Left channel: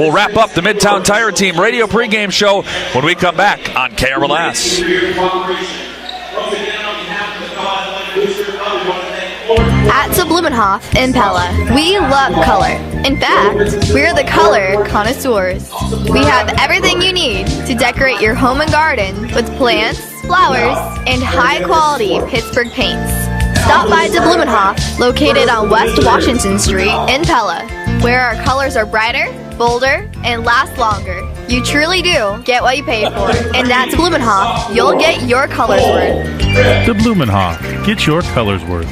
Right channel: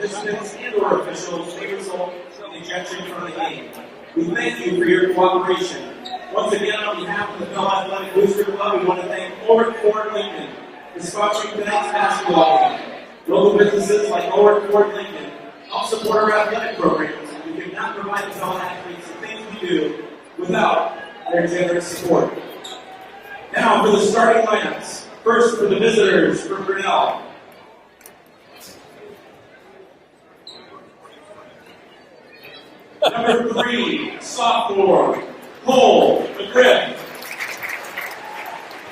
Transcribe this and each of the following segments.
We'll wrap up the Midtown Tire Team radio pregame show when we come back on KRLS. Once again, on behalf of the Pella Athletic Booster Club, we want to thank At Blumenhof in Pella, we love color. In fact, we're the color connoisseurs. We have everything you need to decorate your home and garden with plants, flowers, and high-quality Pittsburgh paints. Stop by Blumenhof, located on West Washington Street in Pella, where our colors are brighter, bolder, and last longer. You truly do get what you pay for. And at Blumenhof, you'll get your colors worth. The Blumenhof. Get your colors worth.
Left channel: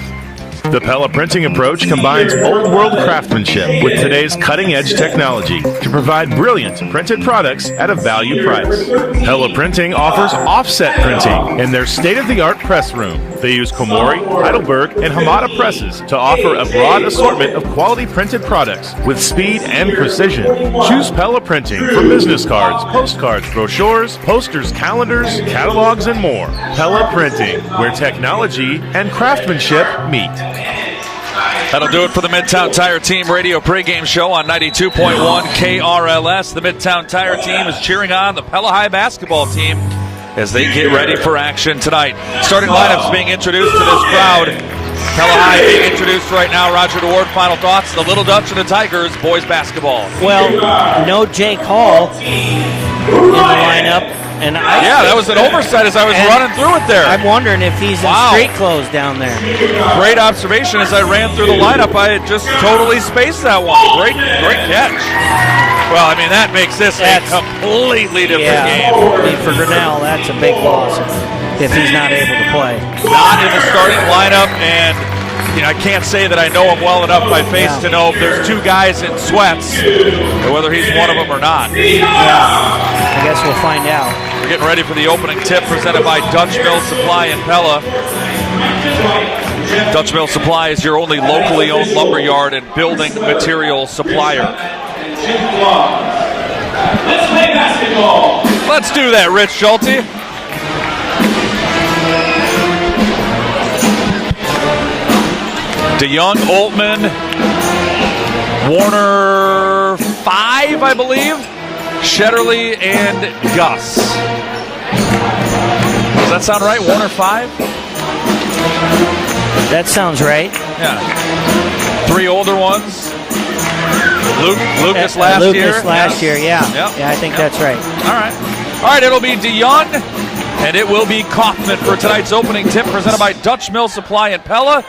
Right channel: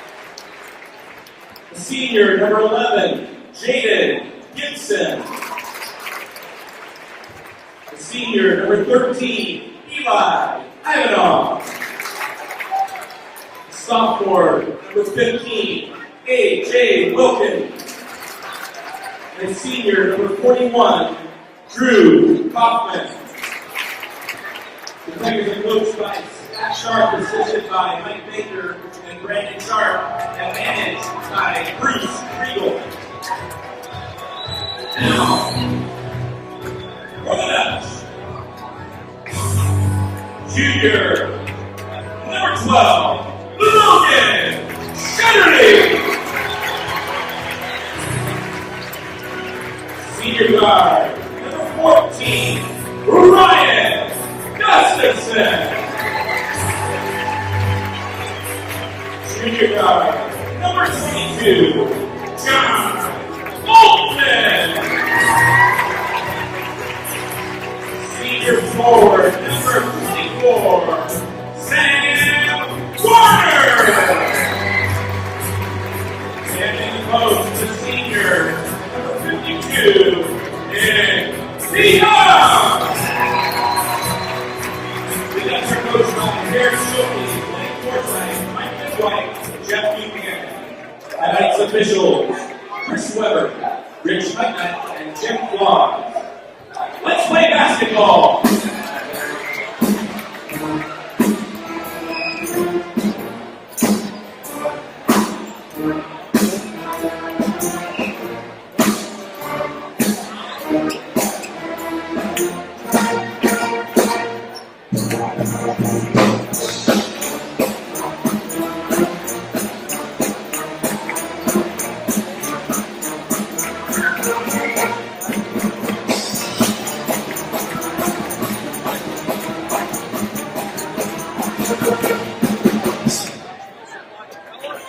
The Pella printing approach combines old-world craftsmanship with today's cutting-edge technology to provide brilliant printed products at a value price. Pella Printing offers offset printing in their state-of-the-art press room. They use Komori, Heidelberg, and Hamada presses to offer a broad assortment of quality printed products with speed and precision. Choose Pella Printing for business cards, postcards, brochures, posters, calendars, catalogs, and more. Pella Printing, where technology and craftsmanship meet. That'll do it for the Midtown Tire Team radio pregame show on 92.1 KRLS. The Midtown Tire Team is cheering on the Pella High basketball team as they get ready for action tonight. Starting lineups being introduced to this crowd. Pella High being introduced right now. Roger DeWard, final thoughts. The Little Dutch and the Tigers, boys basketball. Well, no Jake Hall lineup. And yeah, that was an oversight as I was running through it there. I'm wondering if he's in street clothes down there. Great observation as I ran through the lineup. I had just totally spaced that one. Great catch. Well, I mean, that makes this a completely different game. For Grinnell, that's a big loss if he's not able to play. Starting lineup, and I can't say that I know him well enough by face to know if there's two guys in sweats, or whether he's one of them or not. I guess we'll find out. We're getting ready for the opening tip presented by Dutch Mill Supply in Pella. Dutch Mill Supply is your only locally owned lumberyard and building material supplier. Let's play basketball. Let's do that, Rich Schulte. DeYoung, Oltman, Warner, 5, I believe. Shetterly and Gus. Does that sound right? Warner, 5? That sounds right. Yeah. 3 older ones. Lucas last year. Lucas last year, yeah. Yep. Yeah, I think that's right. All right, it'll be DeYoung, and it will be Kaufman for tonight's opening tip presented by Dutch Mill Supply in Pella.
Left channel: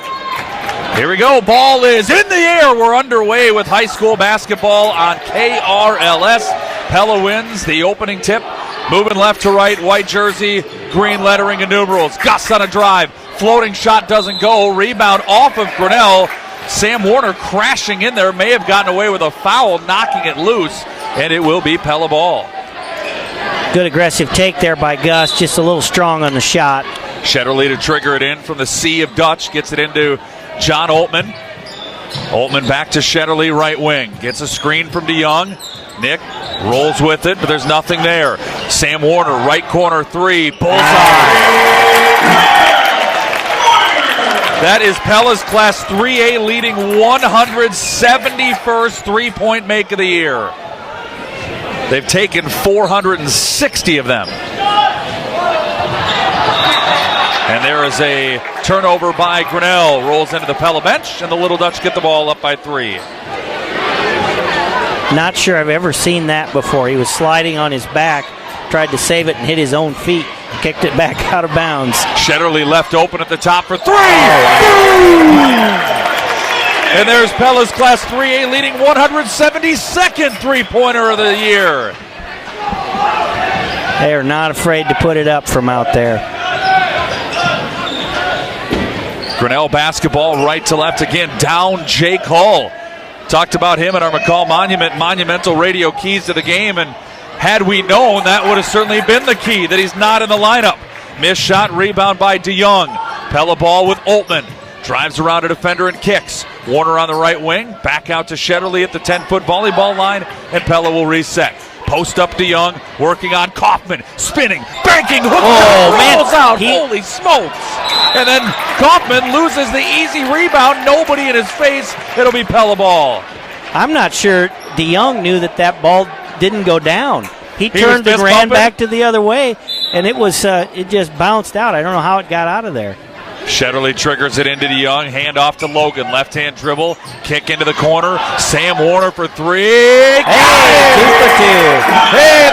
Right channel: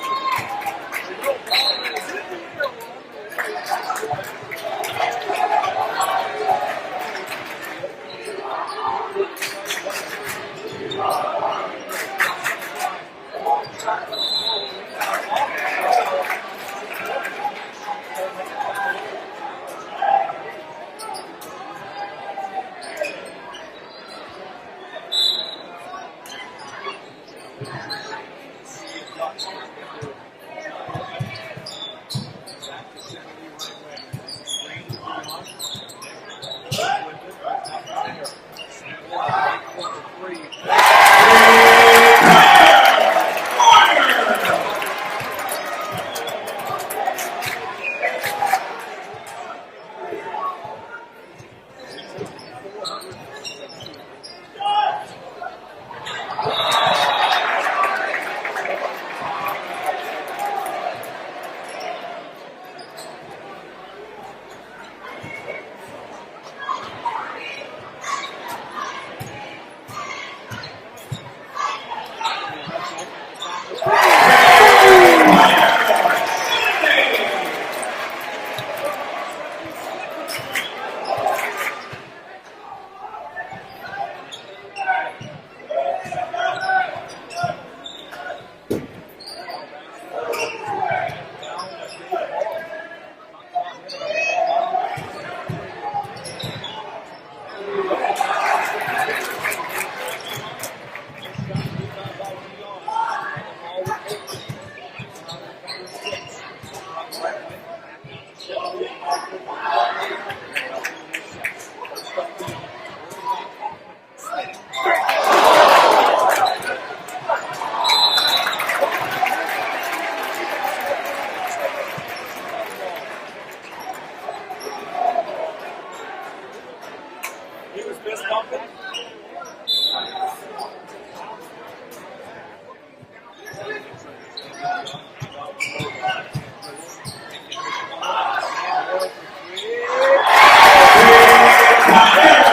Here we go. Ball is in the air. We're underway with high school basketball on KRLS. Pella wins the opening tip. Moving left to right, white jersey, green lettering and numerals. Gus on a drive. Floating shot doesn't go. Rebound off of Grinnell. Sam Warner crashing in there. May have gotten away with a foul, knocking it loose, and it will be Pella ball. Good aggressive take there by Gus. Just a little strong on the shot. Shetterly to trigger it in from the Sea of Dutch. Gets it into John Oltman. Oltman back to Shetterly, right wing. Gets a screen from DeYoung. Nick rolls with it, but there's nothing there. Sam Warner, right corner 3. That is Pella's Class 3A leading 171st three-point make of the year. They've taken 460 of them. And there is a turnover by Grinnell. Rolls into the Pella bench, and the Little Dutch get the ball up by 3. Not sure I've ever seen that before. He was sliding on his back, tried to save it and hit his own feet, kicked it back out of bounds. Shetterly left open at the top for 3. And there's Pella's Class 3A leading 172nd three-pointer of the year. They are not afraid to put it up from out there. Grinnell basketball right to left again. Down Jake Hull. Talked about him at our McCall Monumental radio keys to the game, and had we known, that would have certainly been the key, that he's not in the lineup. Missed shot, rebound by DeYoung. Pella ball with Oltman. Drives around a defender and kicks. Warner on the right wing. Back out to Shetterly at the 10-foot volleyball line, and Pella will reset. Post up DeYoung, working on Kaufman. Spinning, banking, rolls out. Holy smokes. And then Kaufman loses the easy rebound. Nobody in his face. It'll be Pella ball. I'm not sure DeYoung knew that ball didn't go down. He turned and ran back to the other way, and it just bounced out. I don't know how it got out of there. Shetterly triggers it into DeYoung. Hand off to Logan. Left-hand dribble. Kick into the corner. Sam Warner for three. Hey,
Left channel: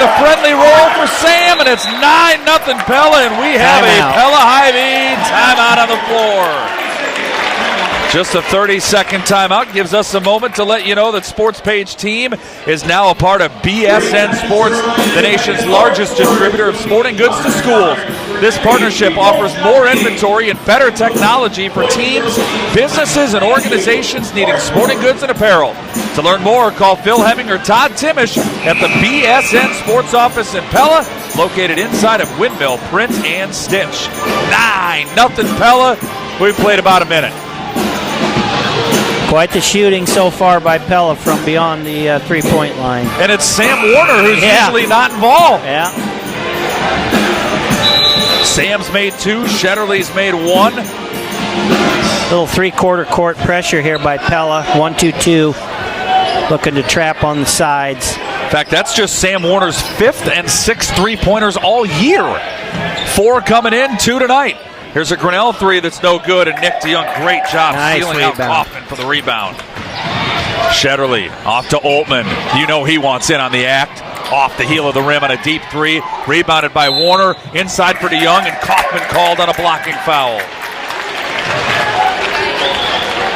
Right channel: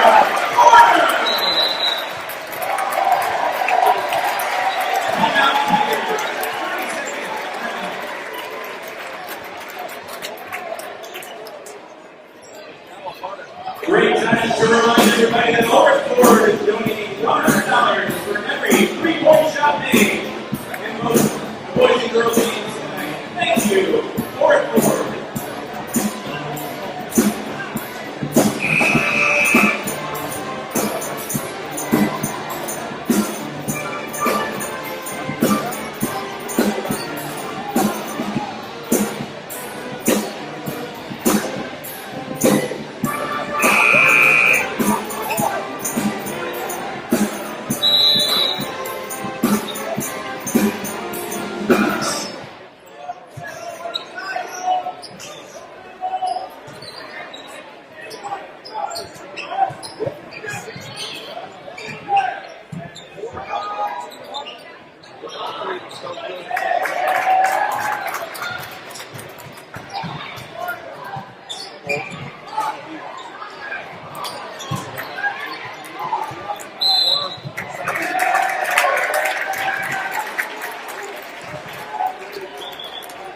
the friendly roll for Sam, and it's 9-0 Pella, and we have a Pella Hy-Vee timeout on the floor. Just a 30-second timeout gives us a moment to let you know that Sports Page Team is now a part of BSN Sports, the nation's largest distributor of sporting goods to schools. This partnership offers more inventory and better technology for teams, businesses, and organizations needing sporting goods and apparel. To learn more, call Phil Hemming or Todd Timish at the BSN Sports office in Pella, located inside of Windmill Print and Stitch. 9-0 Pella. We've played about a minute. Quite the shooting so far by Pella from beyond the three-point line. And it's Sam Warner who's usually not involved. Yeah. Sam's made 2, Shetterly's made 1. Little three-quarter court pressure here by Pella. 1-2-2. Looking to trap on the sides. In fact, that's just Sam Warner's 5th and 6th three-pointers all year. 4 coming in, 2 tonight. Here's a Grinnell 3 that's no good, and Nick DeYoung, great job stealing out Kaufman for the rebound. Shetterly off to Oltmann. You know he wants in on the act. Off the heel of the rim on a deep 3. Rebounded by Warner. Inside for DeYoung, and Kaufman called on a blocking foul.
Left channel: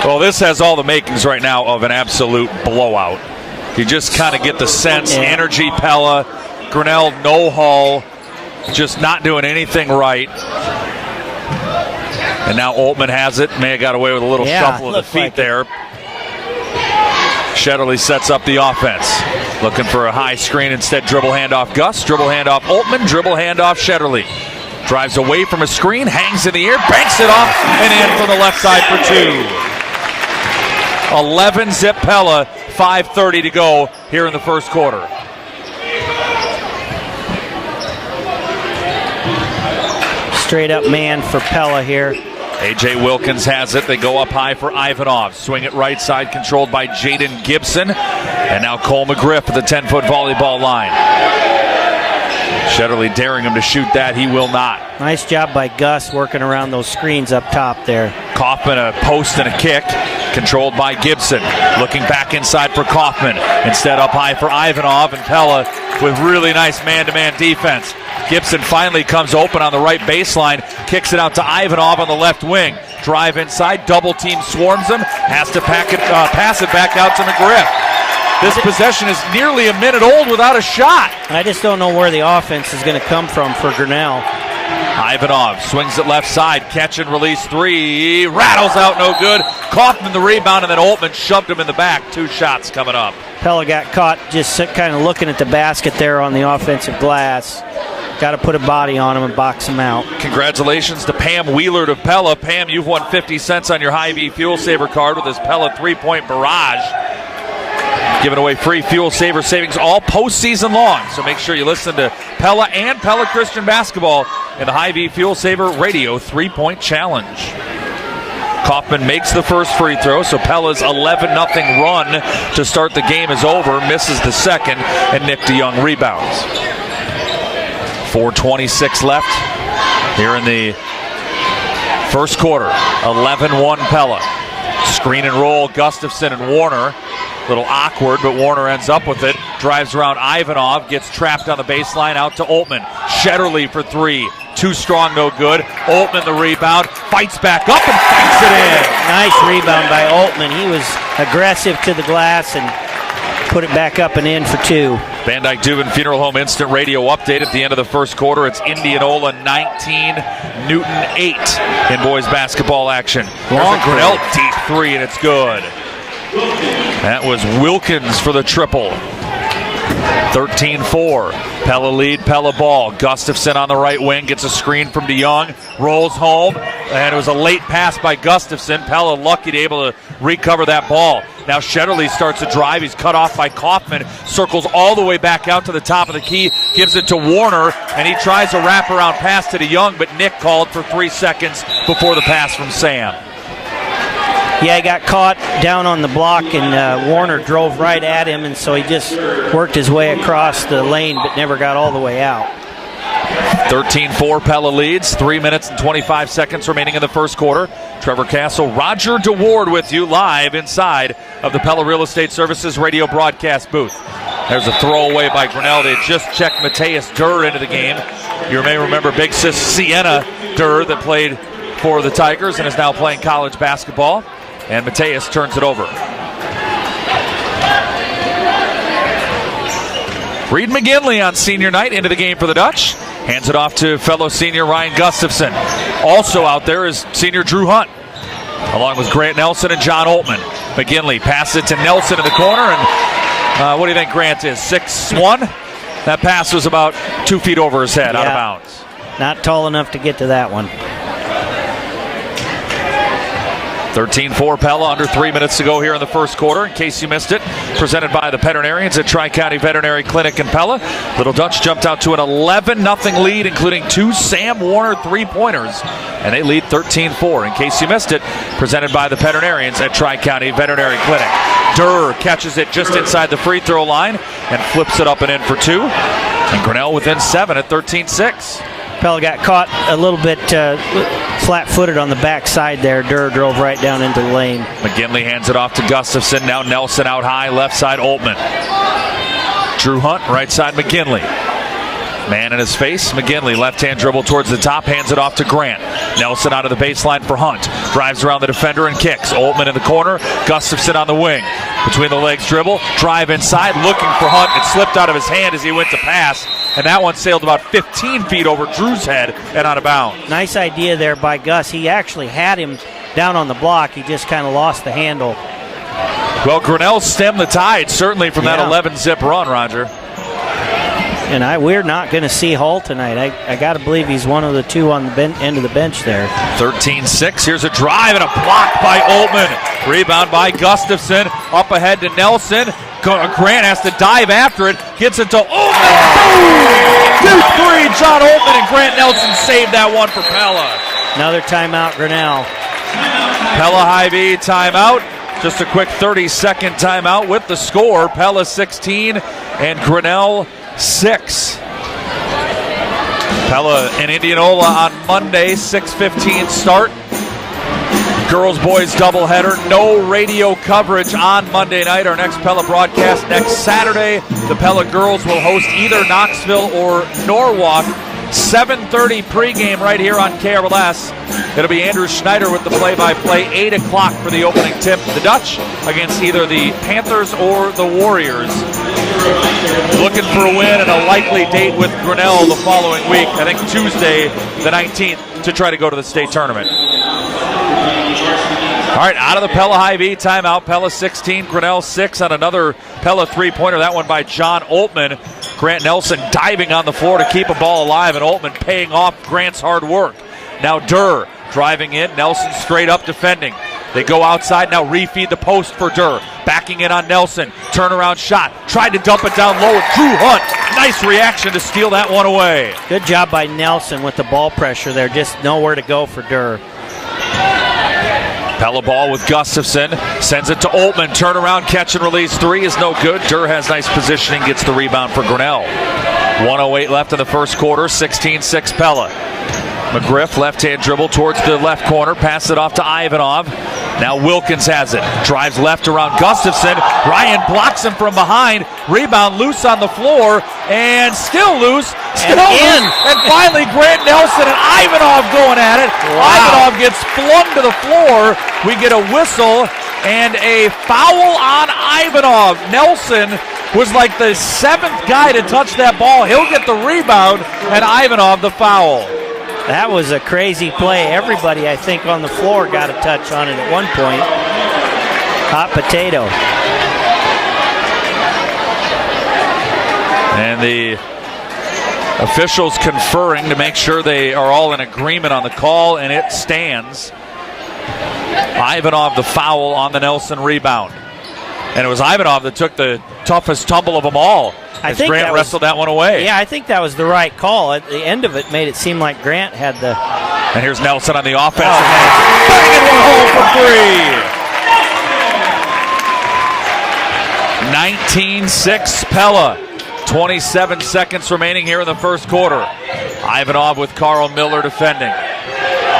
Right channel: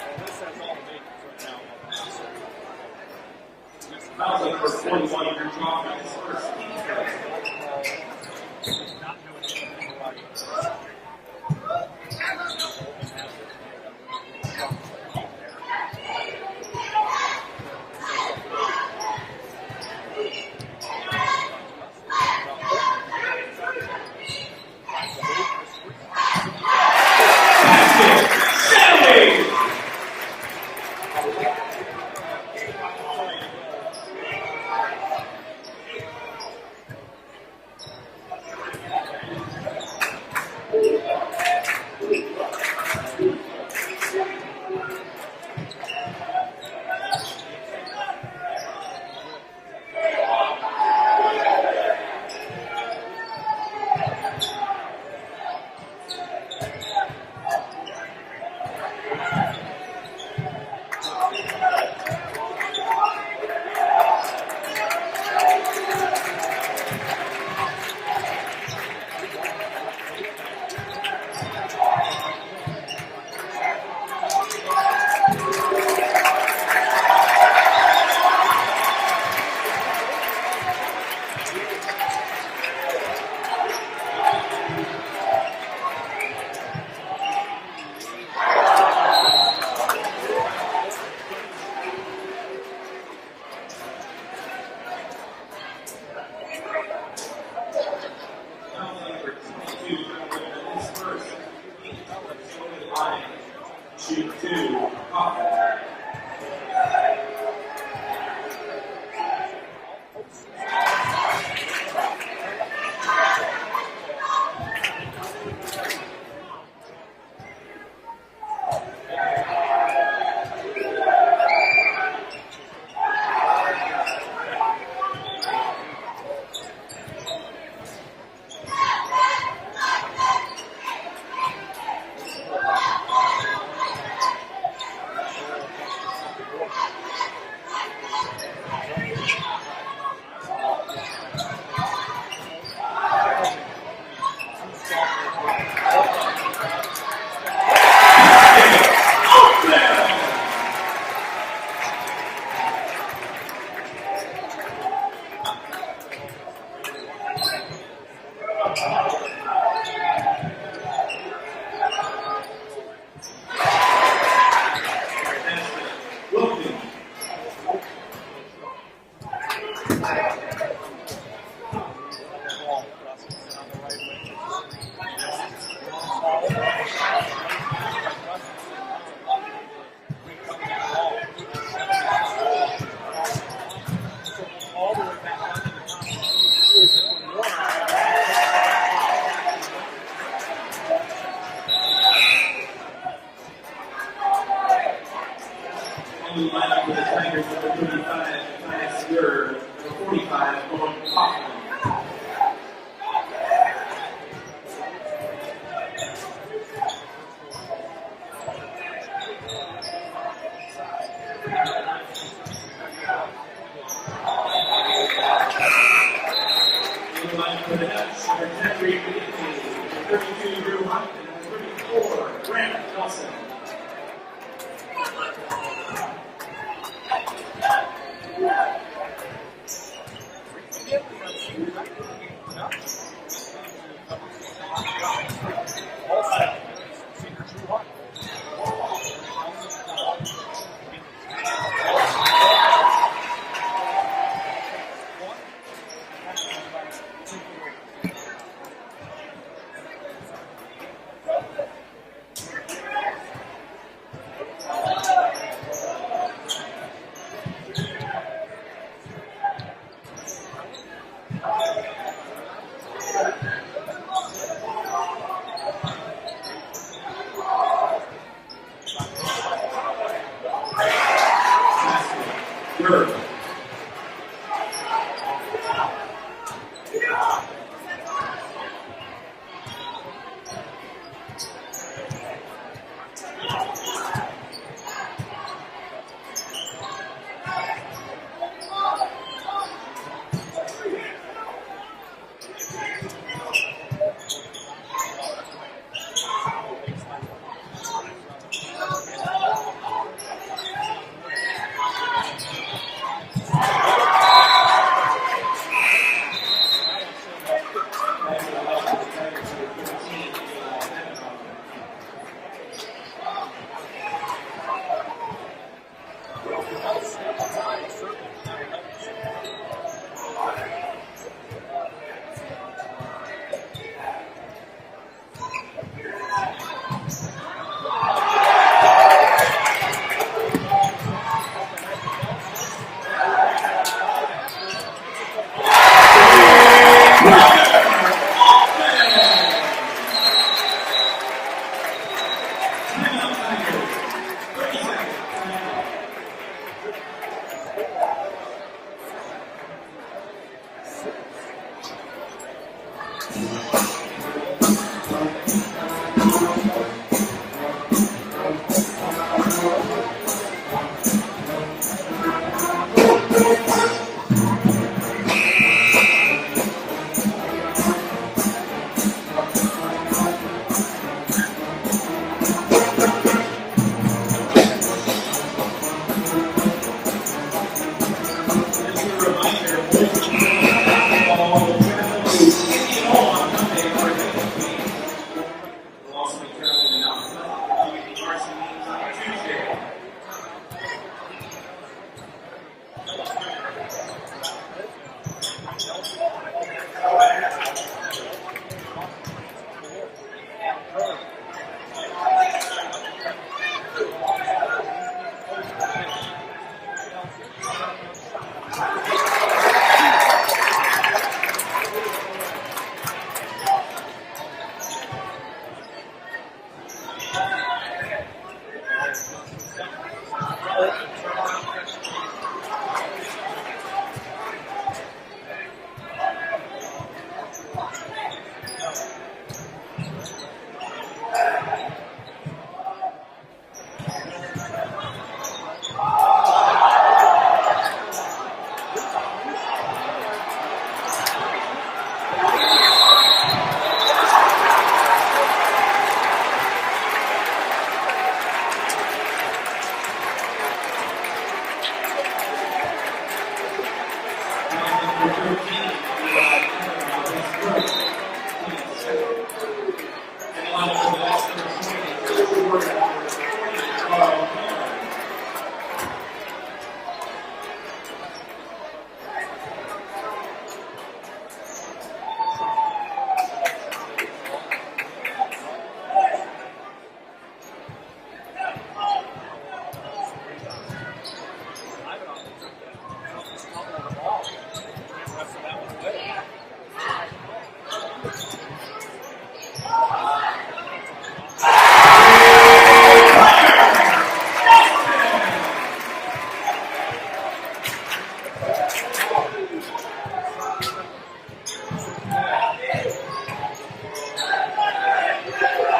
Well, this has all the makings right now of an absolute blowout. You just kind of get the sense, energy Pella, Grinnell no hull, just not doing anything right. And now Oltmann has it. May have got away with a little shuffle of the feet there. Shetterly sets up the offense. Looking for a high screen, instead dribble handoff Gus, dribble handoff Oltmann, dribble handoff Shetterly. Drives away from a screen, hangs in the air, banks it off, and in on the left side for 2. 11-zip Pella, 5:30 to go here in the first quarter. Straight up man for Pella here. A.J. Wilkins has it. They go up high for Ivanov. Swing it right side, controlled by Jaden Gibson. And now Cole McGriff at the 10-foot volleyball line. Shetterly daring him to shoot that. He will not. Nice job by Gus working around those screens up top there. Kaufman a post and a kick. Controlled by Gibson. Looking back inside for Kaufman. Instead up high for Ivanov, and Pella with really nice man-to-man defense. Gibson finally comes open on the right baseline, kicks it out to Ivanov on the left wing. Drive inside, double team swarms him, has to pass it back out to McGriff. This possession is nearly a minute old without a shot. I just don't know where the offense is going to come from for Grinnell. Ivanov swings it left side, catch and release 3, rattles out, no good. Kaufman the rebound, and then Oltmann shoved him in the back. 2 shots coming up. Pella got caught just kind of looking at the basket there on the offensive glass. Got to put a body on him and box him out. Congratulations to Pam Wheeler of Pella. Pam, you've won 50 cents on your Hy-Vee Fuel Saver card with this Pella 3-point barrage. Giving away free Fuel Saver savings all postseason long. So make sure you listen to Pella and Pella Christian Basketball in the Hy-Vee Fuel Saver Radio 3-point challenge. Kaufman makes the first free throw, so Pella's 11-0 run to start the game is over. Misses the second, and Nick DeYoung rebounds. 4:26 left here in the first quarter. 11-1 Pella. Screen and roll, Gustafson and Warner. Little awkward, but Warner ends up with it. Drives around Ivanov, gets trapped on the baseline, out to Oltmann. Shetterly for 3. Too strong, no good. Oltmann the rebound, fights back up and feeds it in. Nice rebound by Oltmann. He was aggressive to the glass and put it back up and in for 2. Van Dyke Dubin Funeral Home Instant Radio update at the end of the first quarter. It's Indianola 19, Newton 8 in boys basketball action. Grinnell deep 3, and it's good. That was Wilkins for the triple. 13-4. Pella lead, Pella ball. Gustafson on the right wing gets a screen from DeYoung, rolls home, and it was a late pass by Gustafson. Pella lucky to be able to recover that ball. Now Shetterly starts to drive. He's cut off by Kaufman, circles all the way back out to the top of the key, gives it to Warner, and he tries a wraparound pass to DeYoung, but Nick called for 3 seconds before the pass from Sam. Yeah, he got caught down on the block, and Warner drove right at him, and so he just worked his way across the lane but never got all the way out. 13-4 Pella leads. 3 minutes and 25 seconds remaining in the first quarter. Trevor Castle, Roger DeWard with you live inside of the Pella Real Estate Services radio broadcast booth. There's a throwaway by Grinnell. They just checked Mateus Durr into the game. You may remember big sis Sienna Durr that played for the Tigers and is now playing college basketball. And Mateus turns it over. Reed McGinley on senior night into the game for the Dutch. Hands it off to fellow senior Ryan Gustafson. Also out there is senior Drew Hunt, along with Grant Nelson and John Oltman. McGinley passes it to Nelson in the corner. And what do you think Grant is, 6'1"? That pass was about 2 feet over his head, out of bounds. Not tall enough to get to that one. 13-4 Pella, under 3 minutes to go here in the first quarter. In case you missed it, presented by the veterinarians at Tri-County Veterinary Clinic in Pella. Little Dutch jumped out to an 11-0 lead, including 2 Sam Warner three-pointers, and they lead 13-4. In case you missed it, presented by the veterinarians at Tri-County Veterinary Clinic. Durr catches it just inside the free throw line and flips it up and in for 2. And Grinnell within 7 at 13-6. Pella got caught a little bit flat-footed on the backside there. Durr drove right down into the lane. McGinley hands it off to Gustafson. Now Nelson out high, left side Oltman. Drew Hunt, right side McGinley. Man in his face, McGinley, left-hand dribble towards the top, hands it off to Grant. Nelson out of the baseline for Hunt. Drives around the defender and kicks. Oltman in the corner, Gustafson on the wing. Between the legs dribble, drive inside, looking for Hunt. It slipped out of his hand as he went to pass. And that one sailed about 15 feet over Drew's head and out of bounds. Nice idea there by Gus. He actually had him down on the block. He just kind of lost the handle. Well, Grinnell stemmed the tide, certainly from that 11-zip run, Roger. And we're not going to see Hall tonight. I got to believe he's one of the 2 on the end of the bench there. 13-6. Here's a drive and a block by Oltman. Rebound by Gustafson. Up ahead to Nelson. Grant has to dive after it. Gets it to John Oltman and Grant Nelson saved that one for Pella. Another timeout, Grinnell. Pella Hy-Vee timeout. Just a quick 30-second timeout with the score. Pella 16 and Grinnell 6. Pella and Indianola on Monday, 6:15 start. Girls boys doubleheader. No radio coverage on Monday night. Our next Pella broadcast next Saturday. The Pella girls will host either Knoxville or Norwalk. 7:30 pregame right here on KRLS. It'll be Andrew Schneider with the play-by-play. 8 o'clock for the opening tip for the Dutch against either the Panthers or the Warriors. Looking for a win and a likely date with Grinnell the following week. I think Tuesday the 19th to try to go to the state tournament. All right, out of the Pella Hy-Vee timeout. Pella 16, Grinnell 6 on another Pella three-pointer. That one by John Oltman. Grant Nelson diving on the floor to keep a ball alive, and Oltman paying off Grant's hard work. Now Durr driving in. Nelson straight up defending. They go outside now, refeed the post for Durr. Backing in on Nelson. Turnaround shot. Tried to dump it down low. Drew Hunt. Nice reaction to steal that one away. Good job by Nelson with the ball pressure there. Just nowhere to go for Durr. Pella ball with Gustafson. Sends it to Oltman. Turnaround, catch and release. 3 is no good. Durr has nice positioning. Gets the rebound for Grinnell. 1:08 left in the first quarter. 16-6 Pella. McGriff, left-hand dribble towards the left corner. Pass it off to Ivanov. Now Wilkins has it. Drives left around Gustafson. Ryan blocks him from behind. Rebound loose on the floor. And still loose. Still in. And finally Grant Nelson and Ivanov going at it. Wow. Ivanov gets flung to the floor. We get a whistle and a foul on Ivanov. Nelson was like the 7th guy to touch that ball. He'll get the rebound, and Ivanov the foul. That was a crazy play. Everybody, I think, on the floor got a touch on it at one point. Hot potato. And the officials conferring to make sure they are all in agreement on the call, and it stands. Ivanov the foul on the Nelson rebound. And it was Ivanov that took the toughest tumble of them all. I think Grant wrestled that one away. Yeah, I think that was the right call. At the end of it made it seem like Grant had the... And here's Nelson on the offense. 19-6 Pella. 27 seconds remaining here in the first quarter. Ivanov with Carl Miller defending.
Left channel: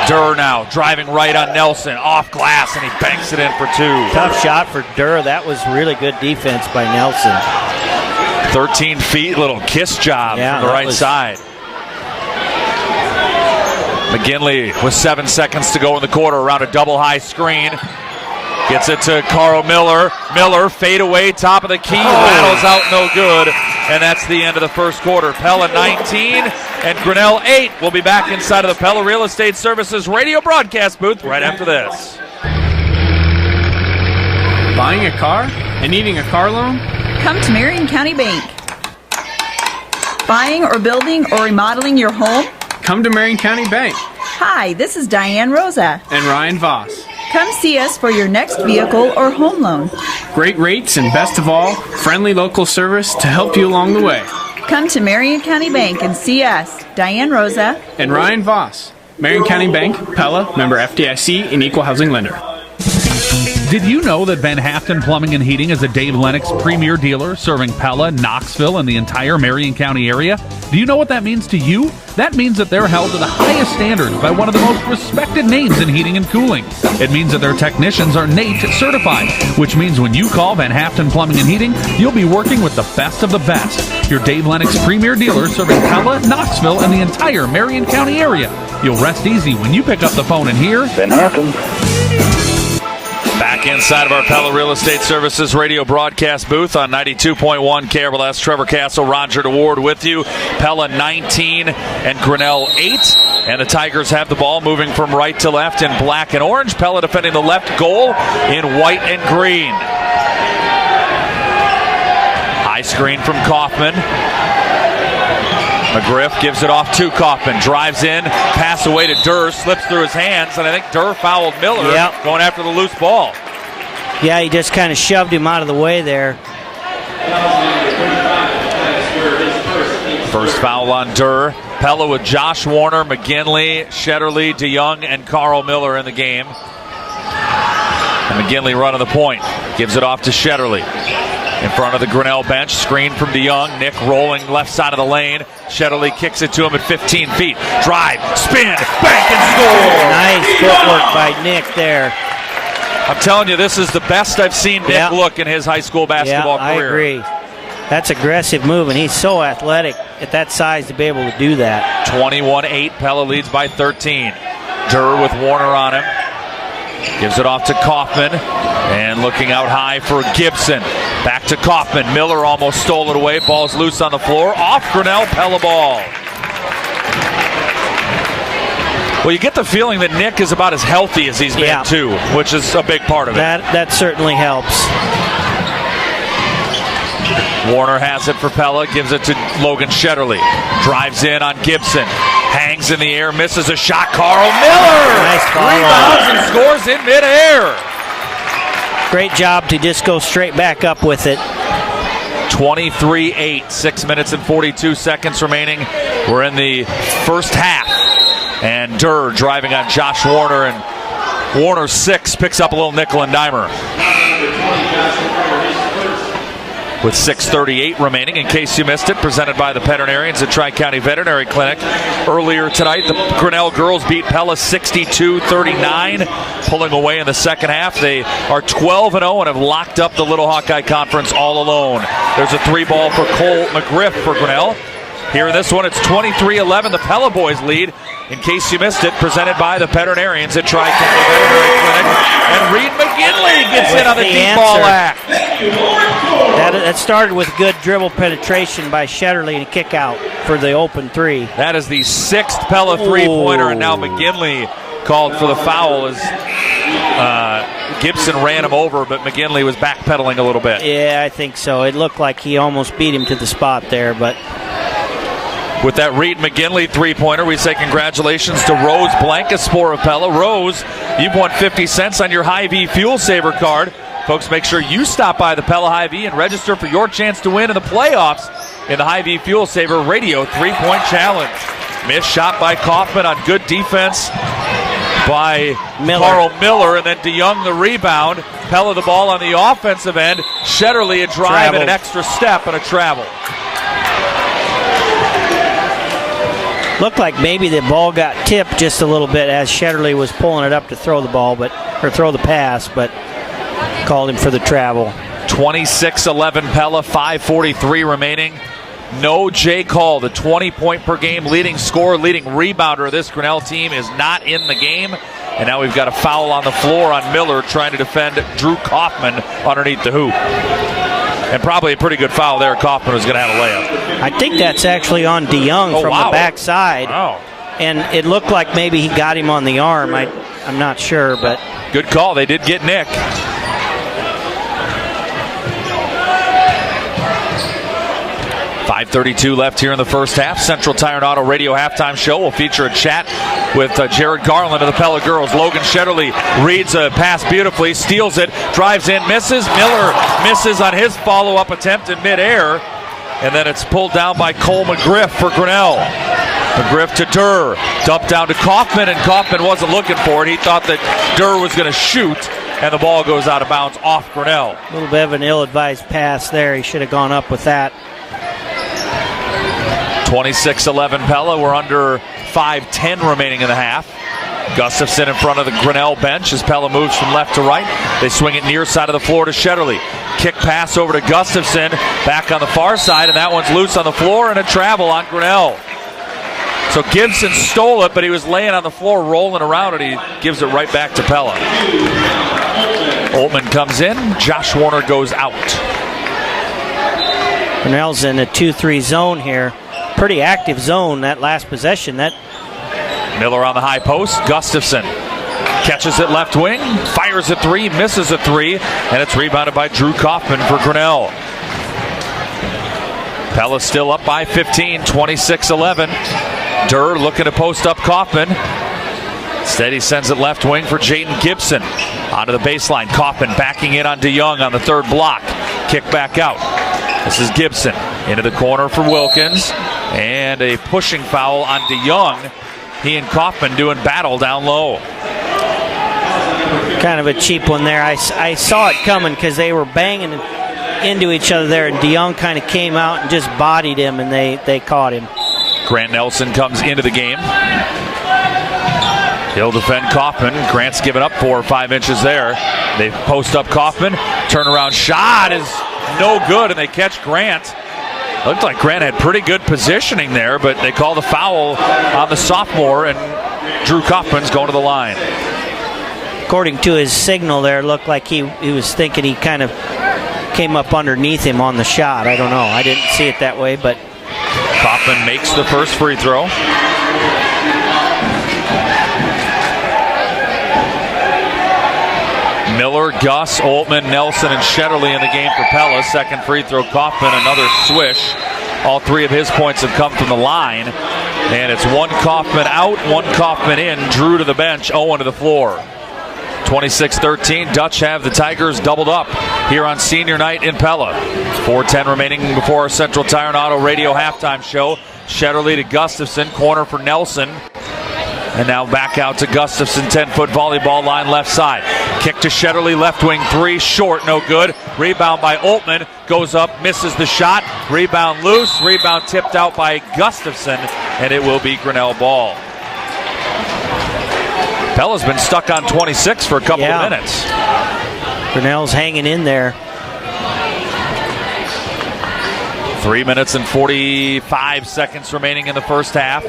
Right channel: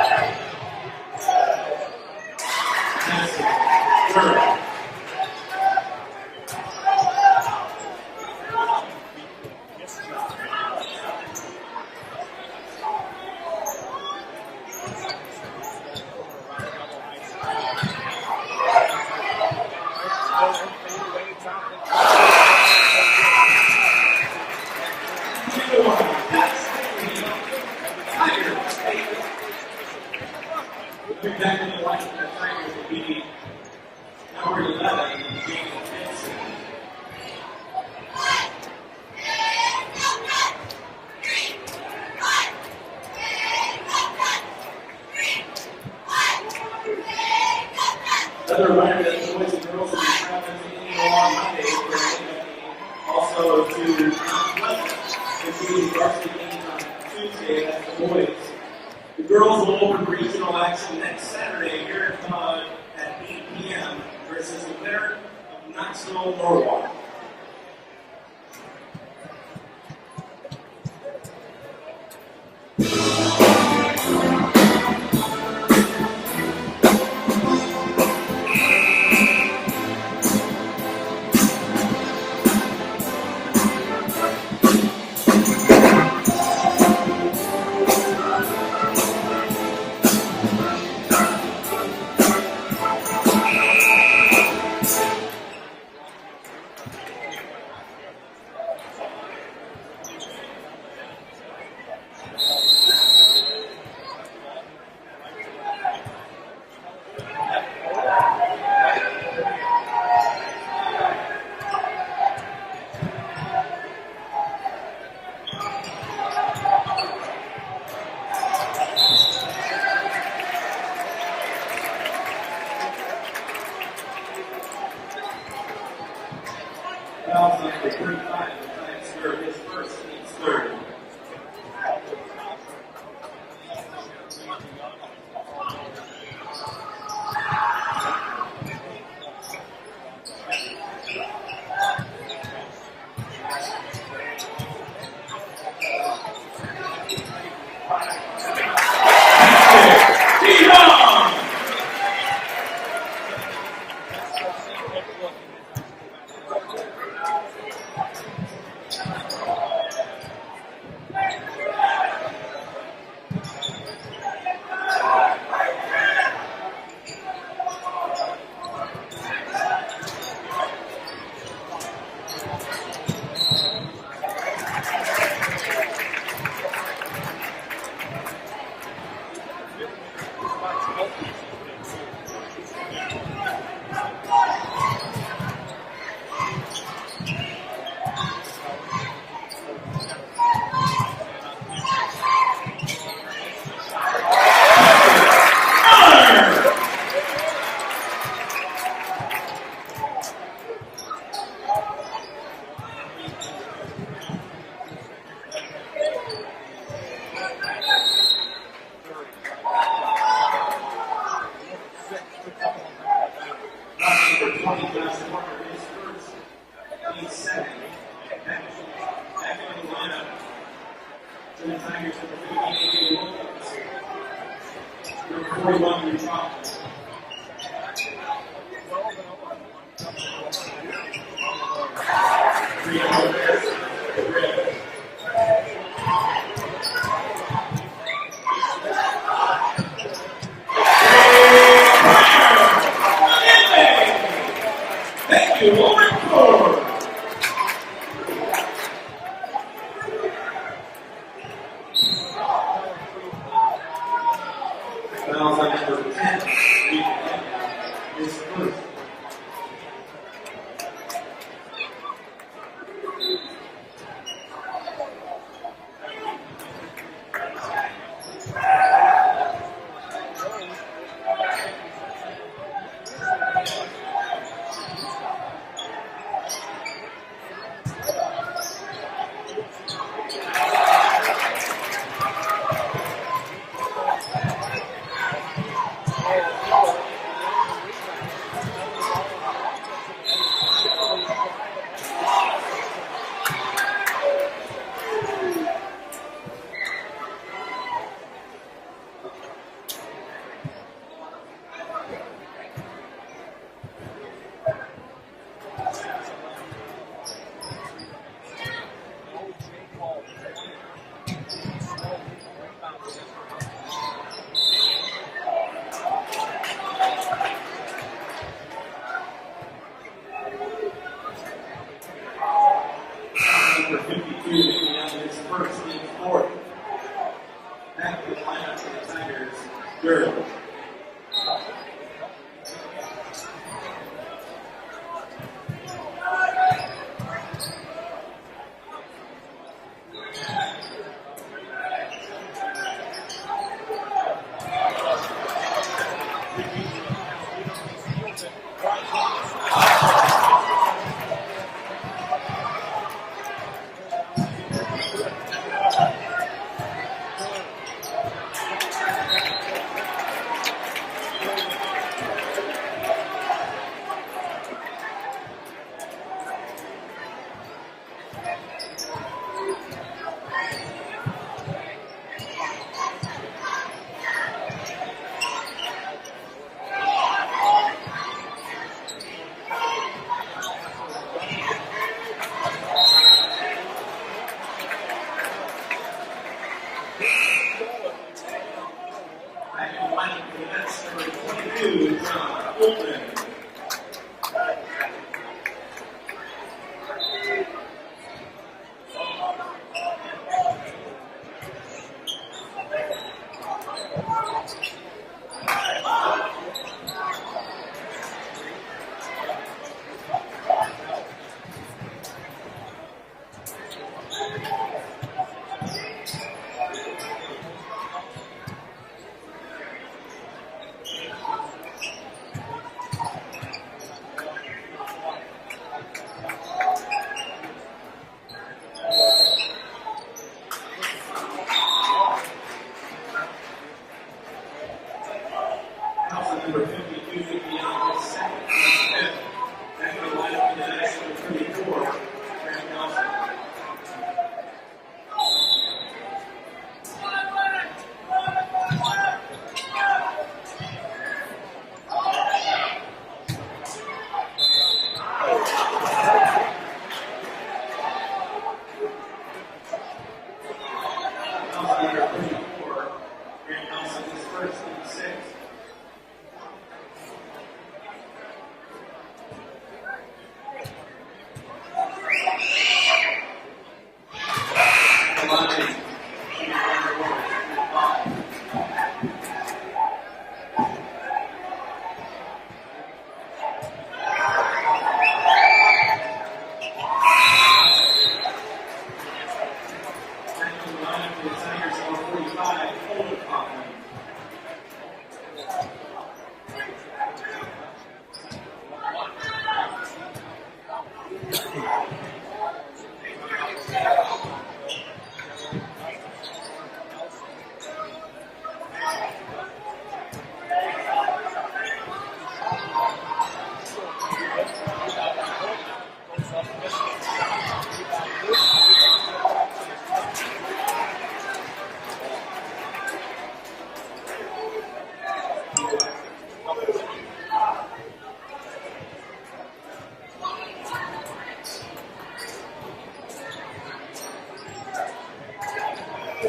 Durr now driving right on Nelson. Off glass, and he banks it in for two. Tough shot for Durr. That was really good defense by Nelson. 13 feet, little kiss job from the right side. McGinley with 7 seconds to go in the quarter around a double high screen. Gets it to Carl Miller. Miller fade away, top of the key, battles out, no good. And that's the end of the first quarter. Pella 19 and Grinnell 8. We'll be back inside of the Pella Real Estate Services radio broadcast booth right after this. Buying a car and needing a car loan? Come to Marion County Bank. Buying or building or remodeling your home? Come to Marion County Bank. Hi, this is Diane Rosa. And Ryan Voss. Come see us for your next vehicle or home loan. Great rates and best of all, friendly local service to help you along the way. Come to Marion County Bank and see us, Diane Rosa. And Ryan Voss. Marion County Bank, Pella, member FDIC, and equal housing lender. Did you know that Van Haften Plumbing and Heating is a Dave Lennox premier dealer serving Pella, Knoxville, and the entire Marion County area? Do you know what that means to you? That means that they're held to the highest standards by one of the most respected names in heating and cooling. It means that their technicians are NATE certified, which means when you call Van Haften Plumbing and Heating, you'll be working with the best of the best. Your Dave Lennox premier dealer serving Pella, Knoxville, and the entire Marion County area. You'll rest easy when you pick up the phone and hear Van Haften. Back inside of our Pella Real Estate Services radio broadcast booth on 92.1 KRLS. Trevor Castle, Roger DeWard with you. Pella 19 and Grinnell 8. And the Tigers have the ball moving from right to left in black and orange. Pella defending the left goal in white and green. High screen from Kaufman. McGriff gives it off to Kaufman, drives in, pass away to Durr, slips through his hands, and I think Durr fouled Miller going after the loose ball. Yeah, he just kind of shoved him out of the way there. First foul on Durr. Pella with Josh Warner, McGinley, Shetterly, DeYoung, and Carl Miller in the game. And McGinley running the point, gives it off to Shetterly. In front of the Grinnell bench, screen from DeYoung. Nick rolling left side of the lane. Shetterly kicks it to him at 15 feet. Drive, spin, back and Nice footwork by Nick there. I'm telling you, this is the best I've seen Nick look in his high school basketball career. I agree. That's aggressive move, and he's so athletic at that size to be able to do that. 21-8, Pella leads by 13. Durr with Warner on him. Gives it off to Kaufman. And looking out high for Gibson. Back to Kaufman. Miller almost stole it away. Ball's loose on the floor. Off Grinnell, Pella ball. Well, you get the feeling that Nick is about as healthy as he's been too, which is a big part of it. That certainly helps. Warner has it for Pella, gives it to Logan Shetterly. Drives in on Gibson. Hangs in the air, misses a shot. Carl Miller scores in midair. Great job to just go straight back up with it. 23-8, 6 minutes and 42 seconds remaining. We're in the first half. And Durr driving on Josh Warner, and Warner 6 picks up a little nickel and dimer. With 6:38 remaining, in case you missed it, presented by the veterinarians at Tri-County Veterinary Clinic. Earlier tonight, the Grinnell girls beat Pella 62-39, pulling away in the second half. They are 12-0 and have locked up the Little Hawkeye Conference all alone. There's a 3-ball for Cole McGriff for Grinnell. Here in this one, it's 23-11. The Pella boys lead. In case you missed it, presented by the veterinarians at Tri-County. And Reed McGinley gets in on the deep ball act. That started with good dribble penetration by Shetterly to kick out for the open three. That is the 6th Pella three-pointer, and now McGinley called for the foul as Gibson ran him over, but McGinley was backpedaling a little bit. Yeah, I think so. It looked like he almost beat him to the spot there, but... With that Reed McGinley three-pointer, we say congratulations to Rose Blancaspor of Pella. Rose, you've won 50 cents on your Hy-Vee Fuel Saver card. Folks, make sure you stop by the Pella Hy-Vee and register for your chance to win in the playoffs in the Hy-Vee Fuel Saver Radio 3-point challenge. Missed shot by Kaufman on good defense. by Miller. Carl Miller, and then DeYoung the rebound. Pella the ball on the offensive end. Shetterly a drive and an extra step and a travel. Looked like maybe the ball got tipped just a little bit as Shetterly was pulling it up to throw the ball, or throw the pass, but called him for the travel. 26-11 Pella, 5:43 remaining. No Jake Hall, the 20-point-per-game leading scorer, leading rebounder of this Grinnell team, is not in the game. And now we've got a foul on the floor on Miller trying to defend Drew Kaufman underneath the hoop. And probably a pretty good foul there. Kaufman was going to have a layup. I think that's actually on DeYoung from the backside. Wow. And it looked like maybe he got him on the arm. I'm not sure, but. Good call. They did get Nick. 5:32 left here in the first half. Central Tire and Auto Radio halftime show will feature a chat with Jared Garland of the Pella girls. Logan Shetterly reads a pass beautifully, steals it, drives in, misses. Miller misses on his follow-up attempt in midair. And then it's pulled down by Cole McGriff for Grinnell. McGriff to Durr. Dumped down to Kaufman, and Kaufman wasn't looking for it. He thought that Durr was going to shoot, and the ball goes out of bounds off Grinnell. A little bit of an ill-advised pass there. He should have gone up with that. 26-11 Pella. We're under 5:10 remaining in the half. Gustafson in front of the Grinnell bench as Pella moves from left to right. They swing it near side of the floor to Shetterly. Kick pass over to Gustafson, back on the far side, and that one's loose on the floor and a travel on Grinnell. So Gibson stole it, but he was laying on the floor rolling around, and he gives it right back to Pella. Oltman comes in. Josh Warner goes out. Grinnell's in a 2-3 zone here. Pretty active zone that last possession. Miller on the high post. Gustafson catches it left wing, fires a three, misses a three, and it's rebounded by Drew Kaufman for Grinnell. Pella still up by 15, 26-11. Durr looking to post up Kaufman. Instead, he sends it left wing for Jaden Gibson. Onto the baseline. Kaufman backing in on DeYoung on the third block. Kick back out. This is Gibson into the corner for Wilkins. And a pushing foul on DeYoung. He and Kaufman doing battle down low. Kind of a cheap one there. I saw it coming because they were banging into each other there, and DeYoung kind of came out and just bodied him, and they caught him. Grant Nelson comes into the game. He'll defend Kaufman. Grant's given up 4 or 5 inches there. They post up Kaufman. Turnaround shot is no good, and they catch Grant. Looked like Grant had pretty good positioning there, but they call the foul on the sophomore, and Drew Kaufman's going to the line. According to his signal there, it looked like he was thinking he kind of came up underneath him on the shot. I don't know. I didn't see it that way, but Kaufman makes the first free throw. Miller, Gus, Oltman, Nelson, and Shetterly in the game for Pella. Second free throw, Kaufman, another swish. All 3 of his points have come from the line. And it's one Kaufman out, one Kaufman in. Drew to the bench, Owen to the floor. 26-13, Dutch have the Tigers doubled up here on senior night in Pella. 4:10 remaining before our Central Tire and Auto Radio halftime show. Shetterly to Gustafson, corner for Nelson. And now back out to Gustafson, 10-foot volleyball line left side. Kick to Shetterly, left wing 3, short, no good. Rebound by Oltman, goes up, misses the shot. Rebound loose, rebound tipped out by Gustafson, and it will be Grinnell ball. Pella's been stuck on 26 for a couple of minutes. Grinnell's hanging in there. 3 minutes and 45 seconds remaining in the first half.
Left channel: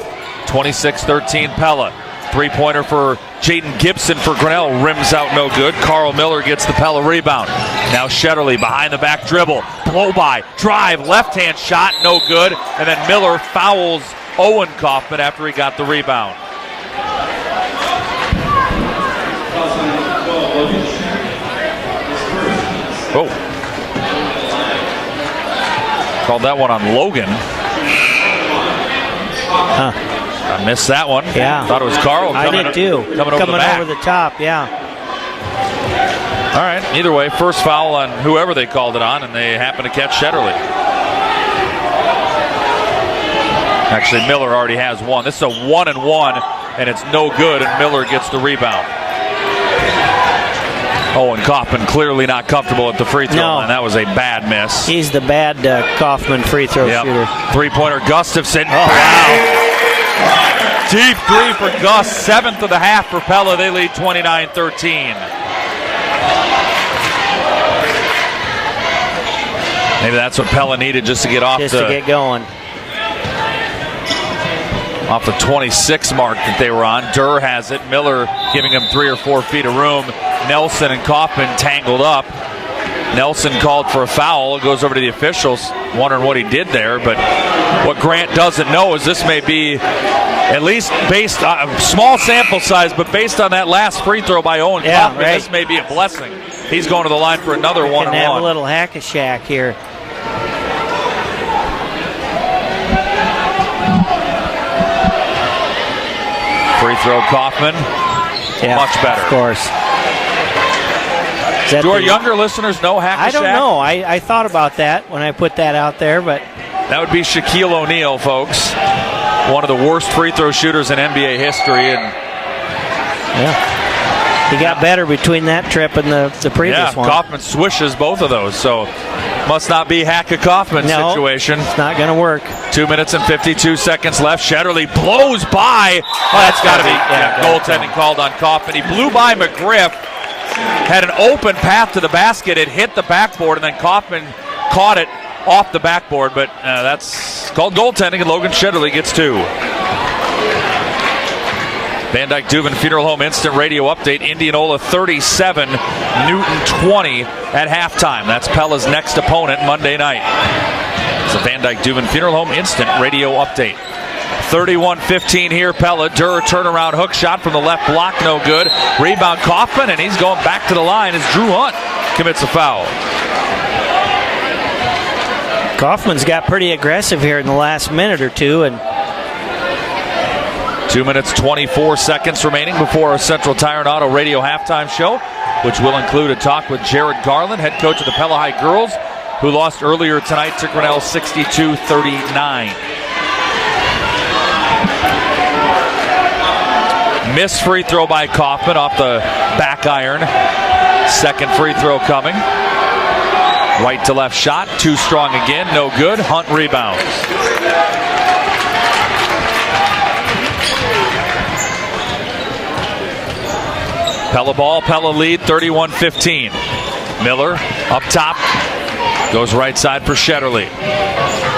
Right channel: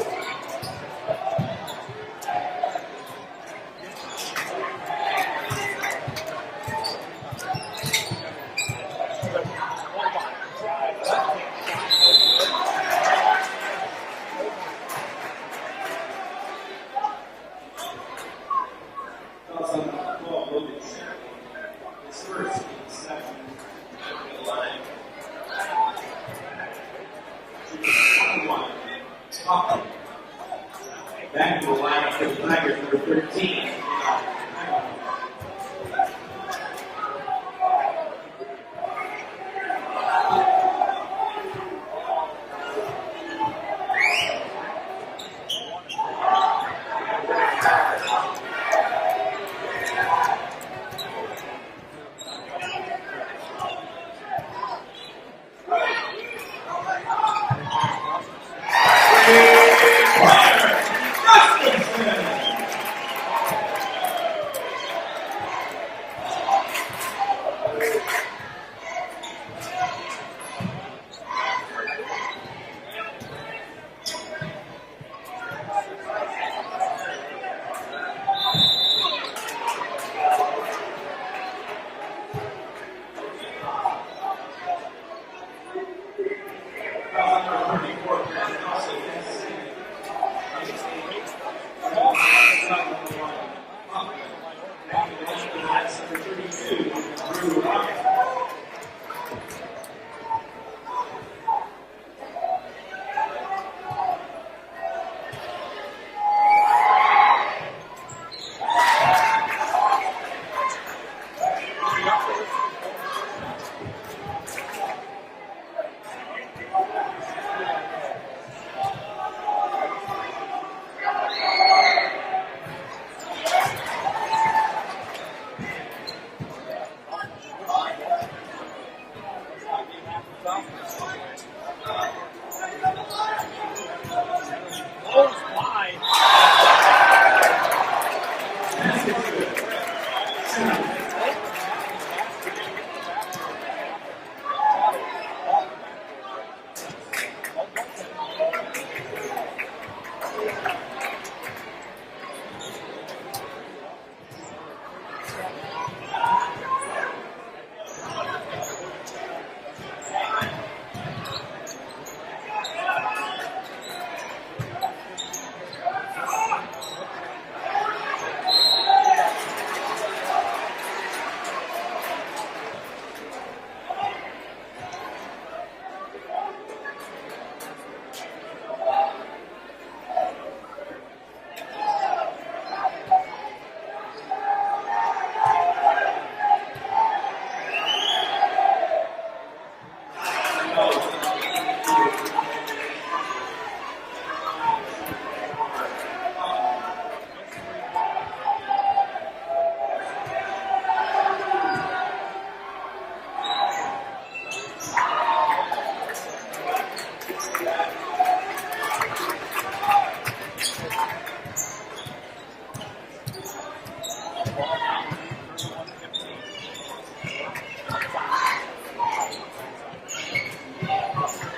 26-13 Pella. Three-pointer for Jaden Gibson for Grinnell. Rims out no good. Carl Miller gets the Pella rebound. Now Shetterly behind the back dribble. Blow by. Drive. Left-hand shot. No good. And then Miller fouls Owen Kaufman after he got the rebound. Oh. Called that one on Logan. I missed that one. Yeah. Thought it was Carl. I did too. Coming over the top, yeah. All right. Either way, first foul on whoever they called it on, and they happen to catch Shetterly. Actually, Miller already has one. This is a 1-and-1, and it's no good, and Miller gets the rebound. Owen Kaufman clearly not comfortable at the free throw line. That was a bad miss. He's the bad Kaufman free throw shooter. Three-pointer, Gustafson. Deep three for Gus. 7th of the half for Pella. They lead 29-13. Maybe that's what Pella needed just to get off to get going. Off the 26 mark that they were on. Durr has it. Miller giving him 3 or 4 feet of room. Nelson and Kaufman tangled up. Nelson called for a foul. It goes over to the officials, wondering what he did there. But what Grant doesn't know is this may be, at least based on a small sample size, but based on that last free throw by Owen Kaufman, this may be a blessing. He's going to the line for another one. Can have a little hack-a-shack here. Free throw, Kaufman. Much better. Of course. Do our younger listeners know hack-a-shack? I don't know. I thought about that when I put that out there, but that would be Shaquille O'Neal, folks. One of the worst free throw shooters in NBA history. And he got better between that trip and the previous one. Kaufman swishes both of those, so must not be Hack-a-Kaufman situation. It's not going to work. 2 minutes and 52 seconds left. Shetterly blows by. That's got to be goaltending called on Kaufman. He blew by McGriff. Had an open path to the basket. It hit the backboard, and then Kaufman caught it off the backboard. But that's called goaltending, and Logan Shetterly gets 2. Van Dyke Dubin Funeral Home Instant Radio Update. Indianola 37, Newton 20 at halftime. That's Pella's next opponent Monday night. It's a Van Dyke Dubin Funeral Home Instant Radio Update. 31-15 here, Pella. Durr turnaround hook shot from the left block, no good. Rebound Kaufman, and he's going back to the line as Drew Hunt commits a foul. Kaufman's got pretty aggressive here in the last minute or two, and 2 minutes, 24 seconds remaining before our Central Tire and Auto Radio halftime show, which will include a talk with Jared Garland, head coach of the Pella High girls, who lost earlier tonight to Grinnell 62-39. Missed free throw by Kaufman off the back iron. Second free throw coming. Right to left shot, too strong again, no good. Hunt rebounds. Pella ball, Pella lead, 31-15. Miller up top, goes right side for Shetterly.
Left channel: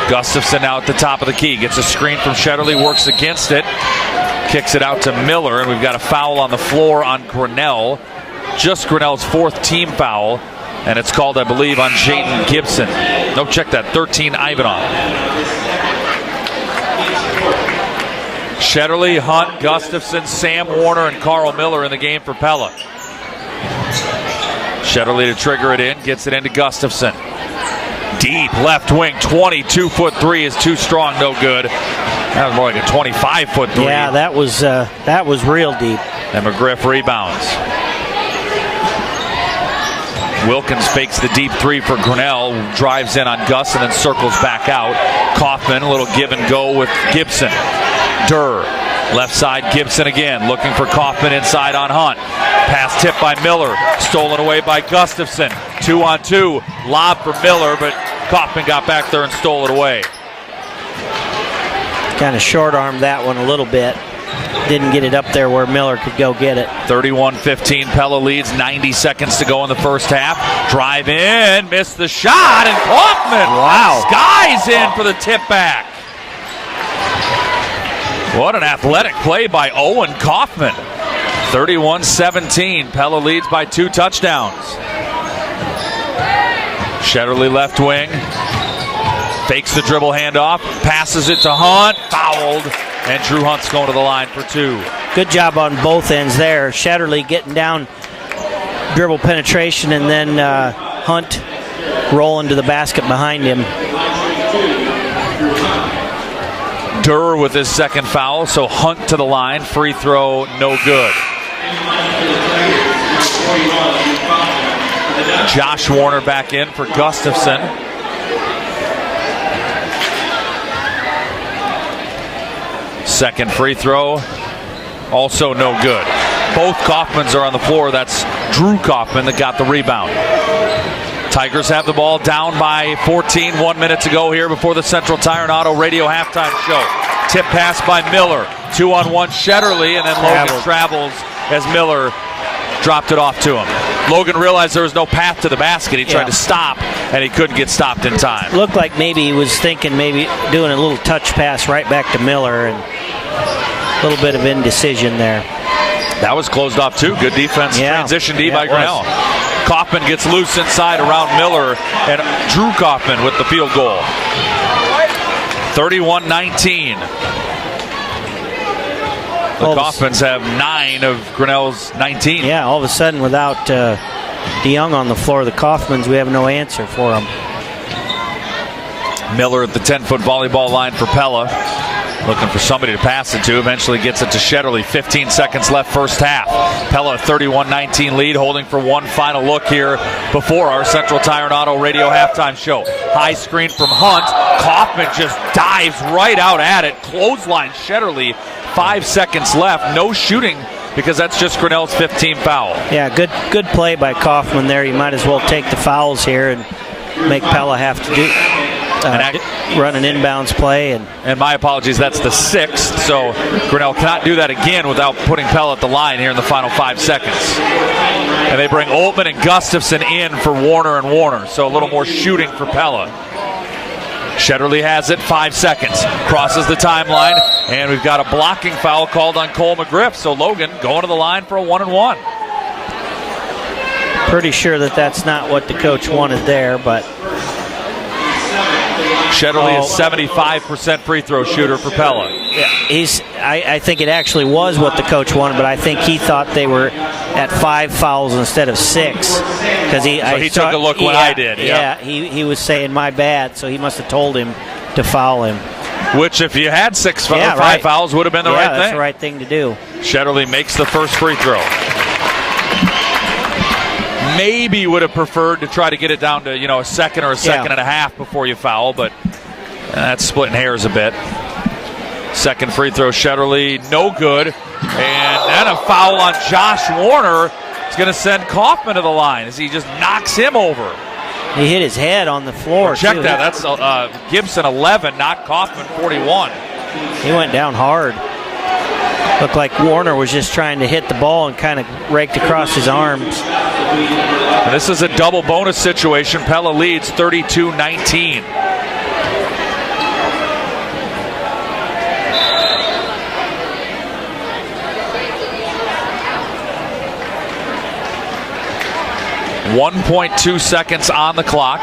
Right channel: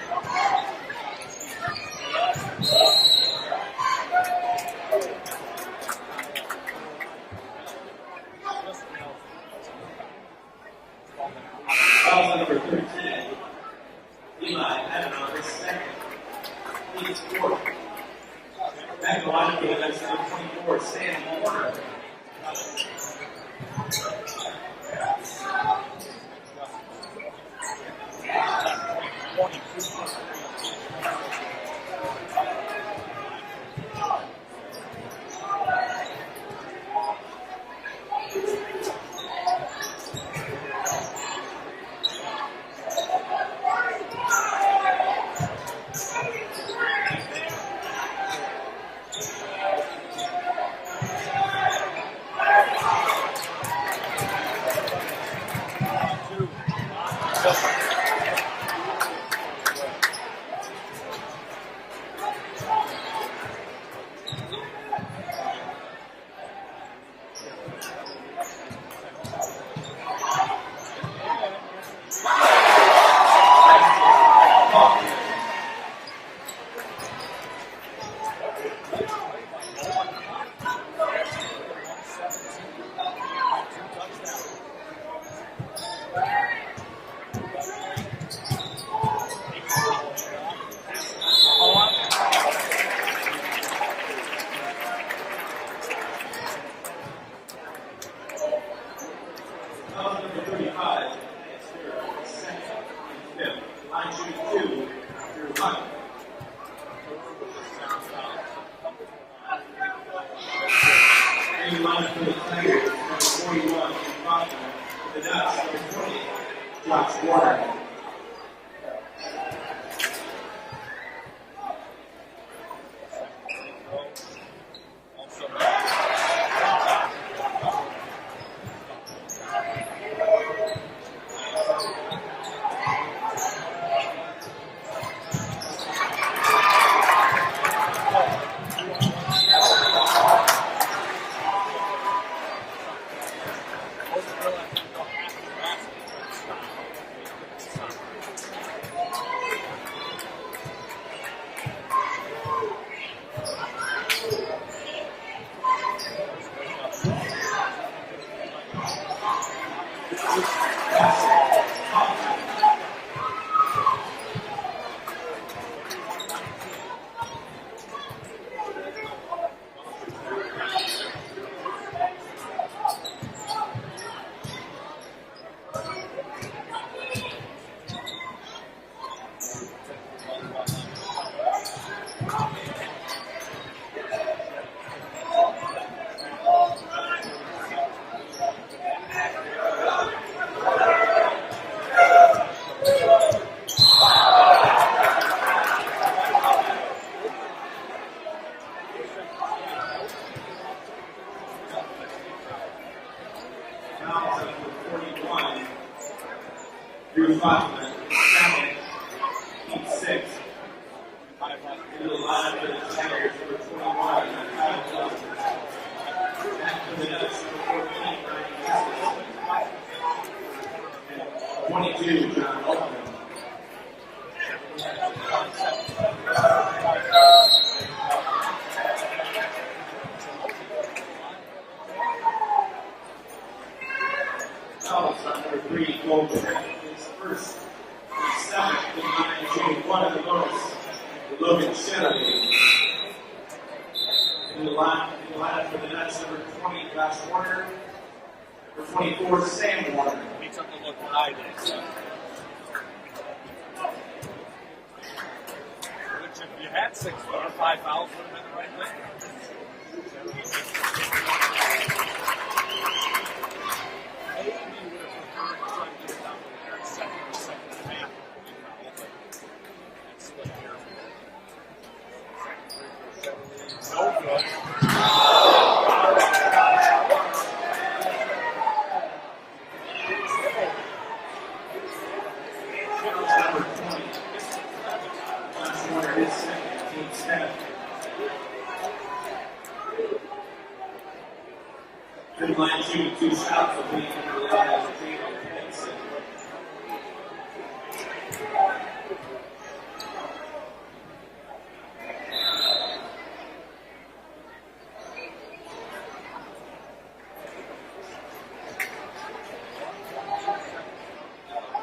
Gustafson now at the top of the key, gets a screen from Shetterly, works against it, kicks it out to Miller, and we've got a foul on the floor on Grinnell. Just Grinnell's 4th team foul, and it's called, I believe, on Jaden Gibson. No, check that, 13 Ivanov. Shetterly, Hunt, Gustafson, Sam Warner, and Carl Miller in the game for Pella. Shetterly to trigger it in, gets it into Gustafson. Deep left wing, 22-foot three is too strong, no good. That was more like a 25-foot three. Yeah, that was real deep. And McGriff rebounds. Wilkins fakes the deep three for Grinnell, drives in on Gus and then circles back out. Kaufman, a little give and go with Gibson. Durr, left side, Gibson again, looking for Kaufman inside on Hunt. Pass tipped by Miller, stolen away by Gustafson. 2-on-2, lob for Miller, but Kaufman got back there and stole it away. Kind of short-armed that one a little bit. Didn't get it up there where Miller could go get it. 31-15, Pella leads, 90 seconds to go in the first half. Drive in, missed the shot, and Kaufman skies in for the tip back. What an athletic play by Owen Kaufman. 31-17, Pella leads by 2 touchdowns. Shetterly left wing, fakes the dribble handoff, passes it to Hunt, fouled, and Drew Hunt's going to the line for 2. Good job on both ends there. Shetterly getting down, dribble penetration, and then Hunt rolling to the basket behind him. Durr with his second foul, so Hunt to the line. Free throw, no good. Josh Warner back in for Gustafson. Second free throw, also no good. Both Kaufmans are on the floor. That's Drew Kaufman that got the rebound. Tigers have the ball down by 14, 1 minute to go here before the Central Tire and Auto Radio halftime show. Tip pass by Miller, 2-on-1 Shetterly, and then Logan travels as Miller dropped it off to him. Logan realized there was no path to the basket. He tried to stop, and he couldn't get stopped in time. Looked like maybe he was thinking maybe doing a little touch pass right back to Miller, and a little bit of indecision there. That was closed off too. Good defense. Transition D by Grinnell. Kaufman gets loose inside around Miller, and Drew Kaufman with the field goal. 31-19. The Kaufmans have 9 of Grinnell's 19. Yeah, all of a sudden without DeYoung on the floor, the Kaufmans, we have no answer for them. Miller at the 10-foot volleyball line for Pella. Looking for somebody to pass it to. Eventually gets it to Shetterly. 15 seconds left first half. Pella 31-19 lead, holding for one final look here before our Central Tire and Auto Radio halftime show. High screen from Hunt. Kaufman just dives right out at it. Clothesline Shetterly. 5 seconds left. No shooting because that's just Grinnell's 15th foul. Yeah, good play by Kaufman there. You might as well take the fouls here and make Pella have to do run an inbounds play. And my apologies, that's the 6th. So Grinnell cannot do that again without putting Pella at the line here in the final 5 seconds. And they bring Oltman and Gustafson in for Warner and Warner. So a little more shooting for Pella. Shetterly has it, 5 seconds. Crosses the timeline, and we've got a blocking foul called on Cole McGriff. So Logan going to the line for a 1-and-1. Pretty sure that that's not what the coach wanted there, but Shetterly is 75% free throw shooter for Pella. Yeah, I think it actually was what the coach wanted, but I think he thought they were at 5 fouls instead of 6. Because he took a look when I did. Yeah, he was saying my bad, so he must have told him to foul him. Which, if you had 5 fouls, would have been the right thing. That's the right thing to do. Shetterly makes the first free throw. Maybe would have preferred to try to get it down to a second or a second and a half before you foul, but that's splitting hairs a bit. Second free throw, Shetterly, no good, and then a foul on Josh Warner. It's going to send Kaufman to the line as he just knocks him over. He hit his head on the floor. Check that. That's Gibson 11, not Kaufman 41. He went down hard. Looked like Warner was just trying to hit the ball and kind of raked across his arms. And this is a double bonus situation. Pella leads 32-19. .2 seconds on the clock.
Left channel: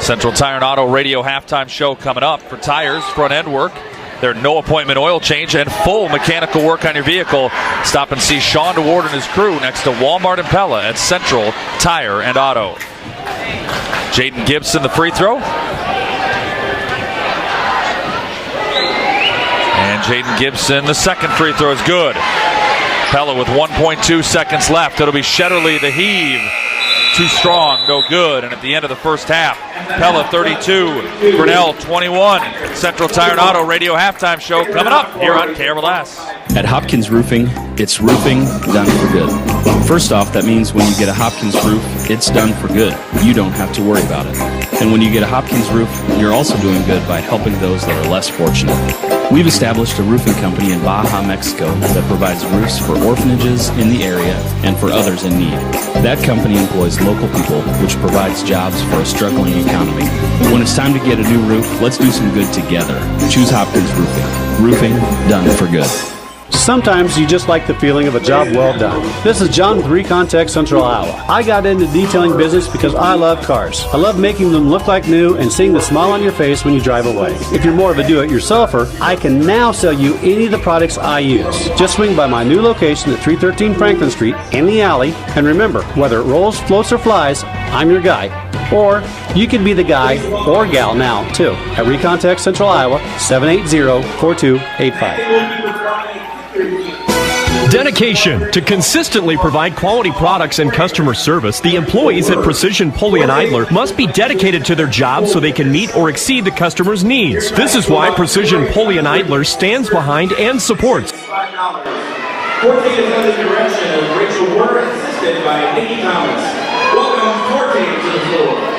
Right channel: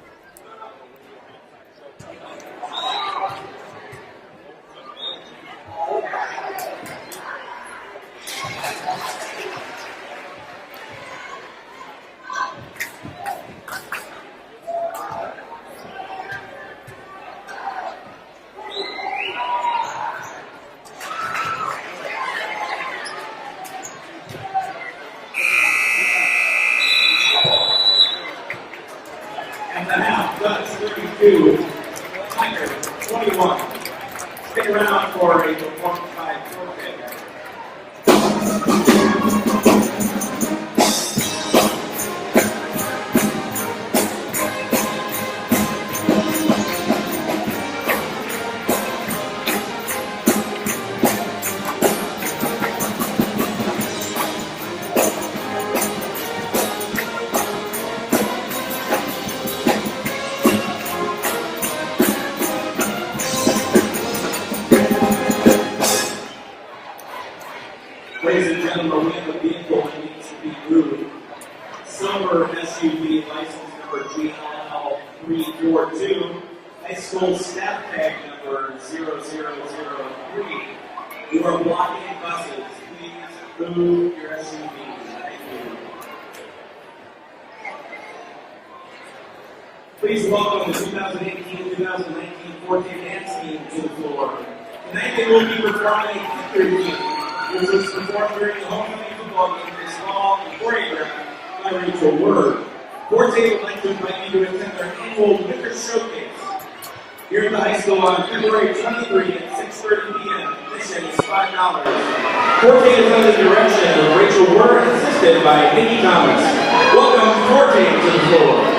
Central Tire and Auto Radio halftime show coming up. For tires, front end work, their no appointment oil change, and full mechanical work on your vehicle. Stop and see Sean DeWard and his crew next to Walmart and Pella at Central Tire and Auto. Jaden Gibson, the free throw. And Jaden Gibson, the second free throw is good. Pella with 1.2 seconds left. It'll be Shetterly, the heave. Too strong, no good. And at the end of the first half, Pella 32, Grinnell 21. Central Tire and Auto Radio halftime show coming up here on KRLS. At Hopkins Roofing, it's roofing done for good. First off, that means when you get a Hopkins roof, it's done for good. You don't have to worry about it. And when you get a Hopkins roof, you're also doing good by helping those that are less fortunate. We've established a roofing company in Baja, Mexico that provides roofs for orphanages in the area and for others in need. That company employs local people, which provides jobs for a struggling economy. When it's time to get a new roof, let's do some good together. Choose Hopkins Roofing. Roofing done for good. Sometimes you just like the feeling of a job well done. This is John with Recontech Central Iowa. I got into detailing business because I love cars. I love making them look like new and seeing the smile on your face when you drive away. If you're more of a do-it-yourselfer, I can now sell you any of the products I use. Just swing by my new location at 313 Franklin Street in the alley, and remember, whether it rolls, floats, or flies, I'm your guy. Or you can be the guy or gal now, too, at Recontech Central Iowa, 780-4285. Dedication to consistently provide quality products and customer service. The employees at Precision Pulley and Idler must be dedicated to their jobs so they can meet or exceed the customer's needs. This is why Precision Pulley and Idler stands behind and supports. 14 is under the direction of Rachel Ward, assisted by Nikki Thomas. Welcome 14 to the floor.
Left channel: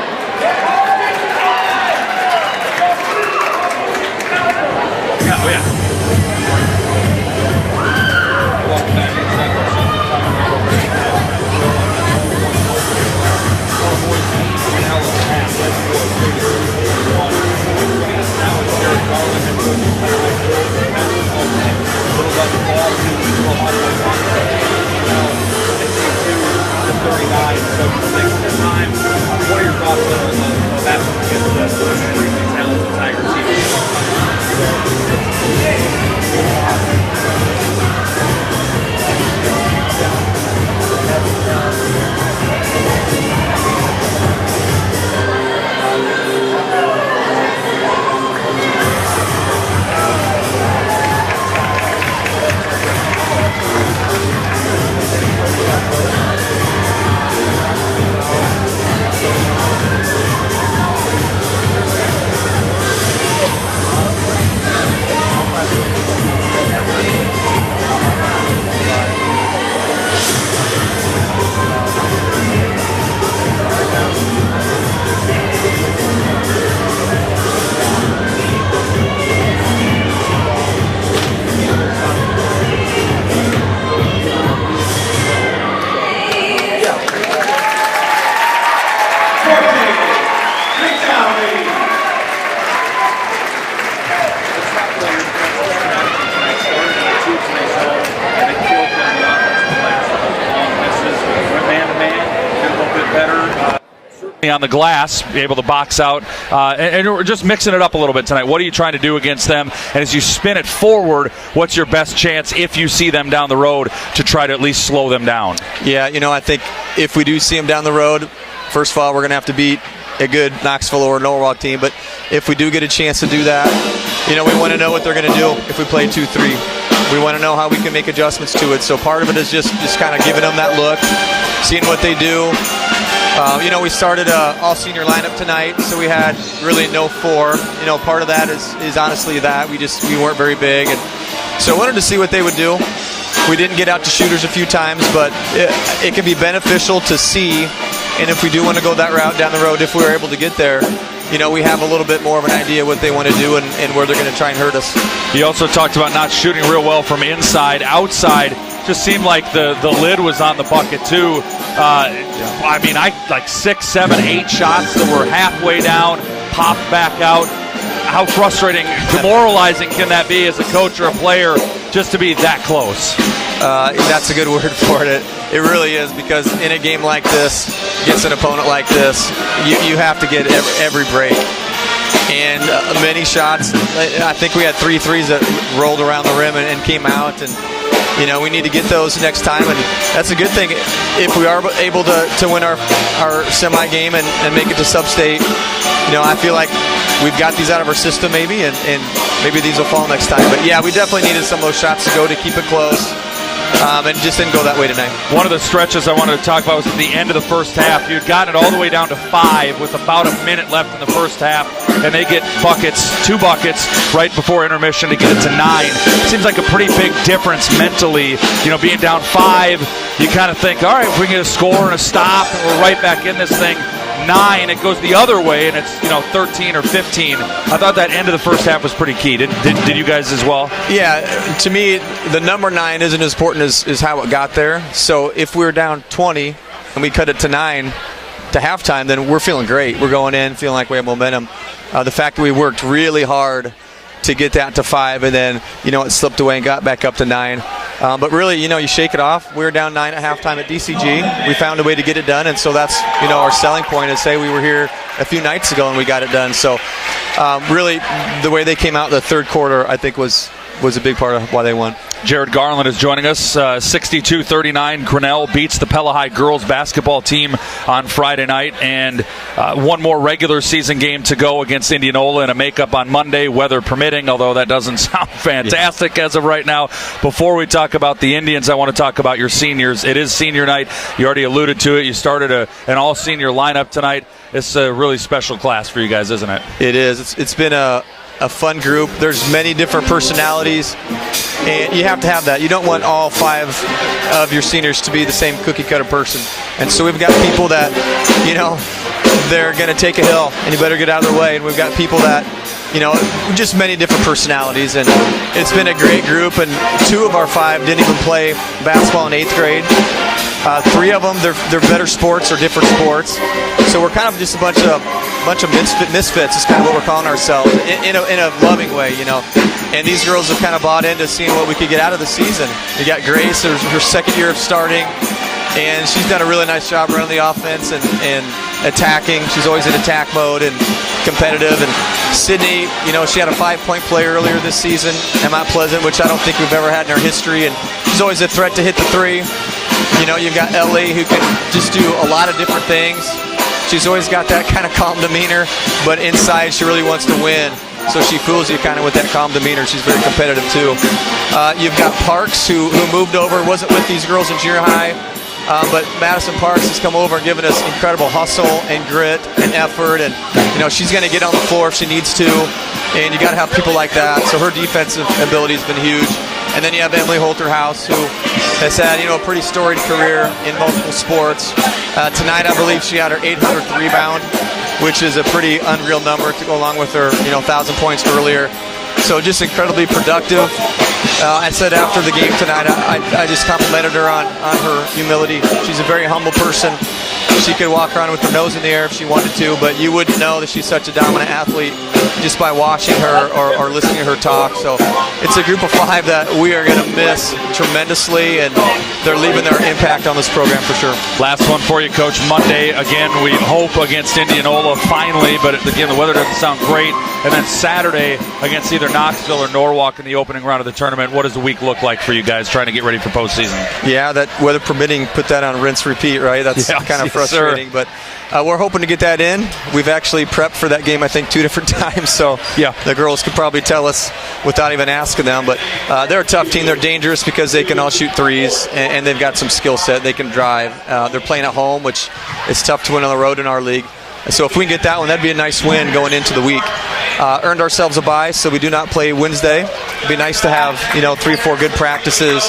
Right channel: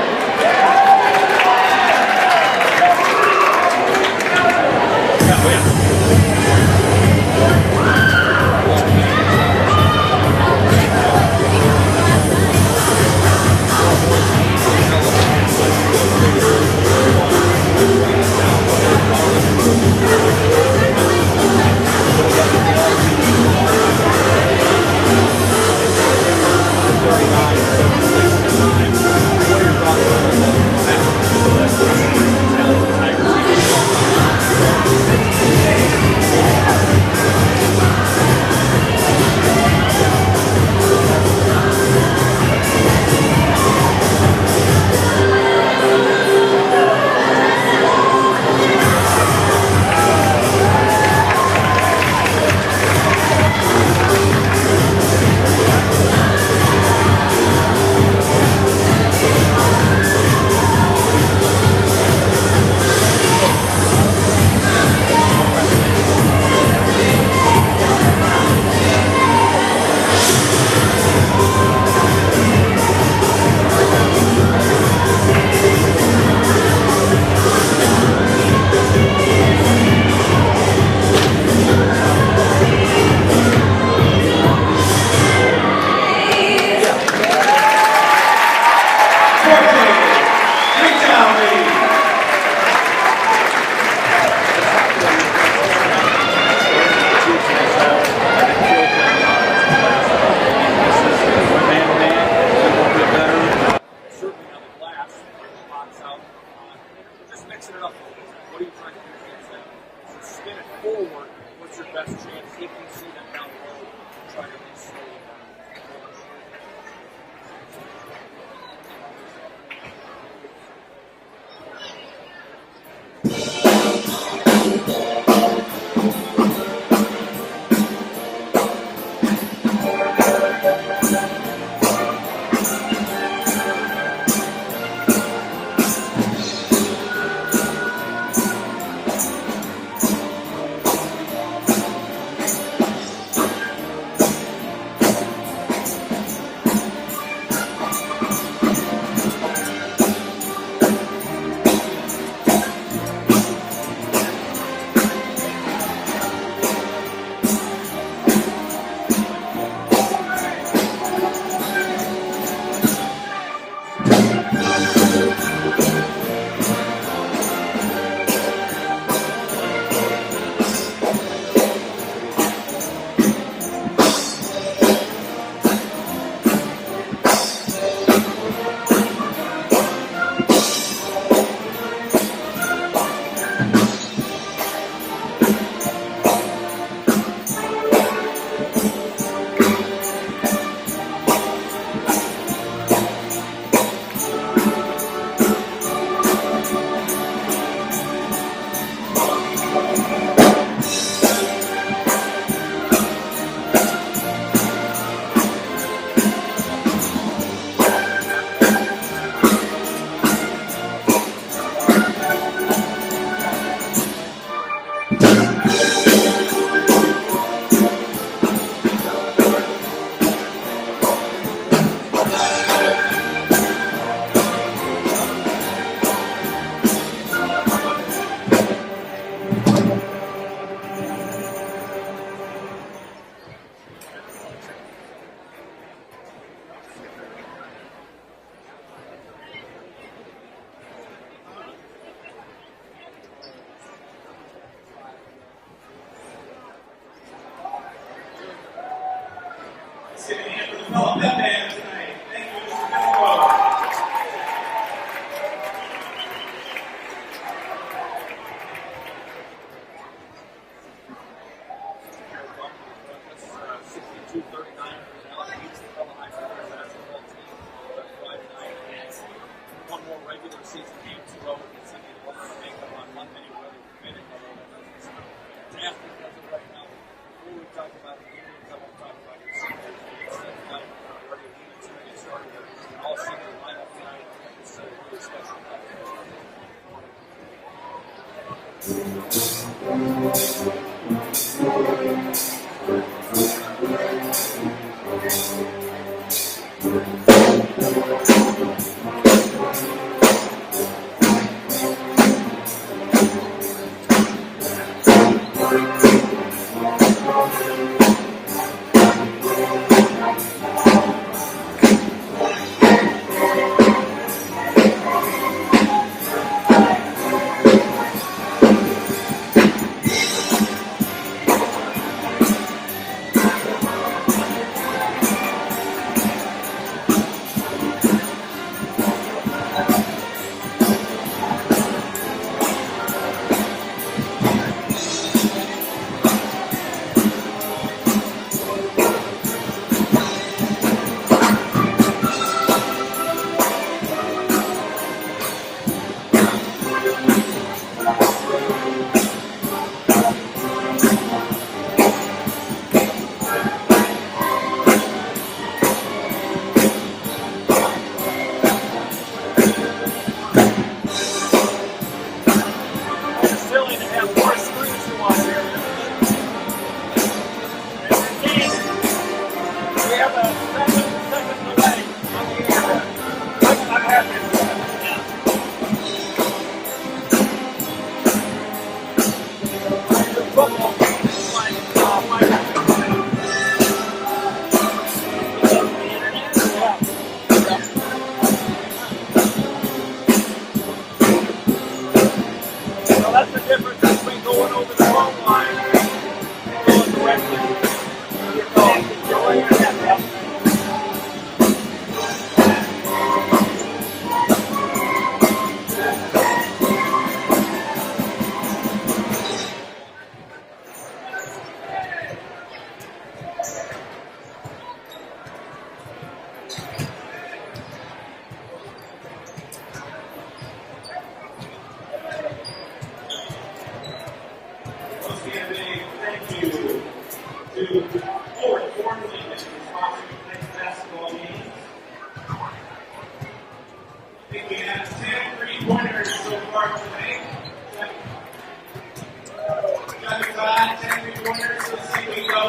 On the glass, be able to box out, and we're just mixing it up a little bit tonight. What are you trying to do against them? And as you spin it forward, what's your best chance if you see them down the road to try to at least slow them down? Yeah, I think if we do see them down the road, first of all, we're going to have to beat a good Knoxville or Norwalk team. But if we do get a chance to do that, we want to know what they're going to do if we play 2-3. We want to know how we can make adjustments to it. So part of it is just kind of giving them that look, seeing what they do. We started all senior lineup tonight, so we had really no 4. Part of that is honestly that we weren't very big, and so I wanted to see what they would do. We didn't get out to shooters a few times, but it can be beneficial to see. And if we do want to go that route down the road, if we're able to get there, we have a little bit more of an idea what they want to do and where they're going to try and hurt us. You also talked about not shooting real well from inside. Outside, just seemed like the lid was on the bucket too. I like 6, 7, 8 shots that were halfway down, popped back out. How frustrating, demoralizing can that be as a coach or a player just to be that close? That's a good word for it. It really is, because in a game like this, against an opponent like this, you have to get every break. And many shots, I think we had 3 threes that rolled around the rim and came out. And we need to get those next time. And that's a good thing if we are able to win our semi-game and make it to sub-state. I feel like we've got these out of our system maybe, and maybe these will fall next time. But yeah, we definitely needed some of those shots to go to keep it close. And it just didn't go that way tonight. One of the stretches I wanted to talk about was at the end of the first half. You'd gotten it all the way down to 5 with about a minute left in the first half, and they get 2 buckets right before intermission to get it to 9. It seems like a pretty big difference mentally. Being down 5, you kind of think, all right, if we can get a score and a stop, and we're right back in this thing. 9, it goes the other way, and it's 13 or 15. I thought that end of the first half was pretty key. Did you guys as well? Yeah, to me, the number 9 isn't as important as how it got there. So if we're down 20 and we cut it to 9 to halftime, then we're feeling great. We're going in feeling like we have momentum. The fact that we worked really hard to get that to 5, and then it slipped away and got back up to 9. But really, you shake it off. We were down 9 at halftime at DCG. We found a way to get it done, and so that's our selling point. Is say we were here a few nights ago and we got it done. So really, the way they came out in the third quarter, I think was a big part of why they won. Jared Garland is joining us. 62-39, Grinnell beats the Pella High girls basketball team on Friday night, and one more regular season game to go against Indianola in a makeup on Monday, weather permitting, although that doesn't sound fantastic as of right now. Before we talk about the Indians, I want to talk about your seniors. It is senior night. You already alluded to it. You started an all-senior lineup tonight. It's a really special class for you guys, isn't it? It is. It's been a fun group. There's many different personalities, and you have to have that. You don't want all 5 of your seniors to be the same cookie-cutter person. And so we've got people that, they're going to take a hill, and you better get out of the way. And we've got people that, just many different personalities. And it's been a great group, and 2 of our 5 didn't even play basketball in 8th grade. 3 of them, they're better sports or different sports. So we're kind of just a bunch of misfits is kind of what we're calling ourselves in a loving way, And these girls have kind of bought into seeing what we could get out of the season. You got Grace, her 2nd year of starting, and she's done a really nice job running the offense and attacking. She's always in attack mode and competitive. And Sydney, she had a 5-point play earlier this season at Mount Pleasant, which I don't think we've ever had in our history. And she's always a threat to hit the 3. You've got Ellie, who can just do a lot of different things. She's always got that kind of calm demeanor, but inside she really wants to win. So she fools you kind of with that calm demeanor. She's very competitive too. You've got Parks, who moved over, wasn't with these girls in junior high, but Madison Parks has come over and given us incredible hustle and grit and effort. And she's going to get on the floor if she needs to. And you got to have people like that. So her defensive ability has been huge. And then you have Emily Holterhouse, who has had a pretty storied career in multiple sports. Tonight, I believe she had her 800th rebound, which is a pretty unreal number to go along with her 1,000 points earlier. So just incredibly productive. I said after the game tonight, I just complimented her on her humility. She's a very humble person. She could walk around with her nose in the air if she wanted to, but you wouldn't know that she's such a dominant athlete just by watching her or listening to her talk. So it's a group of 5 that we are going to miss tremendously, and they're leaving their impact on this program for sure. Last one for you, Coach. Monday, again, we hope against Indianola finally, but again, the weather doesn't sound great. And then Saturday against either Knoxville or Norwalk in the opening round of the tournament. What does the week look like for you guys trying to get ready for postseason? Yeah, that weather permitting, put that on rinse repeat, right? That's kind of frustrating, but we're hoping to get that in. We've actually prepped for that game, I think, 2 different times, so the girls could probably tell us without even asking them. But they're a tough team. They're dangerous because they can all shoot threes, and they've got some skill set. They can drive. They're playing at home, which is tough to win on the road in our league. So if we can get that one, that'd be a nice win going into the week. Earned ourselves a bye, so we do not play Wednesday. It'd be nice to have 3 or 4 good practices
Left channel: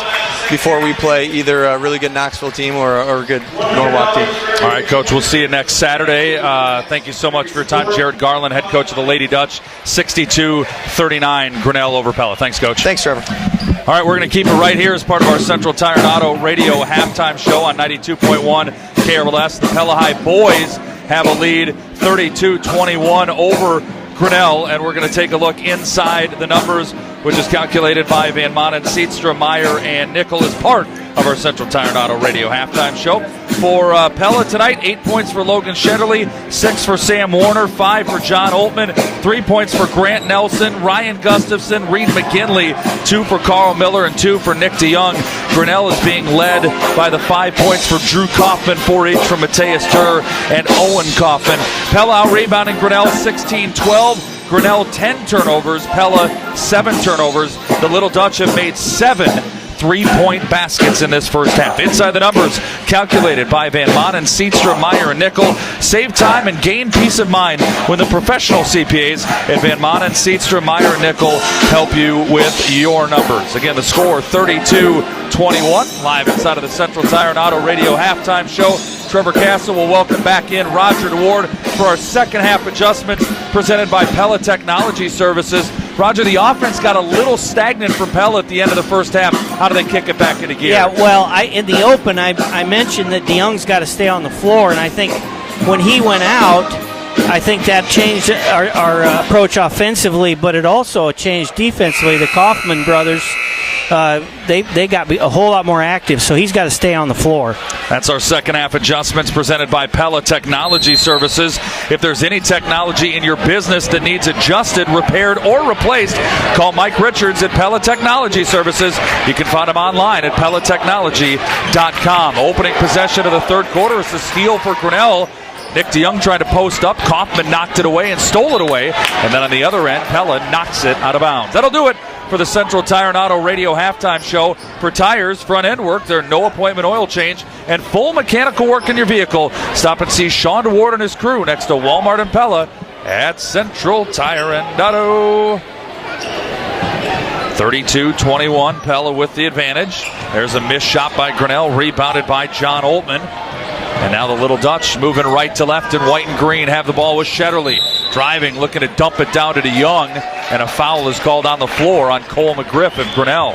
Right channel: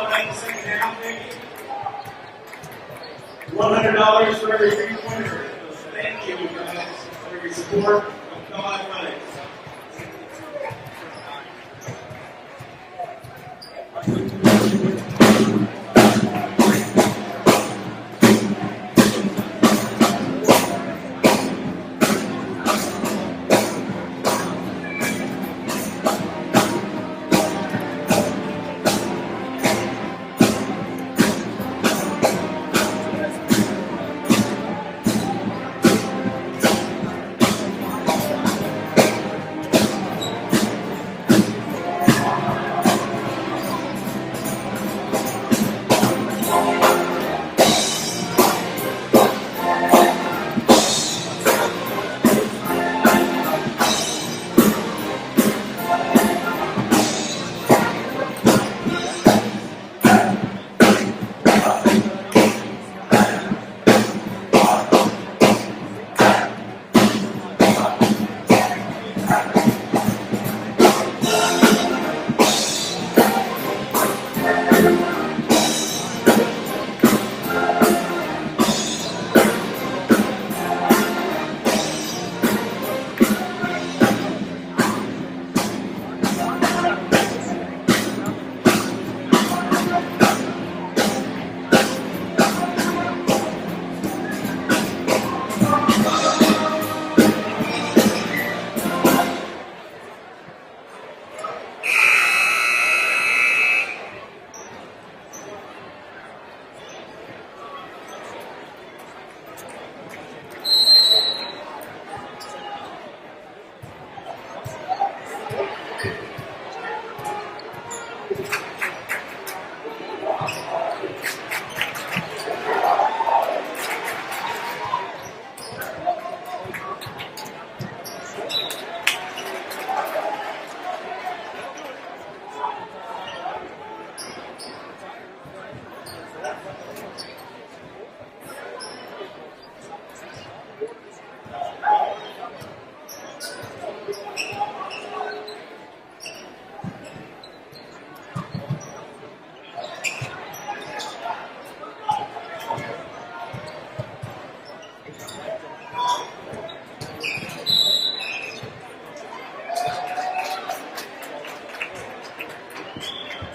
before we play either a really good Knoxville team or a good Norwalk team. All right, Coach, we'll see you next Saturday. Thank you so much for your time. Jared Garland, head coach of the Lady Dutch, 62-39, Grinnell over Pella. Thanks, Coach. Thanks, Trevor. All right, we're going to keep it right here as part of our Central Tire and Auto Radio halftime show on 92.1 KRLS. The Pella High boys have a lead 32-21 over Grinnell, and we're going to take a look inside the numbers, which is calculated by Van Manen, Seatstra, Meyer, and Nickel as part of our Central Tire and Auto Radio halftime show. For Pella tonight, 8 points for Logan Shetterly, 6 for Sam Warner, 5 for John Oltman, 3 points for Grant Nelson, Ryan Gustafson, Reed McKinley, 2 for Carl Miller, and 2 for Nick DeYoung. Grinnell is being led by the 5 points for Drew Kaufman, 4 each for Mateus Turr and Owen Kaufman. Pella out rebounding Grinnell 16-12. Grinnell 10 turnovers, Pella 7 turnovers. The Little Dutch have made 7 3-point baskets in this first half. Inside the numbers, calculated by Van Manen, Seatstra, Meyer, and Nickel. Save time and gain peace of mind with the professional CPAs at Van Manen, Seatstra, Meyer, and Nickel help you with your numbers. Again, the score 32-21. Live inside of the Central Tire and Auto Radio halftime show. Trevor Castle will welcome back in Roger Ward for our second half adjustment presented by Pella Technology Services. Roger, the offense got a little stagnant for Pella at the end of the first half. How do they kick it back into gear? Yeah, well, in the open, I mentioned that DeYoung's got to stay on the floor, and I think when he went out, I think that changed our approach offensively, but it also changed defensively. The Kaufman brothers they got a whole lot more active, so he's got to stay on the floor. That's our second half adjustments presented by Pella Technology Services. If there's any technology in your business that needs adjusted, repaired, or replaced, call Mike Richards at Pella Technology Services. You can find him online at pellatechnology.com. Opening possession of the third quarter is the steal for Grinnell. Nick DeYoung tried to post up. Kaufman knocked it away and stole it away. And then on the other end, Pella knocks it out of bounds. That'll do it for the Central Tire and Auto Radio halftime show. For tires, front end work, their no appointment oil change, and full mechanical work in your vehicle. Stop and see Sean DeWard and his crew next to Walmart and Pella at Central Tire and Auto. 32-21, Pella with the advantage. There's a missed shot by Grinnell, rebounded by John Oltmann. And now the Little Dutch moving right to left, and white and green have the ball with Shetterly. Driving, looking to dump it down to DeYoung, and a foul is called on the floor on Cole McGriff of Grinnell.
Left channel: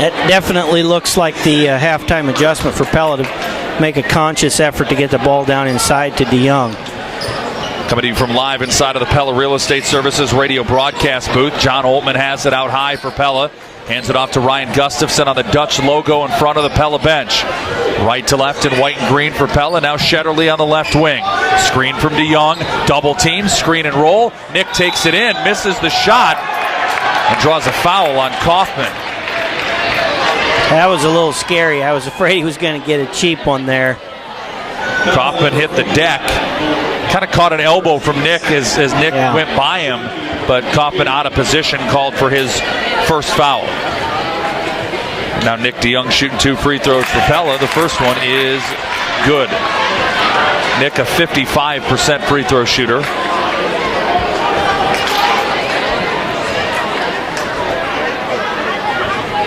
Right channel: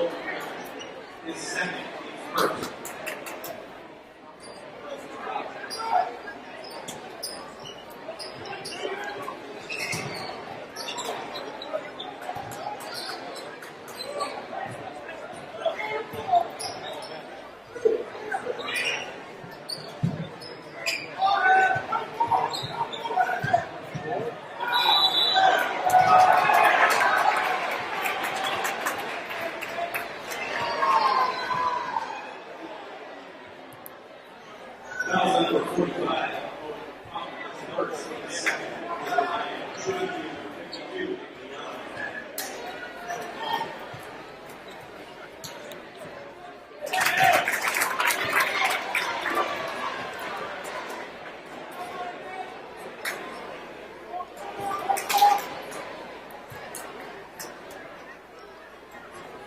It definitely looks like the halftime adjustment for Pella to make a conscious effort to get the ball down inside to DeYoung. Coming to you from live inside of the Pella Real Estate Services radio broadcast booth. John Oltmann has it out high for Pella. Hands it off to Ryan Gustafson on the Dutch logo in front of the Pella bench. Right to left in white and green for Pella. Now Shetterly on the left wing. Screen from DeYoung. Double team, screen and roll. Nick takes it in, misses the shot, and draws a foul on Kaufman. That was a little scary. I was afraid he was going to get a cheap one there. Kaufman hit the deck. Kind of caught an elbow from Nick as Nick went by him, but Kaufman out of position, called for his first foul. Now Nick DeYoung shooting 2 free throws for Pella. The first one is good. Nick, a 55% free throw shooter.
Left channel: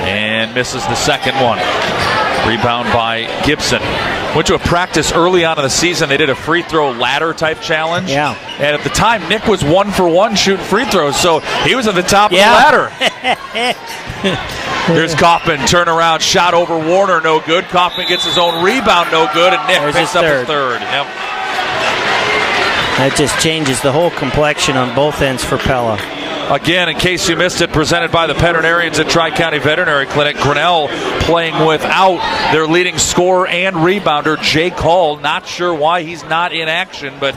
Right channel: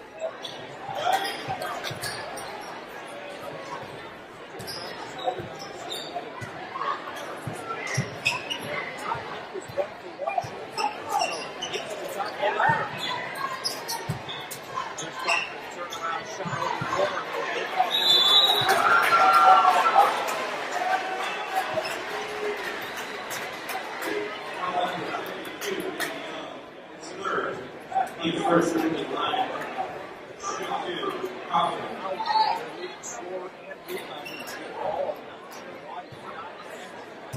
And misses the second one. Rebound by Gibson. Went to a practice early on in the season. They did a free throw ladder type challenge. Yeah. And at the time, Nick was 1 for 1 shooting free throws, so he was at the top of the ladder. There's Kaufman, turnaround shot over Warner, no good. Kaufman gets his own rebound, no good, and Nick picks up a third. Yep. That just changes the whole complexion on both ends for Pella. Again, in case you missed it, presented by the veterinarians at Tri-County Veterinary Clinic. Grinnell playing without their leading scorer and rebounder, Jake Hall. Not sure why he's not in action, but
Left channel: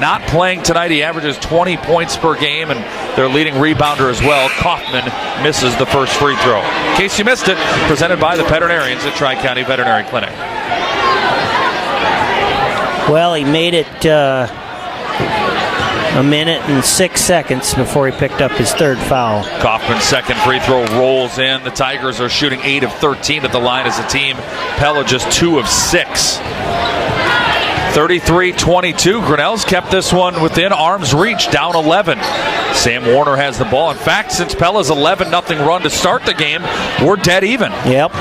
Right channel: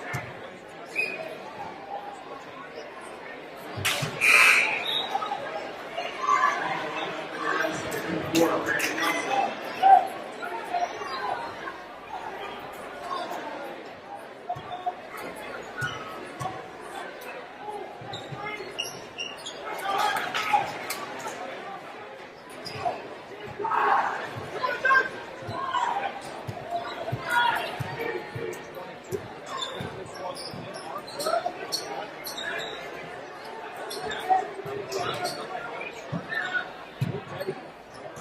not playing tonight. He averages 20 points per game, and their leading rebounder as well. Kaufman misses the first free throw. In case you missed it, presented by the veterinarians at Tri-County Veterinary Clinic. Well, he made it a minute and 6 seconds before he picked up his third foul. Kaufman's second free throw rolls in. The Tigers are shooting 8 of 13 at the line as a team. Pella just 2 of 6. 33-22. Grinnell's kept this one within arm's reach, down 11. Sam Warner has the ball. In fact, since Pella's 11-0 run to start the game, we're dead even. Yep.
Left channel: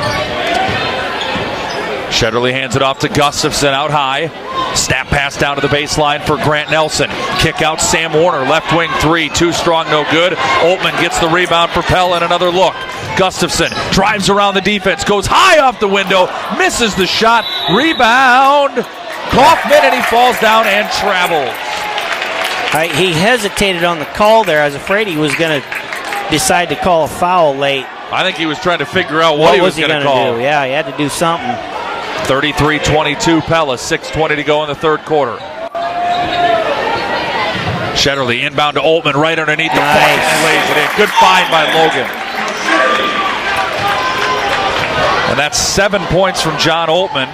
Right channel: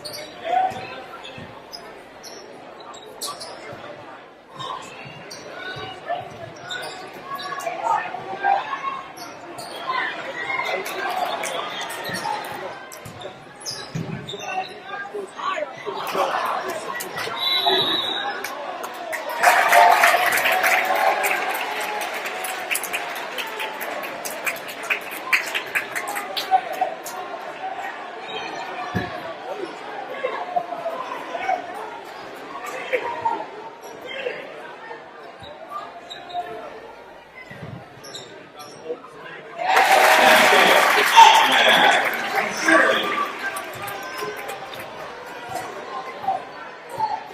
Shetterly hands it off to Gustafson out high. Snap pass down to the baseline for Grant Nelson. Kick out Sam Warner, left wing 3, too strong, no good. Oltmann gets the rebound for Pella and another look. Gustafson drives around the defense, goes high off the window, misses the shot. Rebound, Kaufman, and he falls down and travels. He hesitated on the call there. I was afraid he was going to decide to call a foul late. I think he was trying to figure out what he was going to call. Do? Yeah, he had to do something. 33-22 Pella, 6:20 to go in the third quarter. Shetterly inbound to Oltmann right underneath the good find by Logan. And that's 7 points from John Oltmann.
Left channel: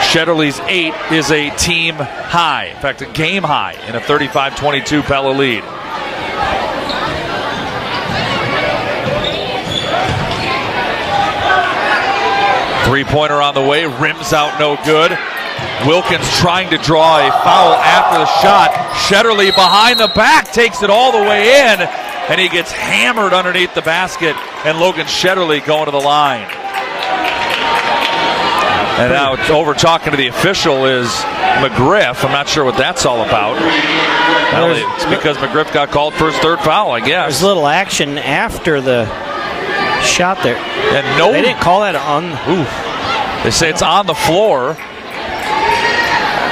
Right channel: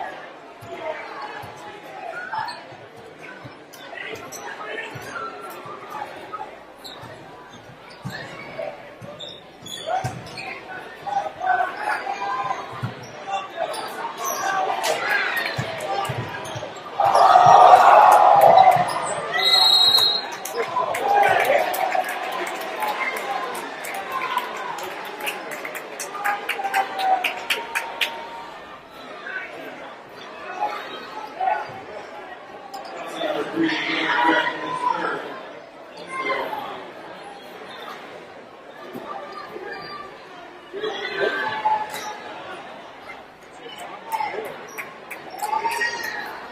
Shetterly's 8 is a team high. In fact, a game high in a 35-22 Pella lead. Three-pointer on the way, rims out, no good. Wilkins trying to draw a foul after the shot. Shetterly behind the back takes it all the way in, and he gets hammered underneath the basket, and Logan Shetterly going to the line. And now it's over talking to the official is McGriff. I'm not sure what that's all about. Well, it's because McGriff got called for his third foul, I guess. There's little action after the shot there. And no, they didn't call that on. They say it's on the floor.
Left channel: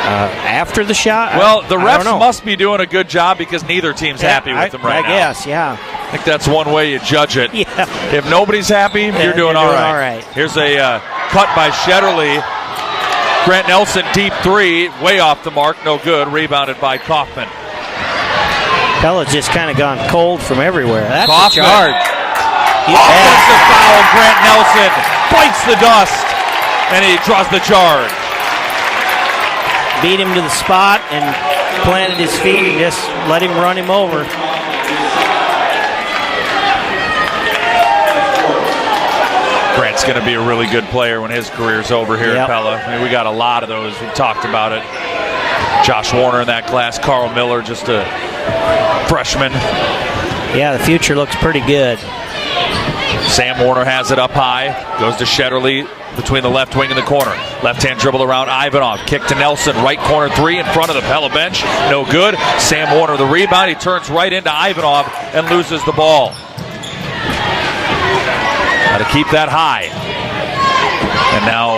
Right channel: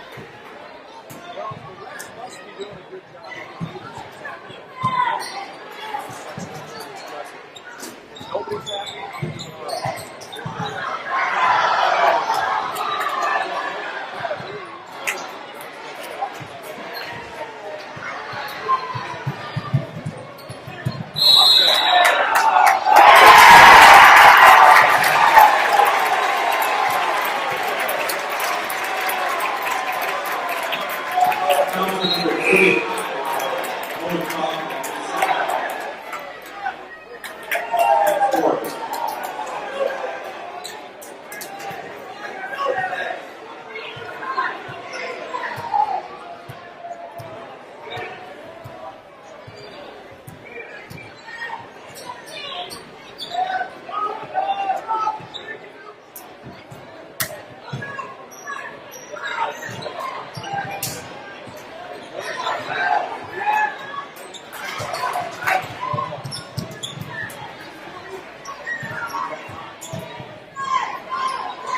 After the shot? Well, the refs must be doing a good job because neither team's happy with them right now. I guess, yeah. I think that's one way you judge it. Yeah. If nobody's happy, you're doing all right. Here's a cut by Shetterly. Grant Nelson, deep three, way off the mark, no good. Rebounded by Kaufman. Pella's just kind of gone cold from everywhere. That's Kaufman. a charge. Grant Nelson bites the dust, and he draws the charge. Beat him to the spot and planted his feet and just let him run him over. Grant's going to be a really good player when his career's over here at Pella. I mean, we got a lot of those. We've talked about it. Josh Warner in that class, Carl Miller, just a freshman. Yeah, the future looks pretty good. Sam Warner has it up high, goes to Shetterly between the left wing and the corner. Left-hand dribble around Ivanov, kick to Nelson, right corner three in front of the Pella bench, no good. Sam Warner the rebound, he turns right into Ivanov and loses the ball. Got to keep that high. And now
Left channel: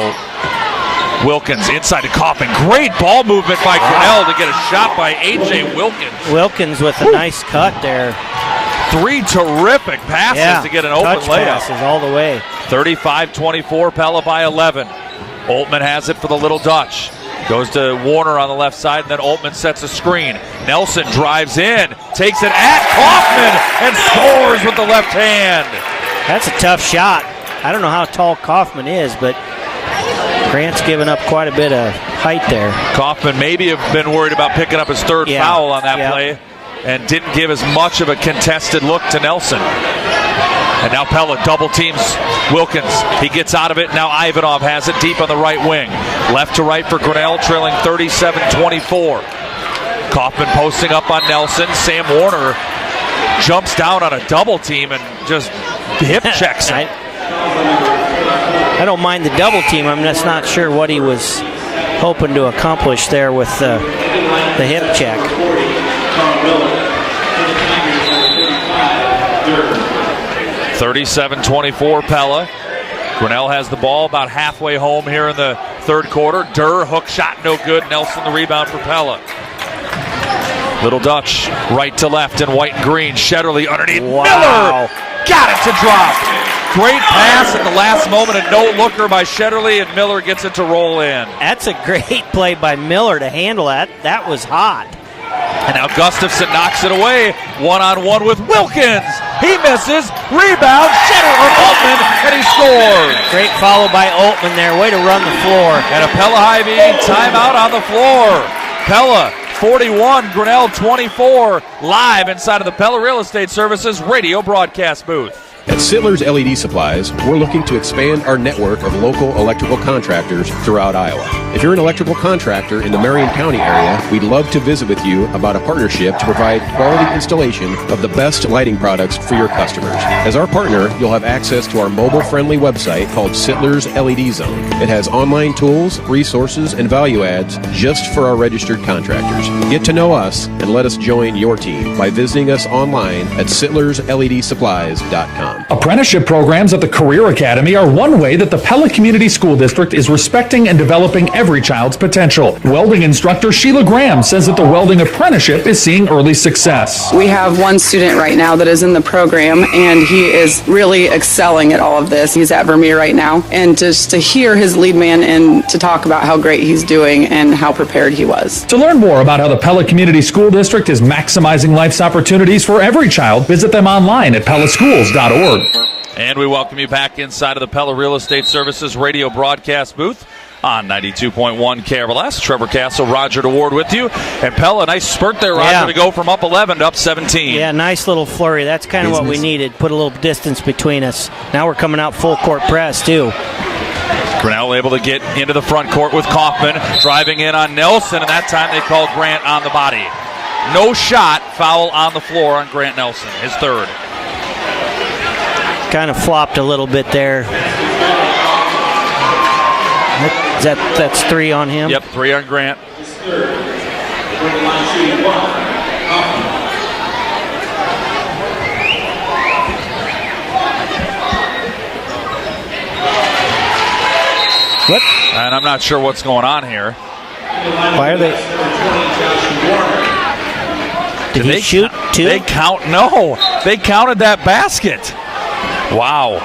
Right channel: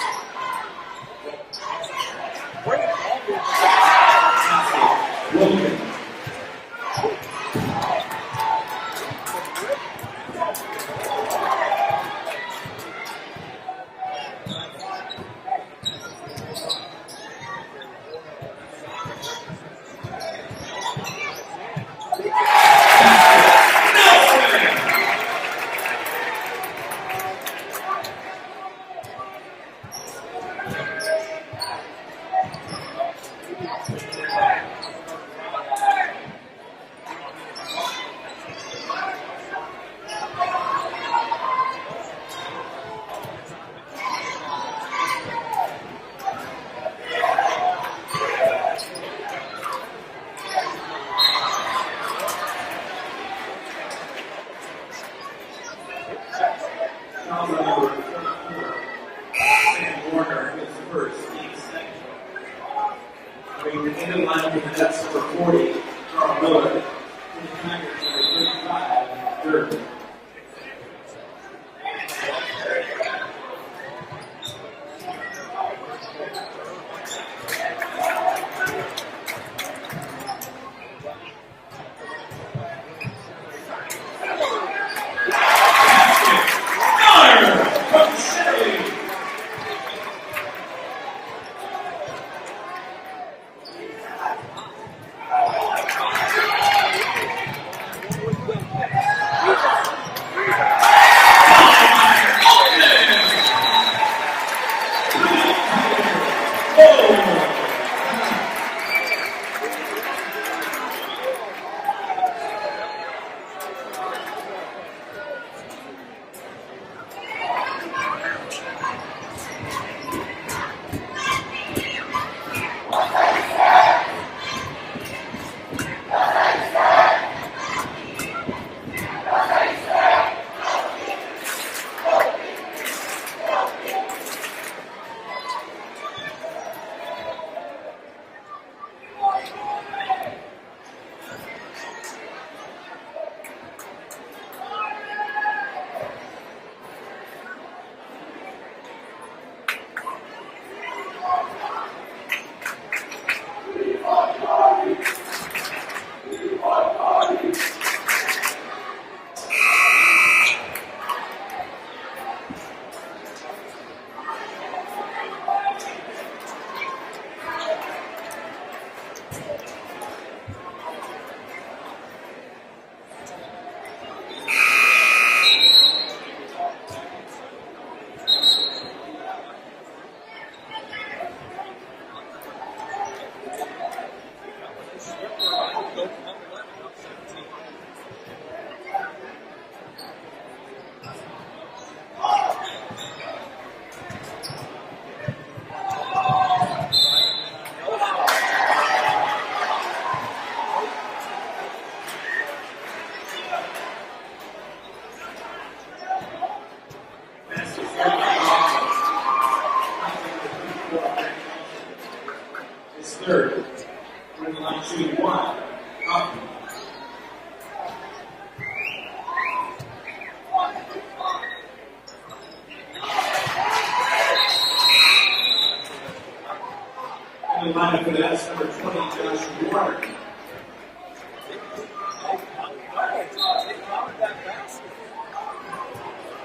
Wilkins inside to Kaufman. Great ball movement by Grinnell to get a shot by A.J. Wilkins. Wilkins with a nice cut there. Three terrific passes to get an open layup. Passes all the way. 35-24, Pella by 11. Altman has it for the Little Dutch. Goes to Warner on the left side, and then Altman sets a screen. Nelson drives in, takes it at Kaufman, and scores with the left hand. That's a tough shot. I don't know how tall Kaufman is, but Grant's given up quite a bit of height there. Kaufman maybe have been worried about picking up his third foul on that play, and didn't give as much of a contested look to Nelson. And now Pella double teams Wilkins. He gets out of it. Now Ivanov has it deep on the right wing. Left to right for Grinnell, trailing 37-24. Kaufman posting up on Nelson. Sam Warner jumps down on a double team and just hip checks it. I don't mind the double team. I'm just not sure what he was hoping to accomplish there with the hip check. 37-24 Pella. Grinnell has the ball about halfway home here in the third quarter. Durr, hook shot, no good. Nelson the rebound for Pella. Little Dutch, right to left in white and green. Shetterly underneath. Miller got it to drop. Great pass at the last moment, a no-looker by Shetterly, and Miller gets it to roll in. That's a great play by Miller to handle that. That was hot. And now Gustafson knocks it away. One-on-one with Wilkins. He misses. Rebound. And he scores. Great follow by Altman there. Way to run the floor. And a Pella Hy-Vee timeout on the floor. Pella 41, Grinnell 24. Live inside of the Pella Real Estate Services radio broadcast booth. At Sittler's LED Supplies, we're looking to expand our network of local electrical contractors throughout Iowa. If you're an electrical contractor in the Marion County area, we'd love to visit with you about a partnership to provide quality installation of the best lighting products for your customers. As our partner, you'll have access to our mobile-friendly website called Sittler's LED Zone. It has online tools, resources, and value adds just for our registered contractors. Get to know us and let us join your team by visiting us online at sittlersledsupplies.com. Apprenticeship programs at the Career Academy are one way that the Pella Community School District is respecting and developing every child's potential. Welding instructor Sheila Graham says that the welding apprenticeship is seeing early success. We have one student right now that is in the program, and he is really excelling at all of this. He's at Vermeer right now, and just to hear his lead man and to talk about how great he's doing and how prepared he was. To learn more about how the Pella Community School District is maximizing life's opportunities for every child, visit them online at pellaschools.org. And we welcome you back inside of the Pella Real Estate Services radio broadcast booth on 92.1 KRLS. Trevor Castle, Roger DeWard with you. And Pella, nice spurt there, Roger, to go from up 11 to up 17. Yeah, nice little flurry. That's kind of what we needed. Put a little distance between us. Now we're coming out full court press, too. Grinnell able to get into the front court with Kaufman, driving in on Nelson, and that time they called Grant on the body. No shot, foul on the floor on Grant Nelson, his third. Kind of flopped a little bit there. That's three on him? Yep, three on Grant. His third. Yep. And I'm not sure what's going on here. Why are they? Did he shoot two? They counted that basket. Wow.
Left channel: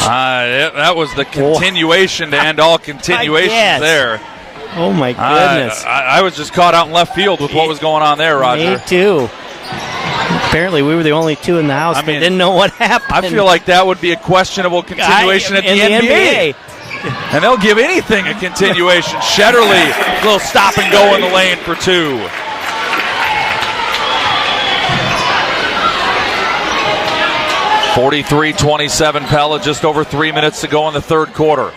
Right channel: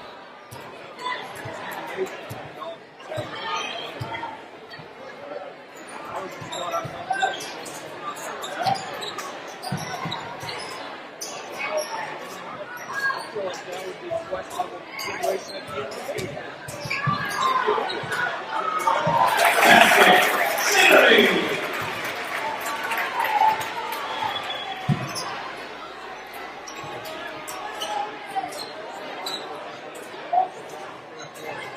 That was the continuation to end all continuations there. Oh, my goodness. I was just caught out in left field with what was going on there, Roger. Me too. Apparently, we were the only two in the house that didn't know what happened. I feel like that would be a questionable continuation at the NBA. And they'll give anything a continuation. Shetterly, a little stop and go in the lane for two. (43-27) Pella, just over 3 minutes to go in the third quarter.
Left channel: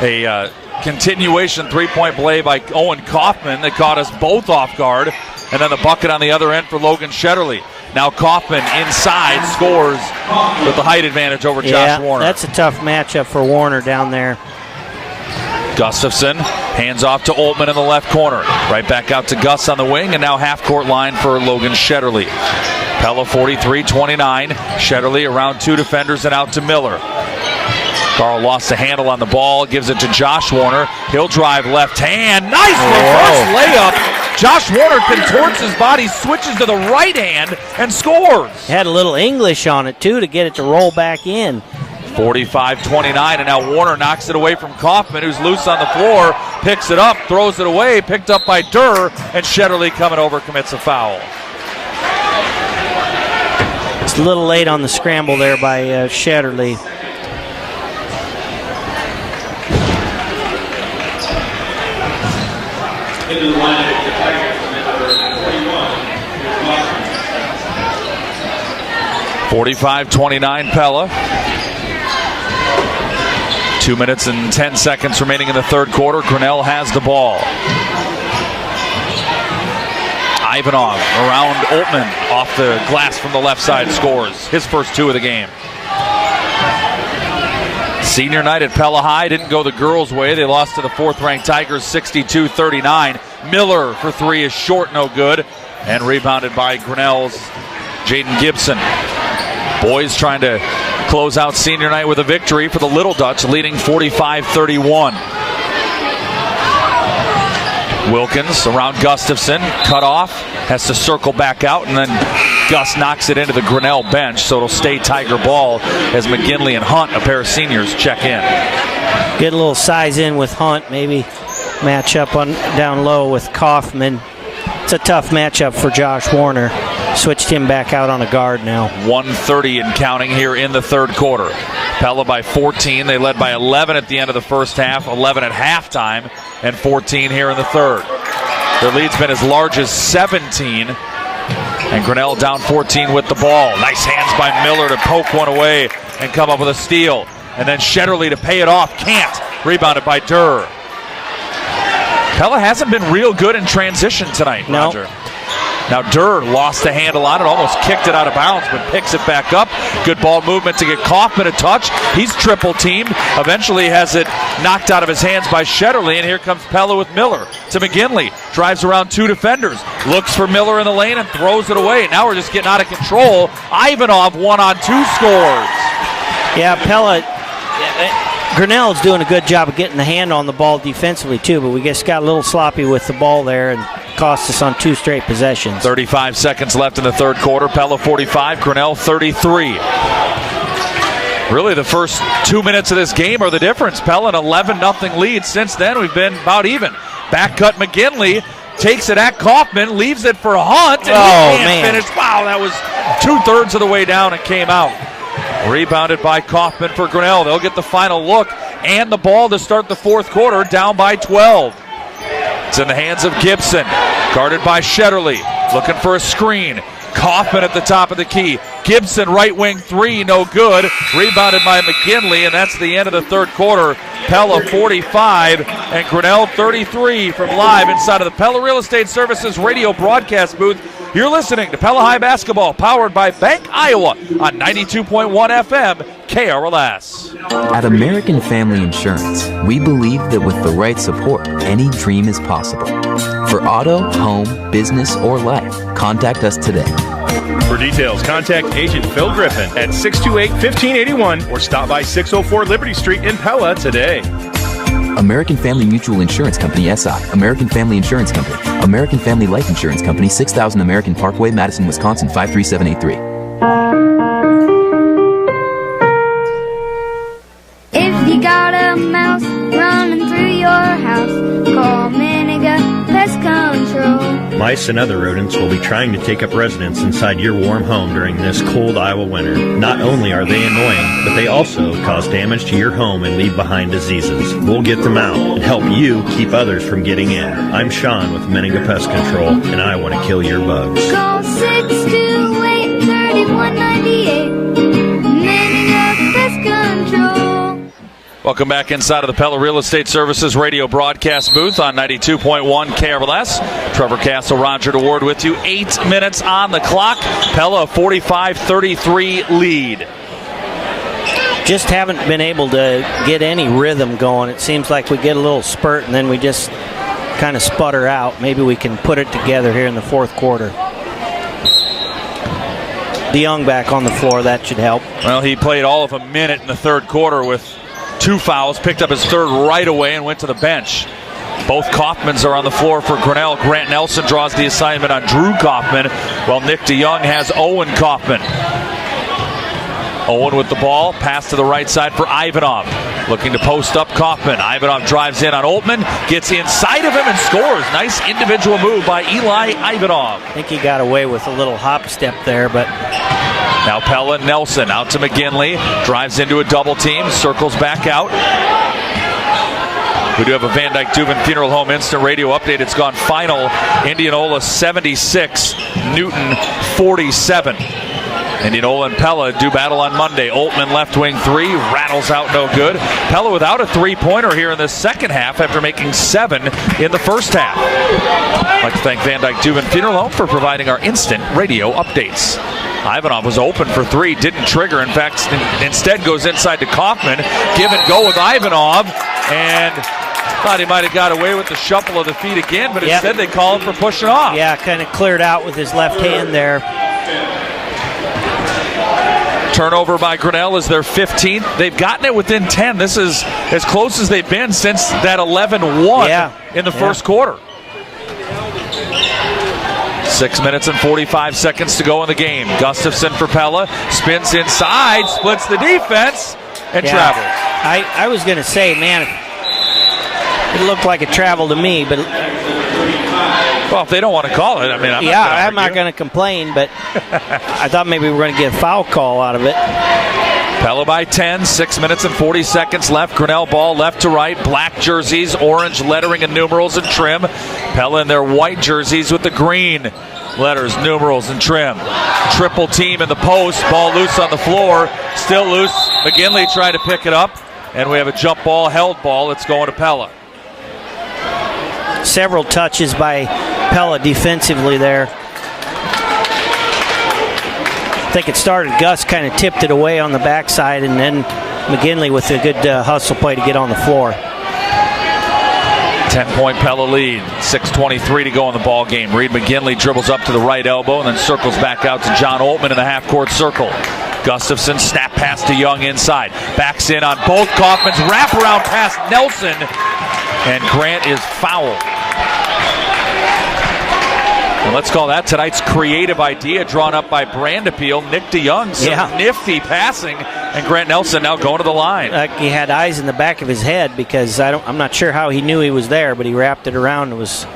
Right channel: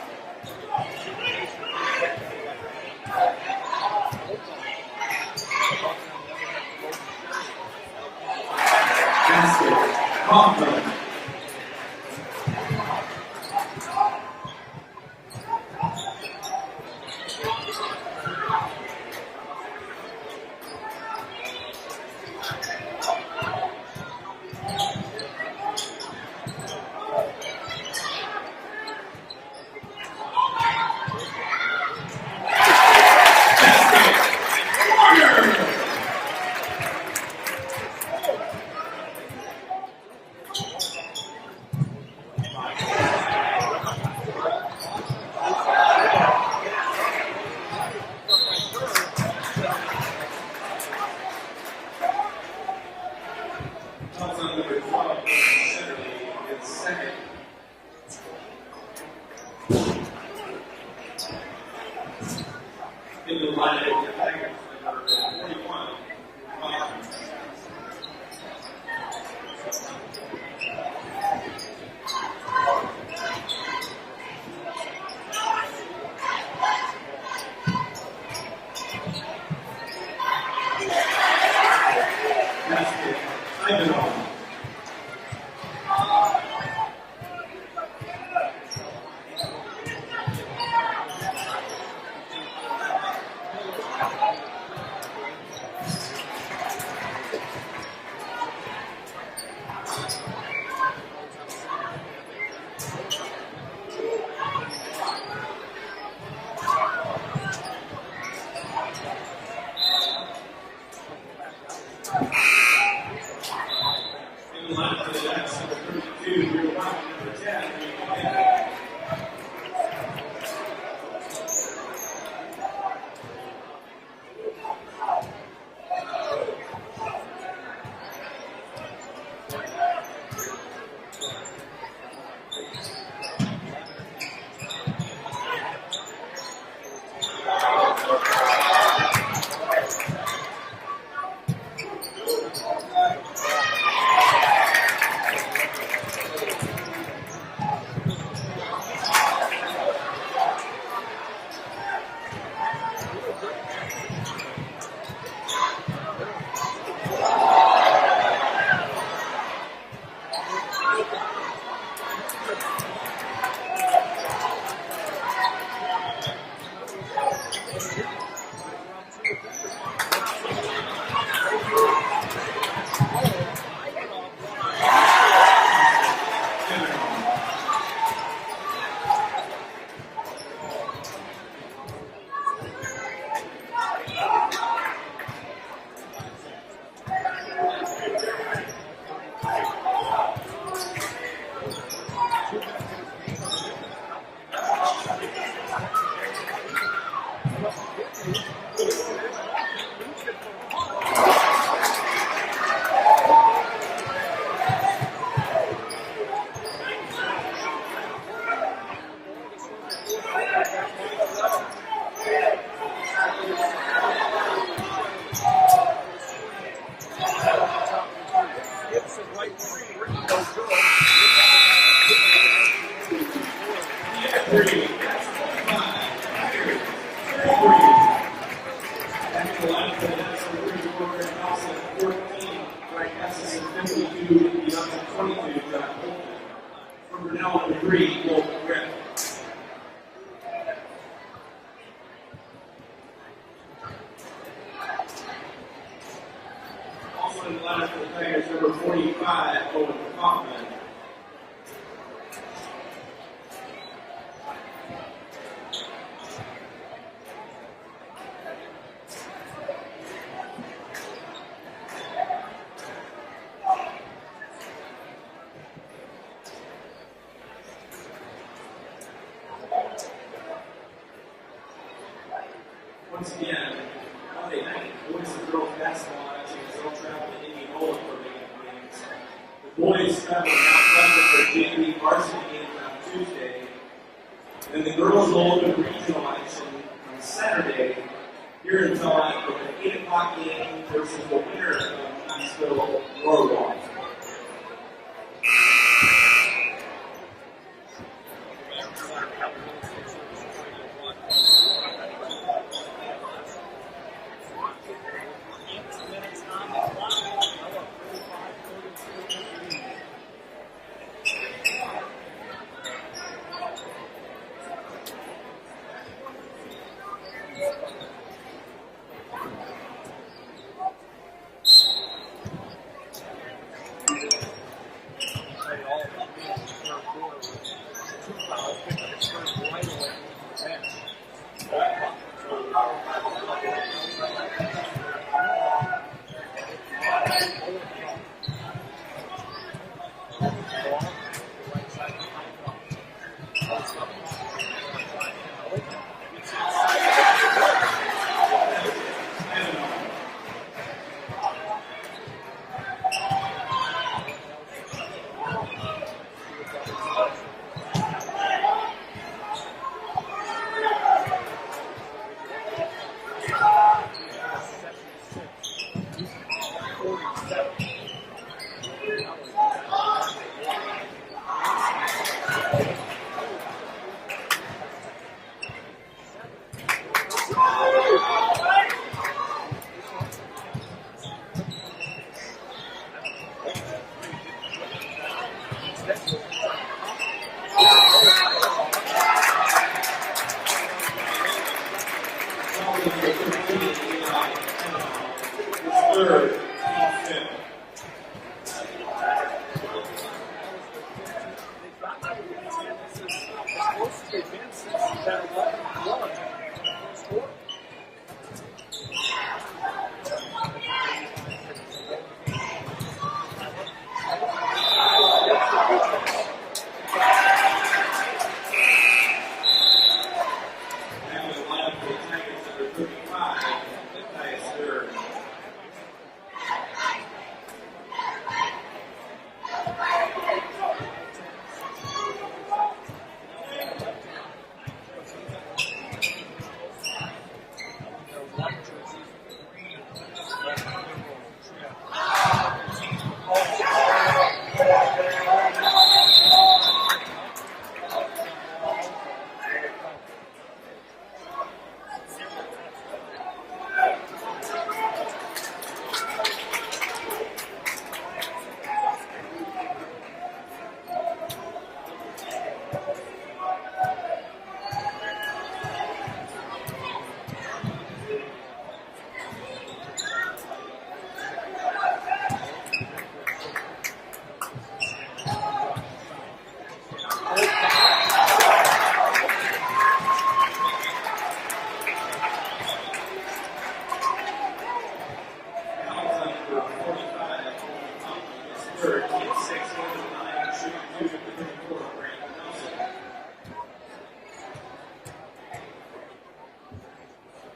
A continuation three-point play by Owen Kaufman that caught us both off guard. And then the bucket on the other end for Logan Shetterly. Now Kaufman inside scores with the height advantage over Josh Warner. That's a tough matchup for Warner down there. Gustafson hands off to Oltmann in the left corner. Right back out to Gus on the wing, and now half-court line for Logan Shetterly. Pella 43-29. Shetterly around two defenders and out to Miller. Carl lost the handle on the ball, gives it to Josh Warner. He'll drive left hand. Nice layup. Josh Warner contorts his body, switches to the right hand, and scores. Had a little English on it, too, to get it to roll back in. 45-29, and now Warner knocks it away from Kaufman, who's loose on the floor, picks it up, throws it away, picked up by Durr, and Shetterly coming over commits a foul. It's a little late on the scramble there by Shetterly. Into the line of the Tigers, 41. 45-29 Pella. 2 minutes and 10 seconds remaining in the third quarter. Grinnell has the ball. Ivanov around Oltmann off the glass from the left side scores. His first two of the game. Senior night at Pella High didn't go the girls' way. They lost to the fourth-ranked Tigers 62-39. Miller for three is short, no good. And rebounded by Grinnell's Jaden Gibson. Boys trying to close out senior night with a victory for the Little Dutch, leading 45-31. Wilkins around Gustafson, cut off, has to circle back out, and then Gus knocks it into the Grinnell bench, so it'll stay Tiger ball as McGinley and Hunt, a pair of seniors, check in. Get a little size in with Hunt, maybe match up on down low with Kaufman. It's a tough matchup for Josh Warner. Switched him back out on a guard now. 1:30 and counting here in the third quarter. Pella by 14. They led by 11 at the end of the first half, 11 at halftime, and 14 here in the third. Their lead's been as large as 17. And Grinnell down 14 with the ball. Nice hands by Miller to poke one away and come up with a steal. And then Shetterly to pay it off. Can't. Rebounded by Durr. Pella hasn't been real good in transition tonight, Roger. Now Durr lost the handle on it, almost kicked it out of bounds, but picks it back up. Good ball movement to get Kaufman a touch. He's triple teamed. Eventually has it knocked out of his hands by Shetterly, and here comes Pella with Miller to McGinley. Drives around two defenders, looks for Miller in the lane and throws it away. Now we're just getting out of control. Ivanov 1-on-2 scores. Yeah, Pella. Grinnell's doing a good job of getting the hand on the ball defensively too, but we just got a little sloppy with the ball there and cost us on two straight possessions. 35 seconds left in the third quarter. Pella 45, Grinnell 33. Really the first 2 minutes of this game are the difference. Pella an 11-0 lead. Since then we've been about even. Back cut McGinley takes it at Kaufman, leaves it for Hunt, and he can't finish. Wow, that was 2/3 of the way down and came out. Rebounded by Kaufman for Grinnell. They'll get the final look and the ball to start the fourth quarter, down by 12. It's in the hands of Gibson, guarded by Shetterly, looking for a screen. Kaufman at the top of the key. Gibson right wing three, no good. Rebounded by McGinley, and that's the end of the third quarter. Pella 45 and Grinnell 33 from live inside of the Pella Real Estate Services radio broadcast booth. You're listening to Pella High Basketball, powered by Bank Iowa on 92.1 FM KRLS. At American Family Insurance, we believe that with the right support, any dream is possible. For auto, home, business, or life, contact us today. For details, contact Agent Phil Griffin at 628-1581 or stop by 604 Liberty Street in Pella today. American Family Mutual Insurance Company, SI. American Family Insurance Company. American Family Life Insurance Company, 6000 American Parkway, Madison, Wisconsin, 53783. If you got a mouse running through your house, call Miniga Pest Control. Mice and other rodents will be trying to take up residence inside your warm home during this cold Iowa winter. Not only are they annoying, but they also cause damage to your home and leave behind diseases. We'll get them out and help you keep others from getting in. I'm Sean with Miniga Pest Control, and I want to kill your bugs. Call 628-3198. Miniga Pest Control. Welcome back inside of the Pella Real Estate Services radio broadcast booth on 92.1 KRLS. Trevor Castle, Roger DeWard with you. 8 minutes on the clock. Pella 45-33 lead. Just haven't been able to get any rhythm going. It seems like we get a little spurt and then we just kind of sputter out. Maybe we can put it together here in the fourth quarter. DeYoung back on the floor. That should help. Well, he played all of a minute in the third quarter with 2 fouls, picked up his third right away and went to the bench. Both Kaufmans are on the floor for Grinnell. Grant Nelson draws the assignment on Drew Kaufman, while Nick DeYoung has Owen Kaufman. Owen with the ball, pass to the right side for Ivanov. Looking to post up Kaufman. Ivanov drives in on Oltmann, gets inside of him and scores. Nice individual move by Eli Ivanov. I think he got away with a little hop step there, but... Now Pella Nelson out to McGinley, drives into a double team, circles back out. We do have a Van Dyke Dubin Funeral Home instant radio update. It's gone final. Indianola 76, Newton 47. Indianola and Pella do battle on Monday. Oltmann left wing three, rattles out no good. Pella without a three-pointer here in the second half after making 7 in the first half. I'd like to thank Van Dyke Dubin Funeral Home for providing our instant radio updates. Ivanov was open for 3, didn't trigger. In fact, instead goes inside to Kaufman. Give and go with Ivanov, and thought he might have got away with the shuffle of the feet again, but instead they call him for pushing off. Yeah, kind of cleared out with his left hand there. Turnover by Grinnell is their 15th. They've gotten it within 10. This is as close as they've been since that 11-1 in the first quarter. 6 minutes and 45 seconds to go in the game. Gustafson for Pella, spins inside, splits the defense, and travels. I was going to say, man, it looked like a travel to me, but... Well, if they don't want to call it, I mean, I'm not going to complain, but I thought maybe we were going to get a foul call out of it. Pella by 10, 6 minutes and 40 seconds left. Grinnell ball left to right, black jerseys, orange lettering and numerals and trim. Pella in their white jerseys with the green letters, numerals, and trim. Triple team in the post, ball loose on the floor, still loose. McGinley tried to pick it up, and we have a jump ball, held ball. It's going to Pella. Several touches by Pella defensively there. I think it started, Gus kind of tipped it away on the backside, and then McGinley with a good hustle play to get on the floor. 10-point Pella lead, 6:23 to go in the ball game. Reed McGinley dribbles up to the right elbow and then circles back out to John Oltmann in the half-court circle. Gustafson, snap pass to Young inside. Backs in on both Kaufmans, wraparound pass Nelson, and Grant is fouled. And let's call that tonight's creative idea drawn up by Brandappeal. Nick DeYoung, nifty passing, and Grant Nelson now going to the line. He had eyes in the back of his head because I'm not sure how he knew he was there, but he wrapped it around. It was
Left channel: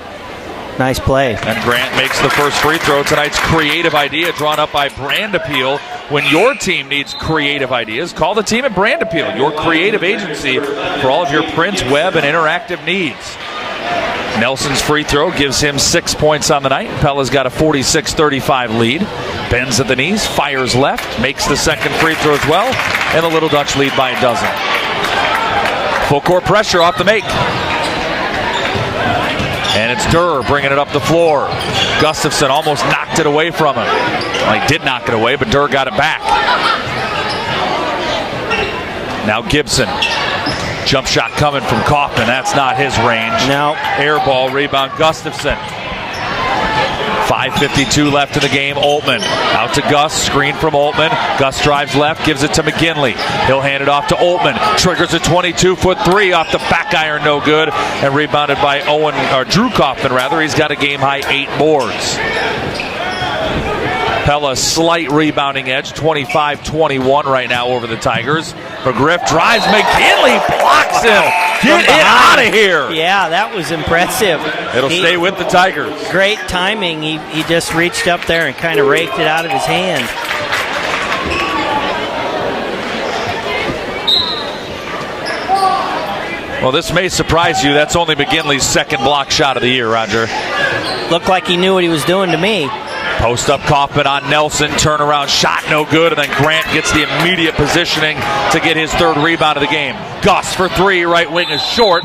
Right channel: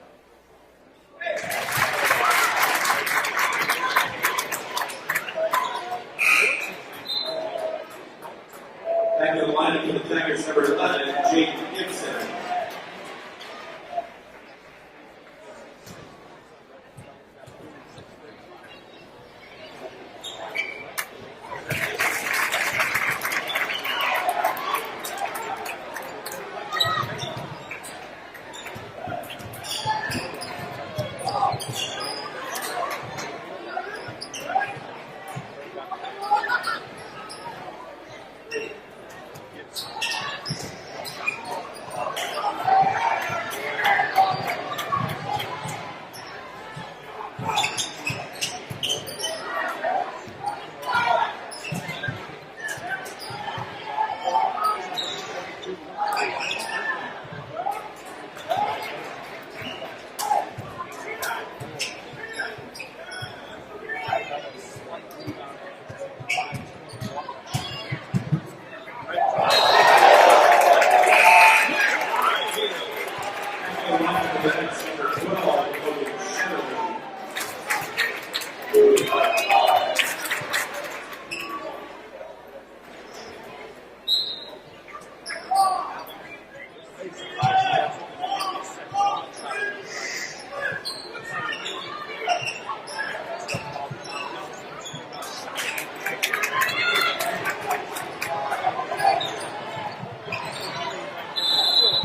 a nice play. And Grant makes the first free throw. Tonight's creative idea drawn up by Brandappeal. When your team needs creative ideas, call the team at Brandappeal, your creative agency for all of your print, web, and interactive needs. Nelson's free throw gives him 6 points on the night. Pella's got a 46-35 lead. Bends at the knees, fires left, makes the second free throw as well, and the Little Dutch lead by a dozen. Full court pressure off the make. And it's Durr bringing it up the floor. Gustafson almost knocked it away from him. Well, he did knock it away, but Durr got it back. Now Gibson. Jump shot coming from Kaufman. That's not his range. No. Air ball, rebound Gustafson. 5:52 left in the game. Altman out to Gus. Screen from Altman. Gus drives left, gives it to McGinley. He'll hand it off to Altman. Triggers a 22-foot three off the back iron, no good. And rebounded by Drew Kaufman, rather. He's got a game-high 8 boards. Pella slight rebounding edge, 25-21 right now over the Tigers. McGriff drives, McGinley blocks him. Get it out of here. Yeah, that was impressive. It'll stay with the Tigers. Great timing. He just reached up there and kind of raked it out of his hand. Well, this may surprise you. That's only McGinley's second block shot of the year, Roger. Looked like he knew what he was doing to me. Post up Kaufman on Nelson, turnaround shot no good, and then Grant gets the immediate positioning to get his third rebound of the game. Gus for three, right wing is short,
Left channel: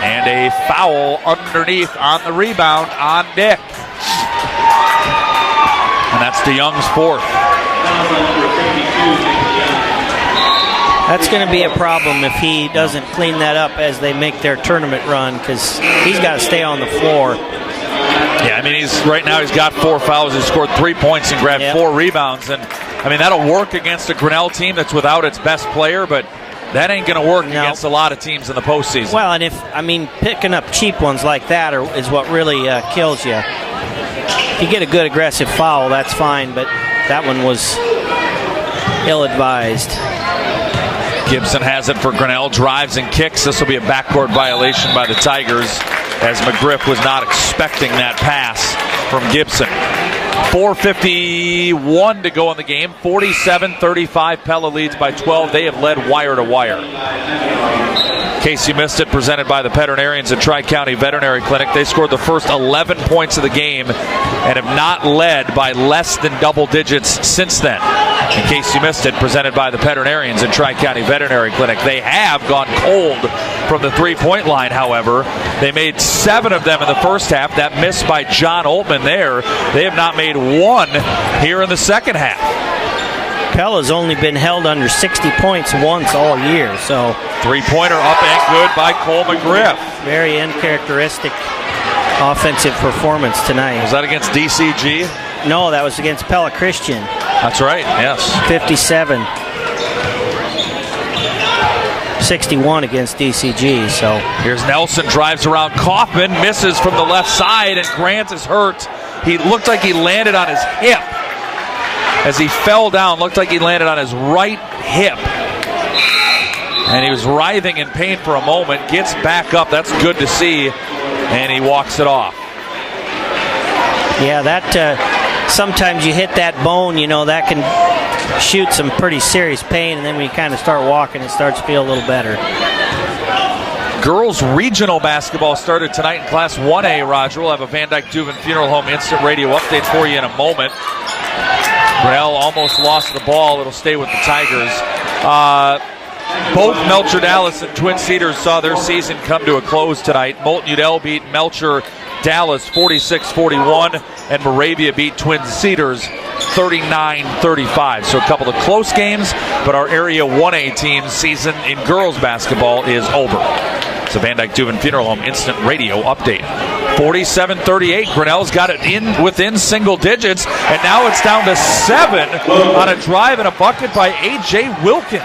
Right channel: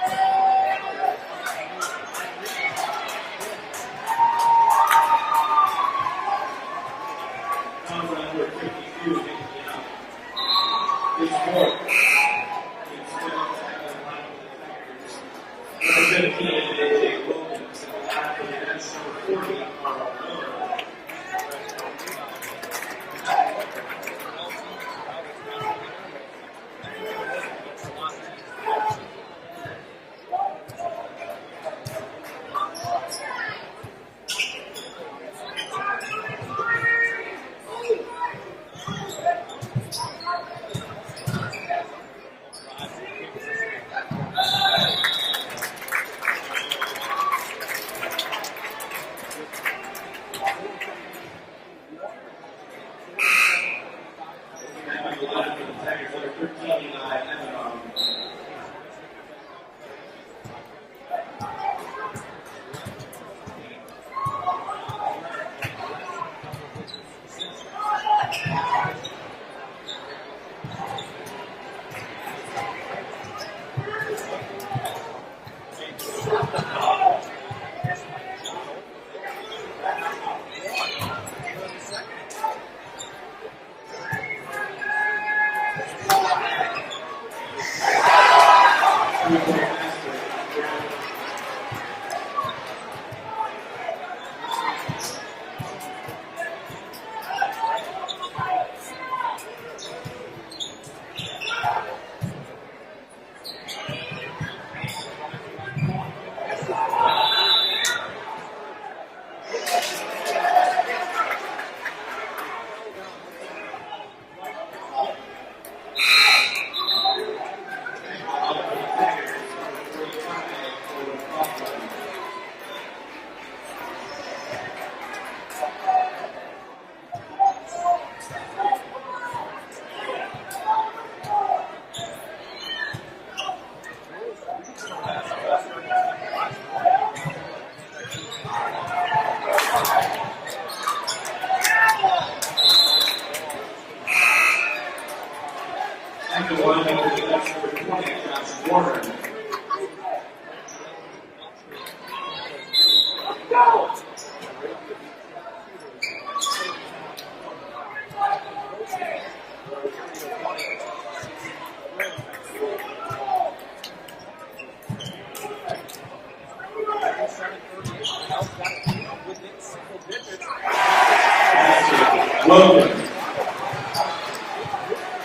and a foul underneath on the rebound on Dick. And that's DeYoung's fourth. That's going to be a problem if he doesn't clean that up as they make their tournament run, because he's got to stay on the floor. Yeah, I mean, right now he's got 4 fouls. He's scored 3 points and grabbed 4 rebounds. And, I mean, that'll work against a Grinnell team that's without its best player, but that ain't going to work against a lot of teams in the postseason. Well, and picking up cheap ones like that is what really kills you. If you get a good aggressive foul, that's fine, but that one was ill-advised. Gibson has it for Grinnell, drives and kicks. This will be a backcourt violation by the Tigers, as McGriff was not expecting that pass from Gibson. 4:51 to go in the game. 47-35. Pella leads by 12. They have led wire to wire. In case you missed it, presented by the veterinarians at Tri-County Veterinary Clinic. They scored the first 11 points of the game and have not led by less than double digits since then. In case you missed it, presented by the veterinarians at Tri-County Veterinary Clinic. They have gone cold from the three-point line, however. They made 7 of them in the first half. That miss by John Altman there. They have not made 1 here in the second half. Pella's only been held under 60 points once all year, so. Three-pointer up and good by Cole McGriff. Very uncharacteristic offensive performance tonight. Was that against DCG? No, that was against Pella Christian. That's right, yes. 57. 61 against DCG, so. Here's Nelson, drives around Kaufman, misses from the left side, and Grant is hurt. He looked like he landed on his hip. As he fell down, looked like he landed on his right hip. And he was writhing in pain for a moment, gets back up, that's good to see, and he walks it off. Yeah, that sometimes you hit that bone, that can shoot some pretty serious pain, and then when you kind of start walking, it starts to feel a little better. Girls regional basketball started tonight in Class 1A, Roger. We'll have a Van Dyke Dubin Funeral Home instant radio update for you in a moment. Grinnell almost lost the ball. It'll stay with the Tigers. Both Melcher Dallas and Twin Cedars saw their season come to a close tonight. Moulton Udell beat Melcher Dallas 46-41, and Moravia beat Twin Cedars 39-35. So a couple of close games, but our Area 1A team's season in girls basketball is over. It's a Van Dyke Dubin Funeral Home instant radio update. 47-38. Grinnell's got it within single digits, and now it's down to 7 on a drive and a bucket by A.J. Wilkins.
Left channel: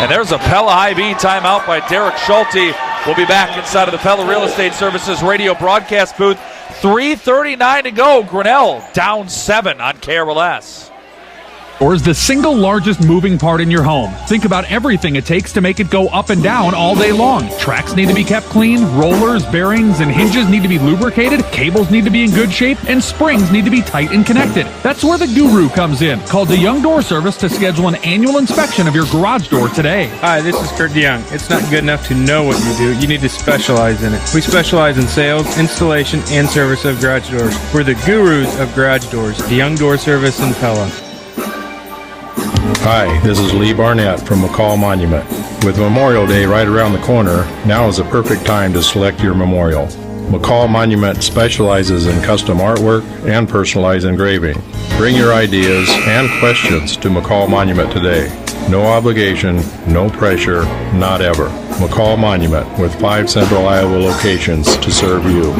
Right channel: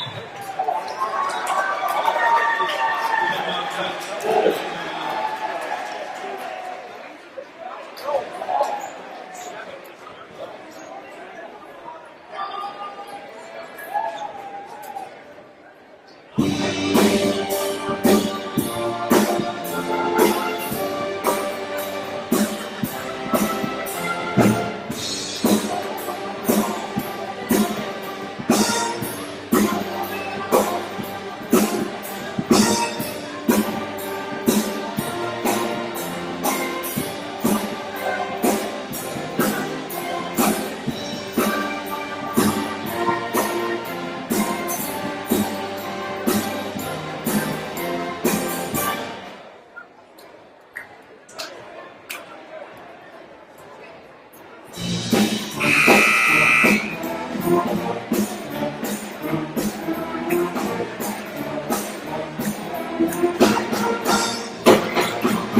And there's a Pella IB timeout by Derek Schulte. We'll be back inside of the Pella Real Estate Services radio broadcast booth. 3:39 to go. Grinnell down 7 on KRLS. Or is the single largest moving part in your home. Think about everything it takes to make it go up and down all day long. Tracks need to be kept clean, rollers, bearings, and hinges need to be lubricated, cables need to be in good shape, and springs need to be tight and connected. That's where the Guru comes in. Call DeYoung Door Service to schedule an annual inspection of your garage door today. Hi, this is Kurt DeYoung. It's not good enough to know what you do. You need to specialize in it. We specialize in sales, installation, and service of garage doors. We're the gurus of garage doors. DeYoung Door Service in Pella. Hi, this is Lee Barnett from McCall Monument. With Memorial Day right around the corner, now is the perfect time to select your memorial. McCall Monument specializes in custom artwork and personalized engraving. Bring your ideas and questions to McCall Monument today. No obligation, no pressure, not ever. McCall Monument with 5 Central Iowa locations to serve you.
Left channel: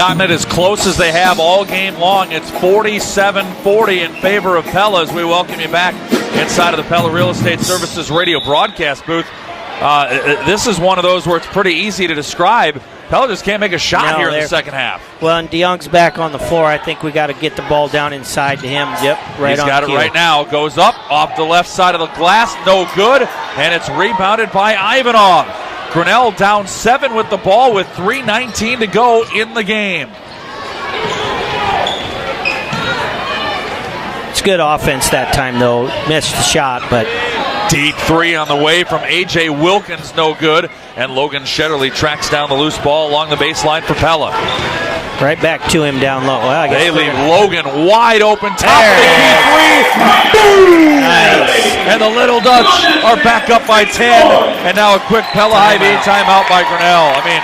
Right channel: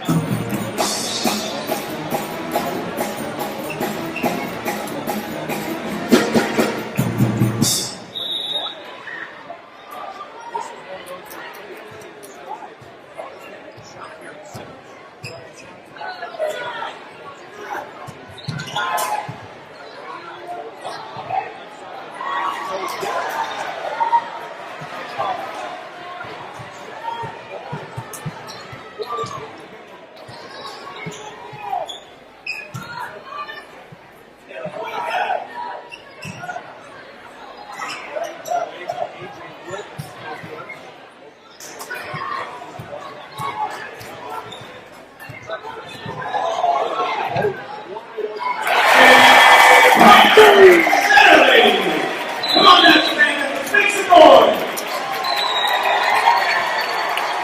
gotten it as close as they have all game long. It's 47-40 in favor of Pella as we welcome you back inside of the Pella Real Estate Services radio broadcast booth. This is one of those where it's pretty easy to describe. Pella just can't make a shot here in the second half. Well, and DeYoung's back on the floor. I think we got to get the ball down inside to him. Yep, right. He's got it right now. Goes up off the left side of the glass. No good. And it's rebounded by Ivanov. Grinnell down 7 with the ball with 3:19 to go in the game. It's good offense that time, though. Missed the shot, but... Deep three on the way from A.J. Wilkins, no good. And Logan Shetterly tracks down the loose ball along the baseline for Pella. Right back to him down low. Well, they leave Logan wide open. Top and the Little Dutch are back up by 10. And now a quick Pella High-V timeout by Grinnell. I mean,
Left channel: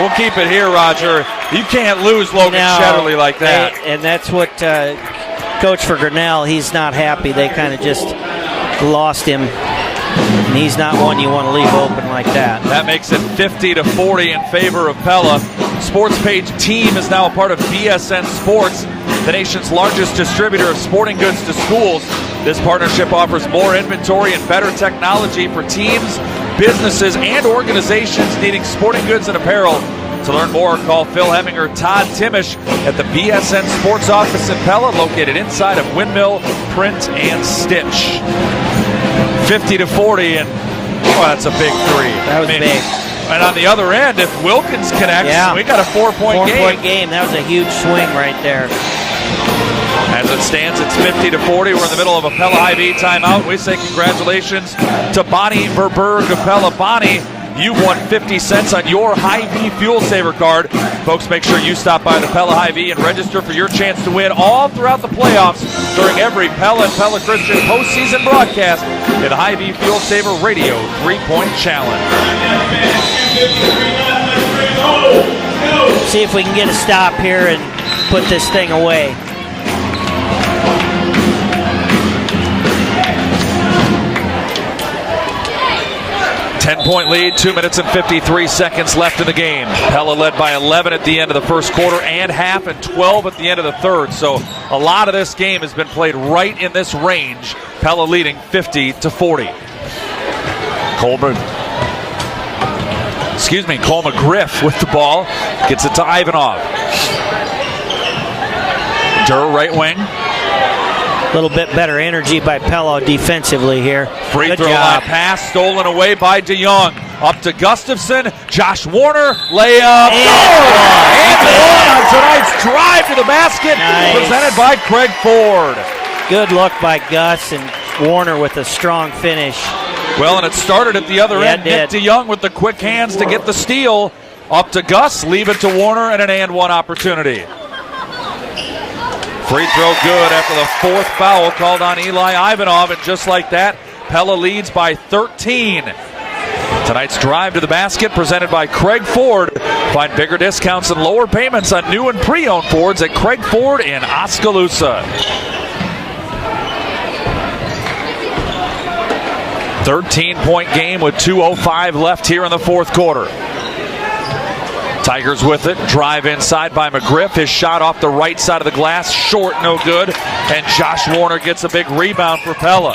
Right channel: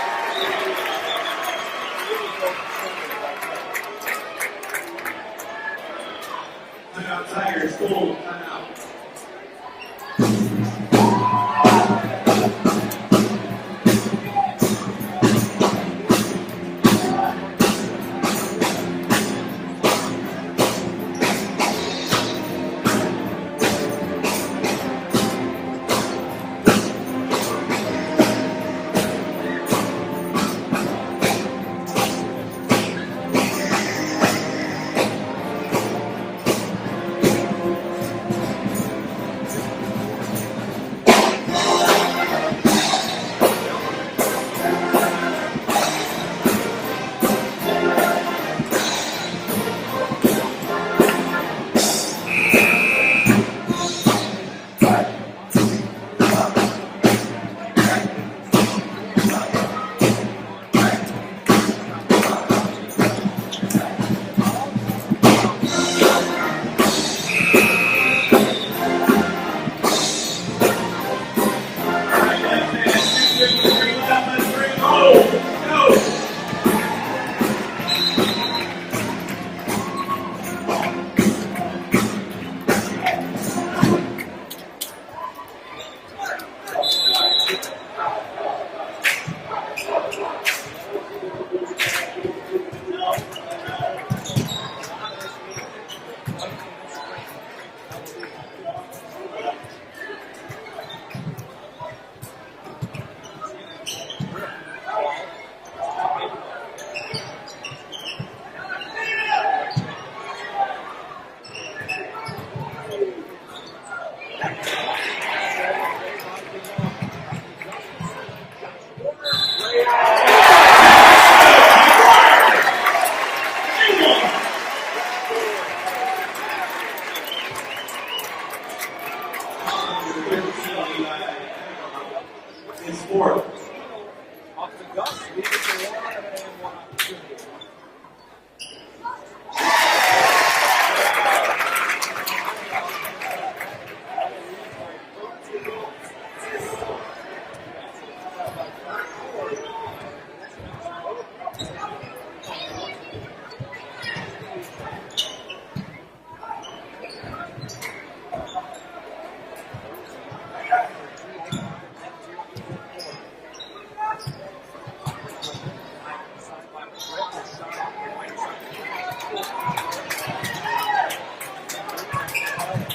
we'll keep it here, Roger. You can't lose Logan Shetterly like that. And that's what coach for Grinnell, he's not happy. They kind of just lost him. And he's not one you want to leave open like that. That makes it 50-40 in favor of Pella. Sports Page Team is now a part of BSN Sports, the nation's largest distributor of sporting goods to schools. This partnership offers more inventory and better technology for teams, businesses, and organizations needing sporting goods and apparel. To learn more, call Phil Hemming or Todd Timish at the BSN Sports office in Pella, located inside of Windmill Print and Stitch. 50-40, and that's a big three. That was big. And on the other end, if Wilkins connects, we got a 4-point game. That was a huge swing right there. As it stands, it's 50-40. We're in the middle of a Pella High-V timeout. We say congratulations to Bonnie Verberg of Pella. Bonnie, you won 50 cents on your High-V Fuel Saver card. Folks, make sure you stop by the Pella High-V and register for your chance to win all throughout the playoffs during every Pella and Pella Christian postseason broadcast in the High-V Fuel Saver Radio 3-Point Challenge. See if we can get a stop here and put this thing away. 10-point lead, 2 minutes and 53 seconds left in the game. Pella led by 11 at the end of the first quarter and half, and 12 at the end of the third. So a lot of this game has been played right in this range. Pella leading 50-40. Cole McGriff with the ball. Gets it to Ivanov. Durr right wing. A little bit better energy by Pella defensively here. Free throw line pass stolen away by DeYoung. Up to Gustafson. Josh Warner. Layup. Tonight's drive to the basket. Presented by Craig Ford. Good look by Gus, and Warner with a strong finish. Well, and it started at the other end. Nick DeYoung with the quick hands to get the steal. Up to Gus. Leave it to Warner, and an and-one opportunity. Free throw good after the fourth foul called on Eli Ivanov, and just like that, Pella leads by 13. Tonight's drive to the basket presented by Craig Ford. Find bigger discounts and lower payments on new and pre-owned Fords at Craig Ford in Oskaloosa. 13-point game with 2:05 left here in the fourth quarter. Tigers with it, drive inside by McGriff. His shot off the right side of the glass, short, no good. And Josh Warner gets a big rebound for Pella.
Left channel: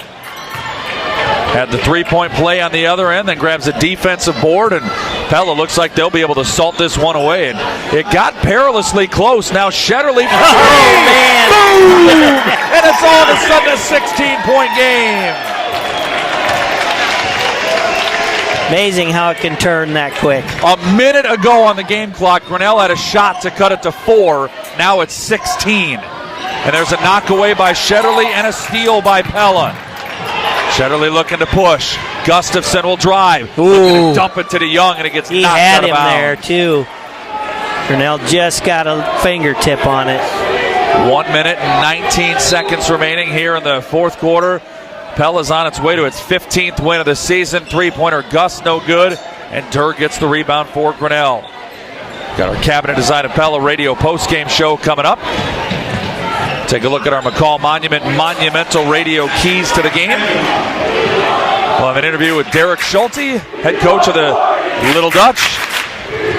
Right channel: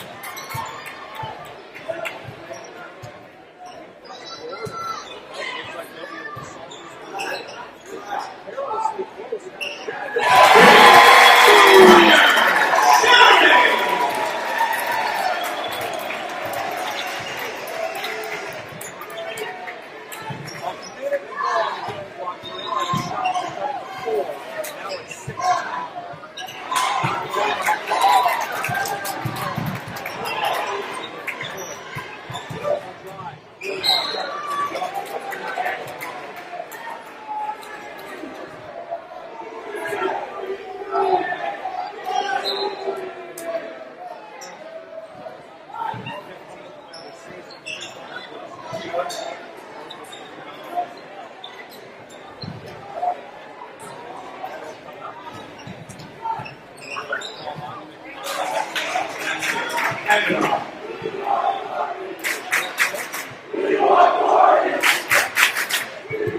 Had the three-point play on the other end, then grabs a defensive board, and Pella looks like they'll be able to salt this one away. And it got perilously close. Now Shetterly. And it's all of a sudden a 16-point game. Amazing how it can turn that quick. A minute ago on the game clock, Grinnell had a shot to cut it to 4. Now it's 16. And there's a knock away by Shetterly and a steal by Pella. Shetterly looking to push. Gustafson will drive. Ooh. Dump it to DeYoung, and it gets knocked out of bounds. He had him there, too. Grinnell just got a fingertip on it. 1 minute and 19 seconds remaining here in the fourth quarter. Pella's on its way to its 15th win of the season. Three-pointer Gus, no good. And Durr gets the rebound for Grinnell. Got our Cabinet Design of Pella radio postgame show coming up. Take a look at our McCall Monument monumental radio keys to the game. We'll have an interview with Derek Schulte, head coach of the Little Dutch.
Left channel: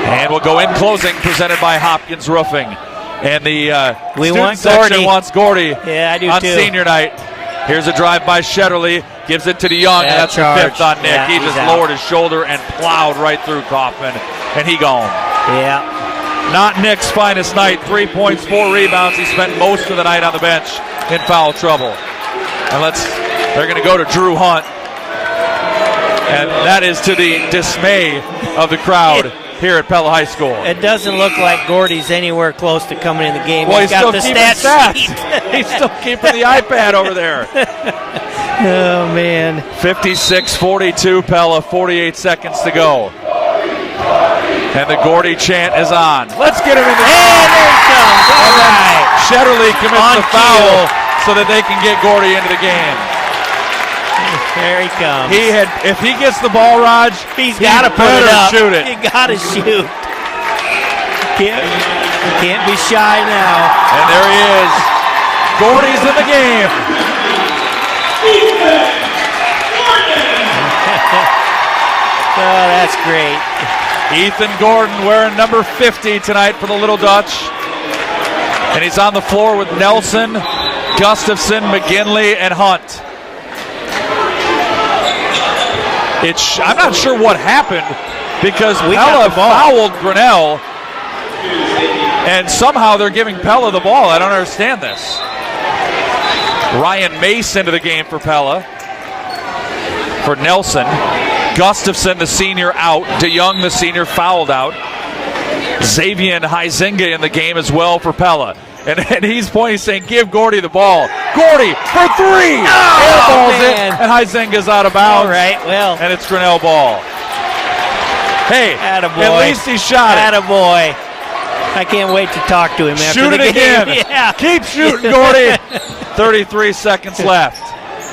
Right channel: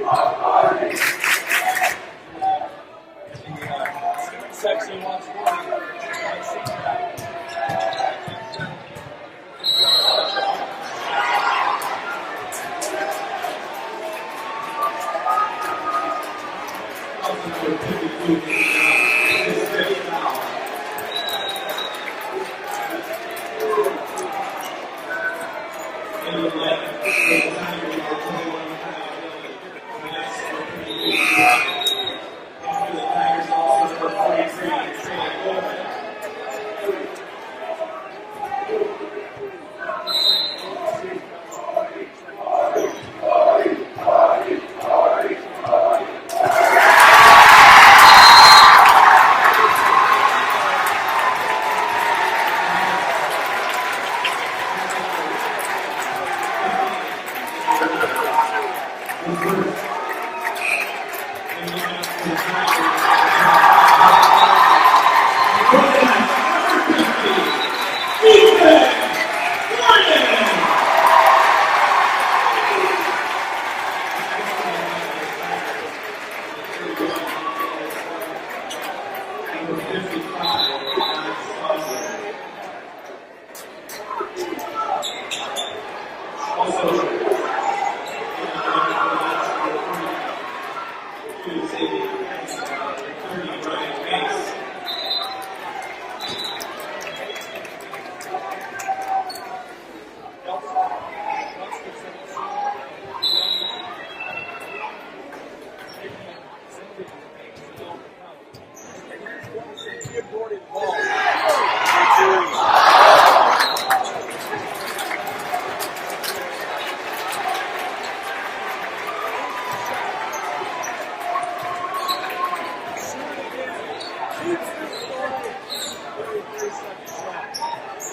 And we'll go in closing, presented by Hopkins Roofing. And the student section wants Gordy on senior night. Here's a drive by Shetterly, gives it to DeYoung, and that's the 5th on Nick. He just lowered his shoulder and plowed right through Kaufman, and he gone. Yeah. Not Nick's finest night. 3 points, 4 rebounds. He spent most of the night on the bench in foul trouble. And they're going to go to Drew Hunt. And that is to the dismay of the crowd here at Pella High School. It doesn't look like Gordy's anywhere close to coming in the game. Well, he's got still the keeping stats. He's still keeping the iPad over there. Oh, man. 56-42 Pella, 48 seconds to go. And the Gordy chant is on. Let's get him in the game. Shetterly commits the foul so that they can get Gordy into the game. There he comes. If he gets the ball, Raj, he's got to put it up. Shoot it. He got to shoot. Can't be shy now. And there he is. Gordy's in the game. Oh, that's great. Ethan Gordon wearing number 50 tonight for the Little Dutch. And he's on the floor with Nelson, Gustafson, McGinley, and Hunt. I'm not sure what happened because Pella fouled Grinnell, and somehow they're giving Pella the ball. I don't understand this. Ryan Mace into the game for Pella. For Nelson. Gustafson, the senior, out. DeYoung, the senior, fouled out. Xavier Huizinga in the game as well for Pella. And he's pointing, saying, give Gordy the ball. Gordy for 3! And Huizinga's out of bounds. All right, well. And it's Grinnell ball. Hey, attaboy. At least he shot it. Attaboy. I can't wait to talk to him after Shoot the it game. again. Yeah. Keep shooting, Gordy. 33 seconds left.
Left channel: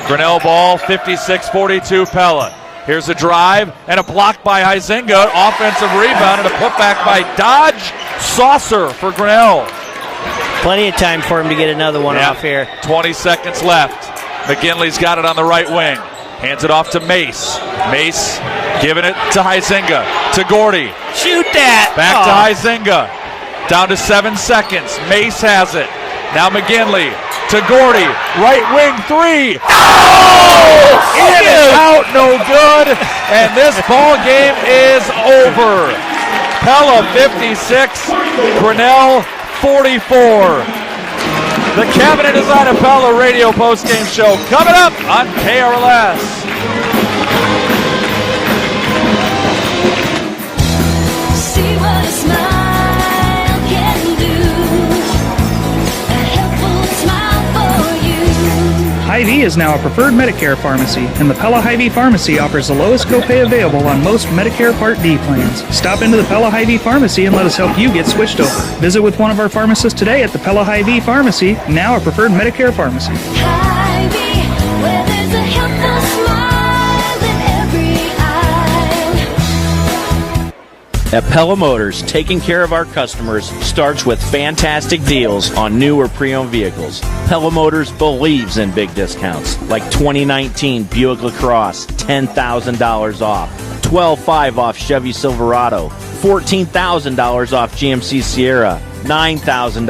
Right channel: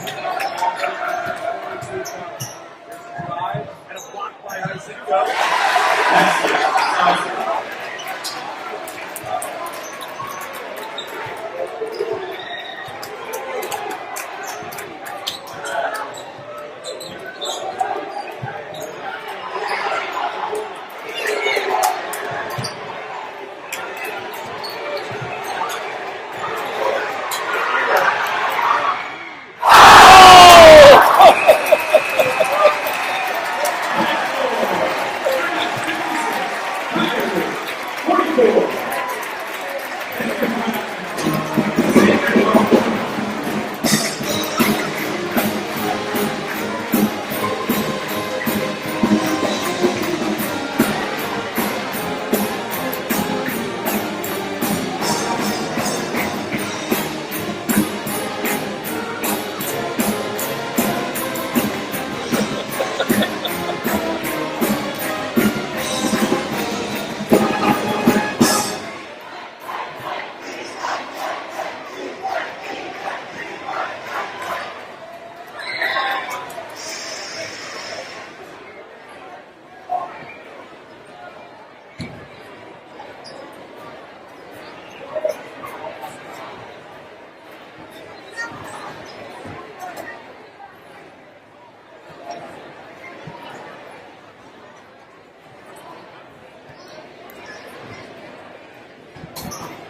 Grinnell ball, 56-42 Pella. Here's a drive and a block by Huizinga. Offensive rebound and a putback by Dodge. Saucer for Grinnell. Plenty of time for him to get another one off here. 20 seconds left. McGinley's got it on the right wing. Hands it off to Mace. Mace giving it to Huizinga. To Gordy. Shoot that. Back to Huizinga. Down to 7 seconds. Mace has it. Now McGinley to Gordy. Right wing 3. Oh! In and out, no good. And this ball game is over. Pella 56, Grinnell 44. The Cabinet is on a Pella radio postgame show coming up on KRLS. Hy-Vee is now a preferred Medicare pharmacy, and the Pella Hy-Vee Pharmacy offers the lowest copay available on most Medicare Part D plans. Stop into the Pella Hy-Vee Pharmacy and let us help you get switched over. Visit with one of our pharmacists today at the Pella Hy-Vee Pharmacy, now a preferred Medicare pharmacy. At Pella Motors, taking care of our customers starts with fantastic deals on new or pre-owned vehicles. Pella Motors believes in big discounts, like 2019 Buick LaCrosse, $10,000 off, $12,500 off Chevy Silverado, $14,000 off GMC Sierra, $9,000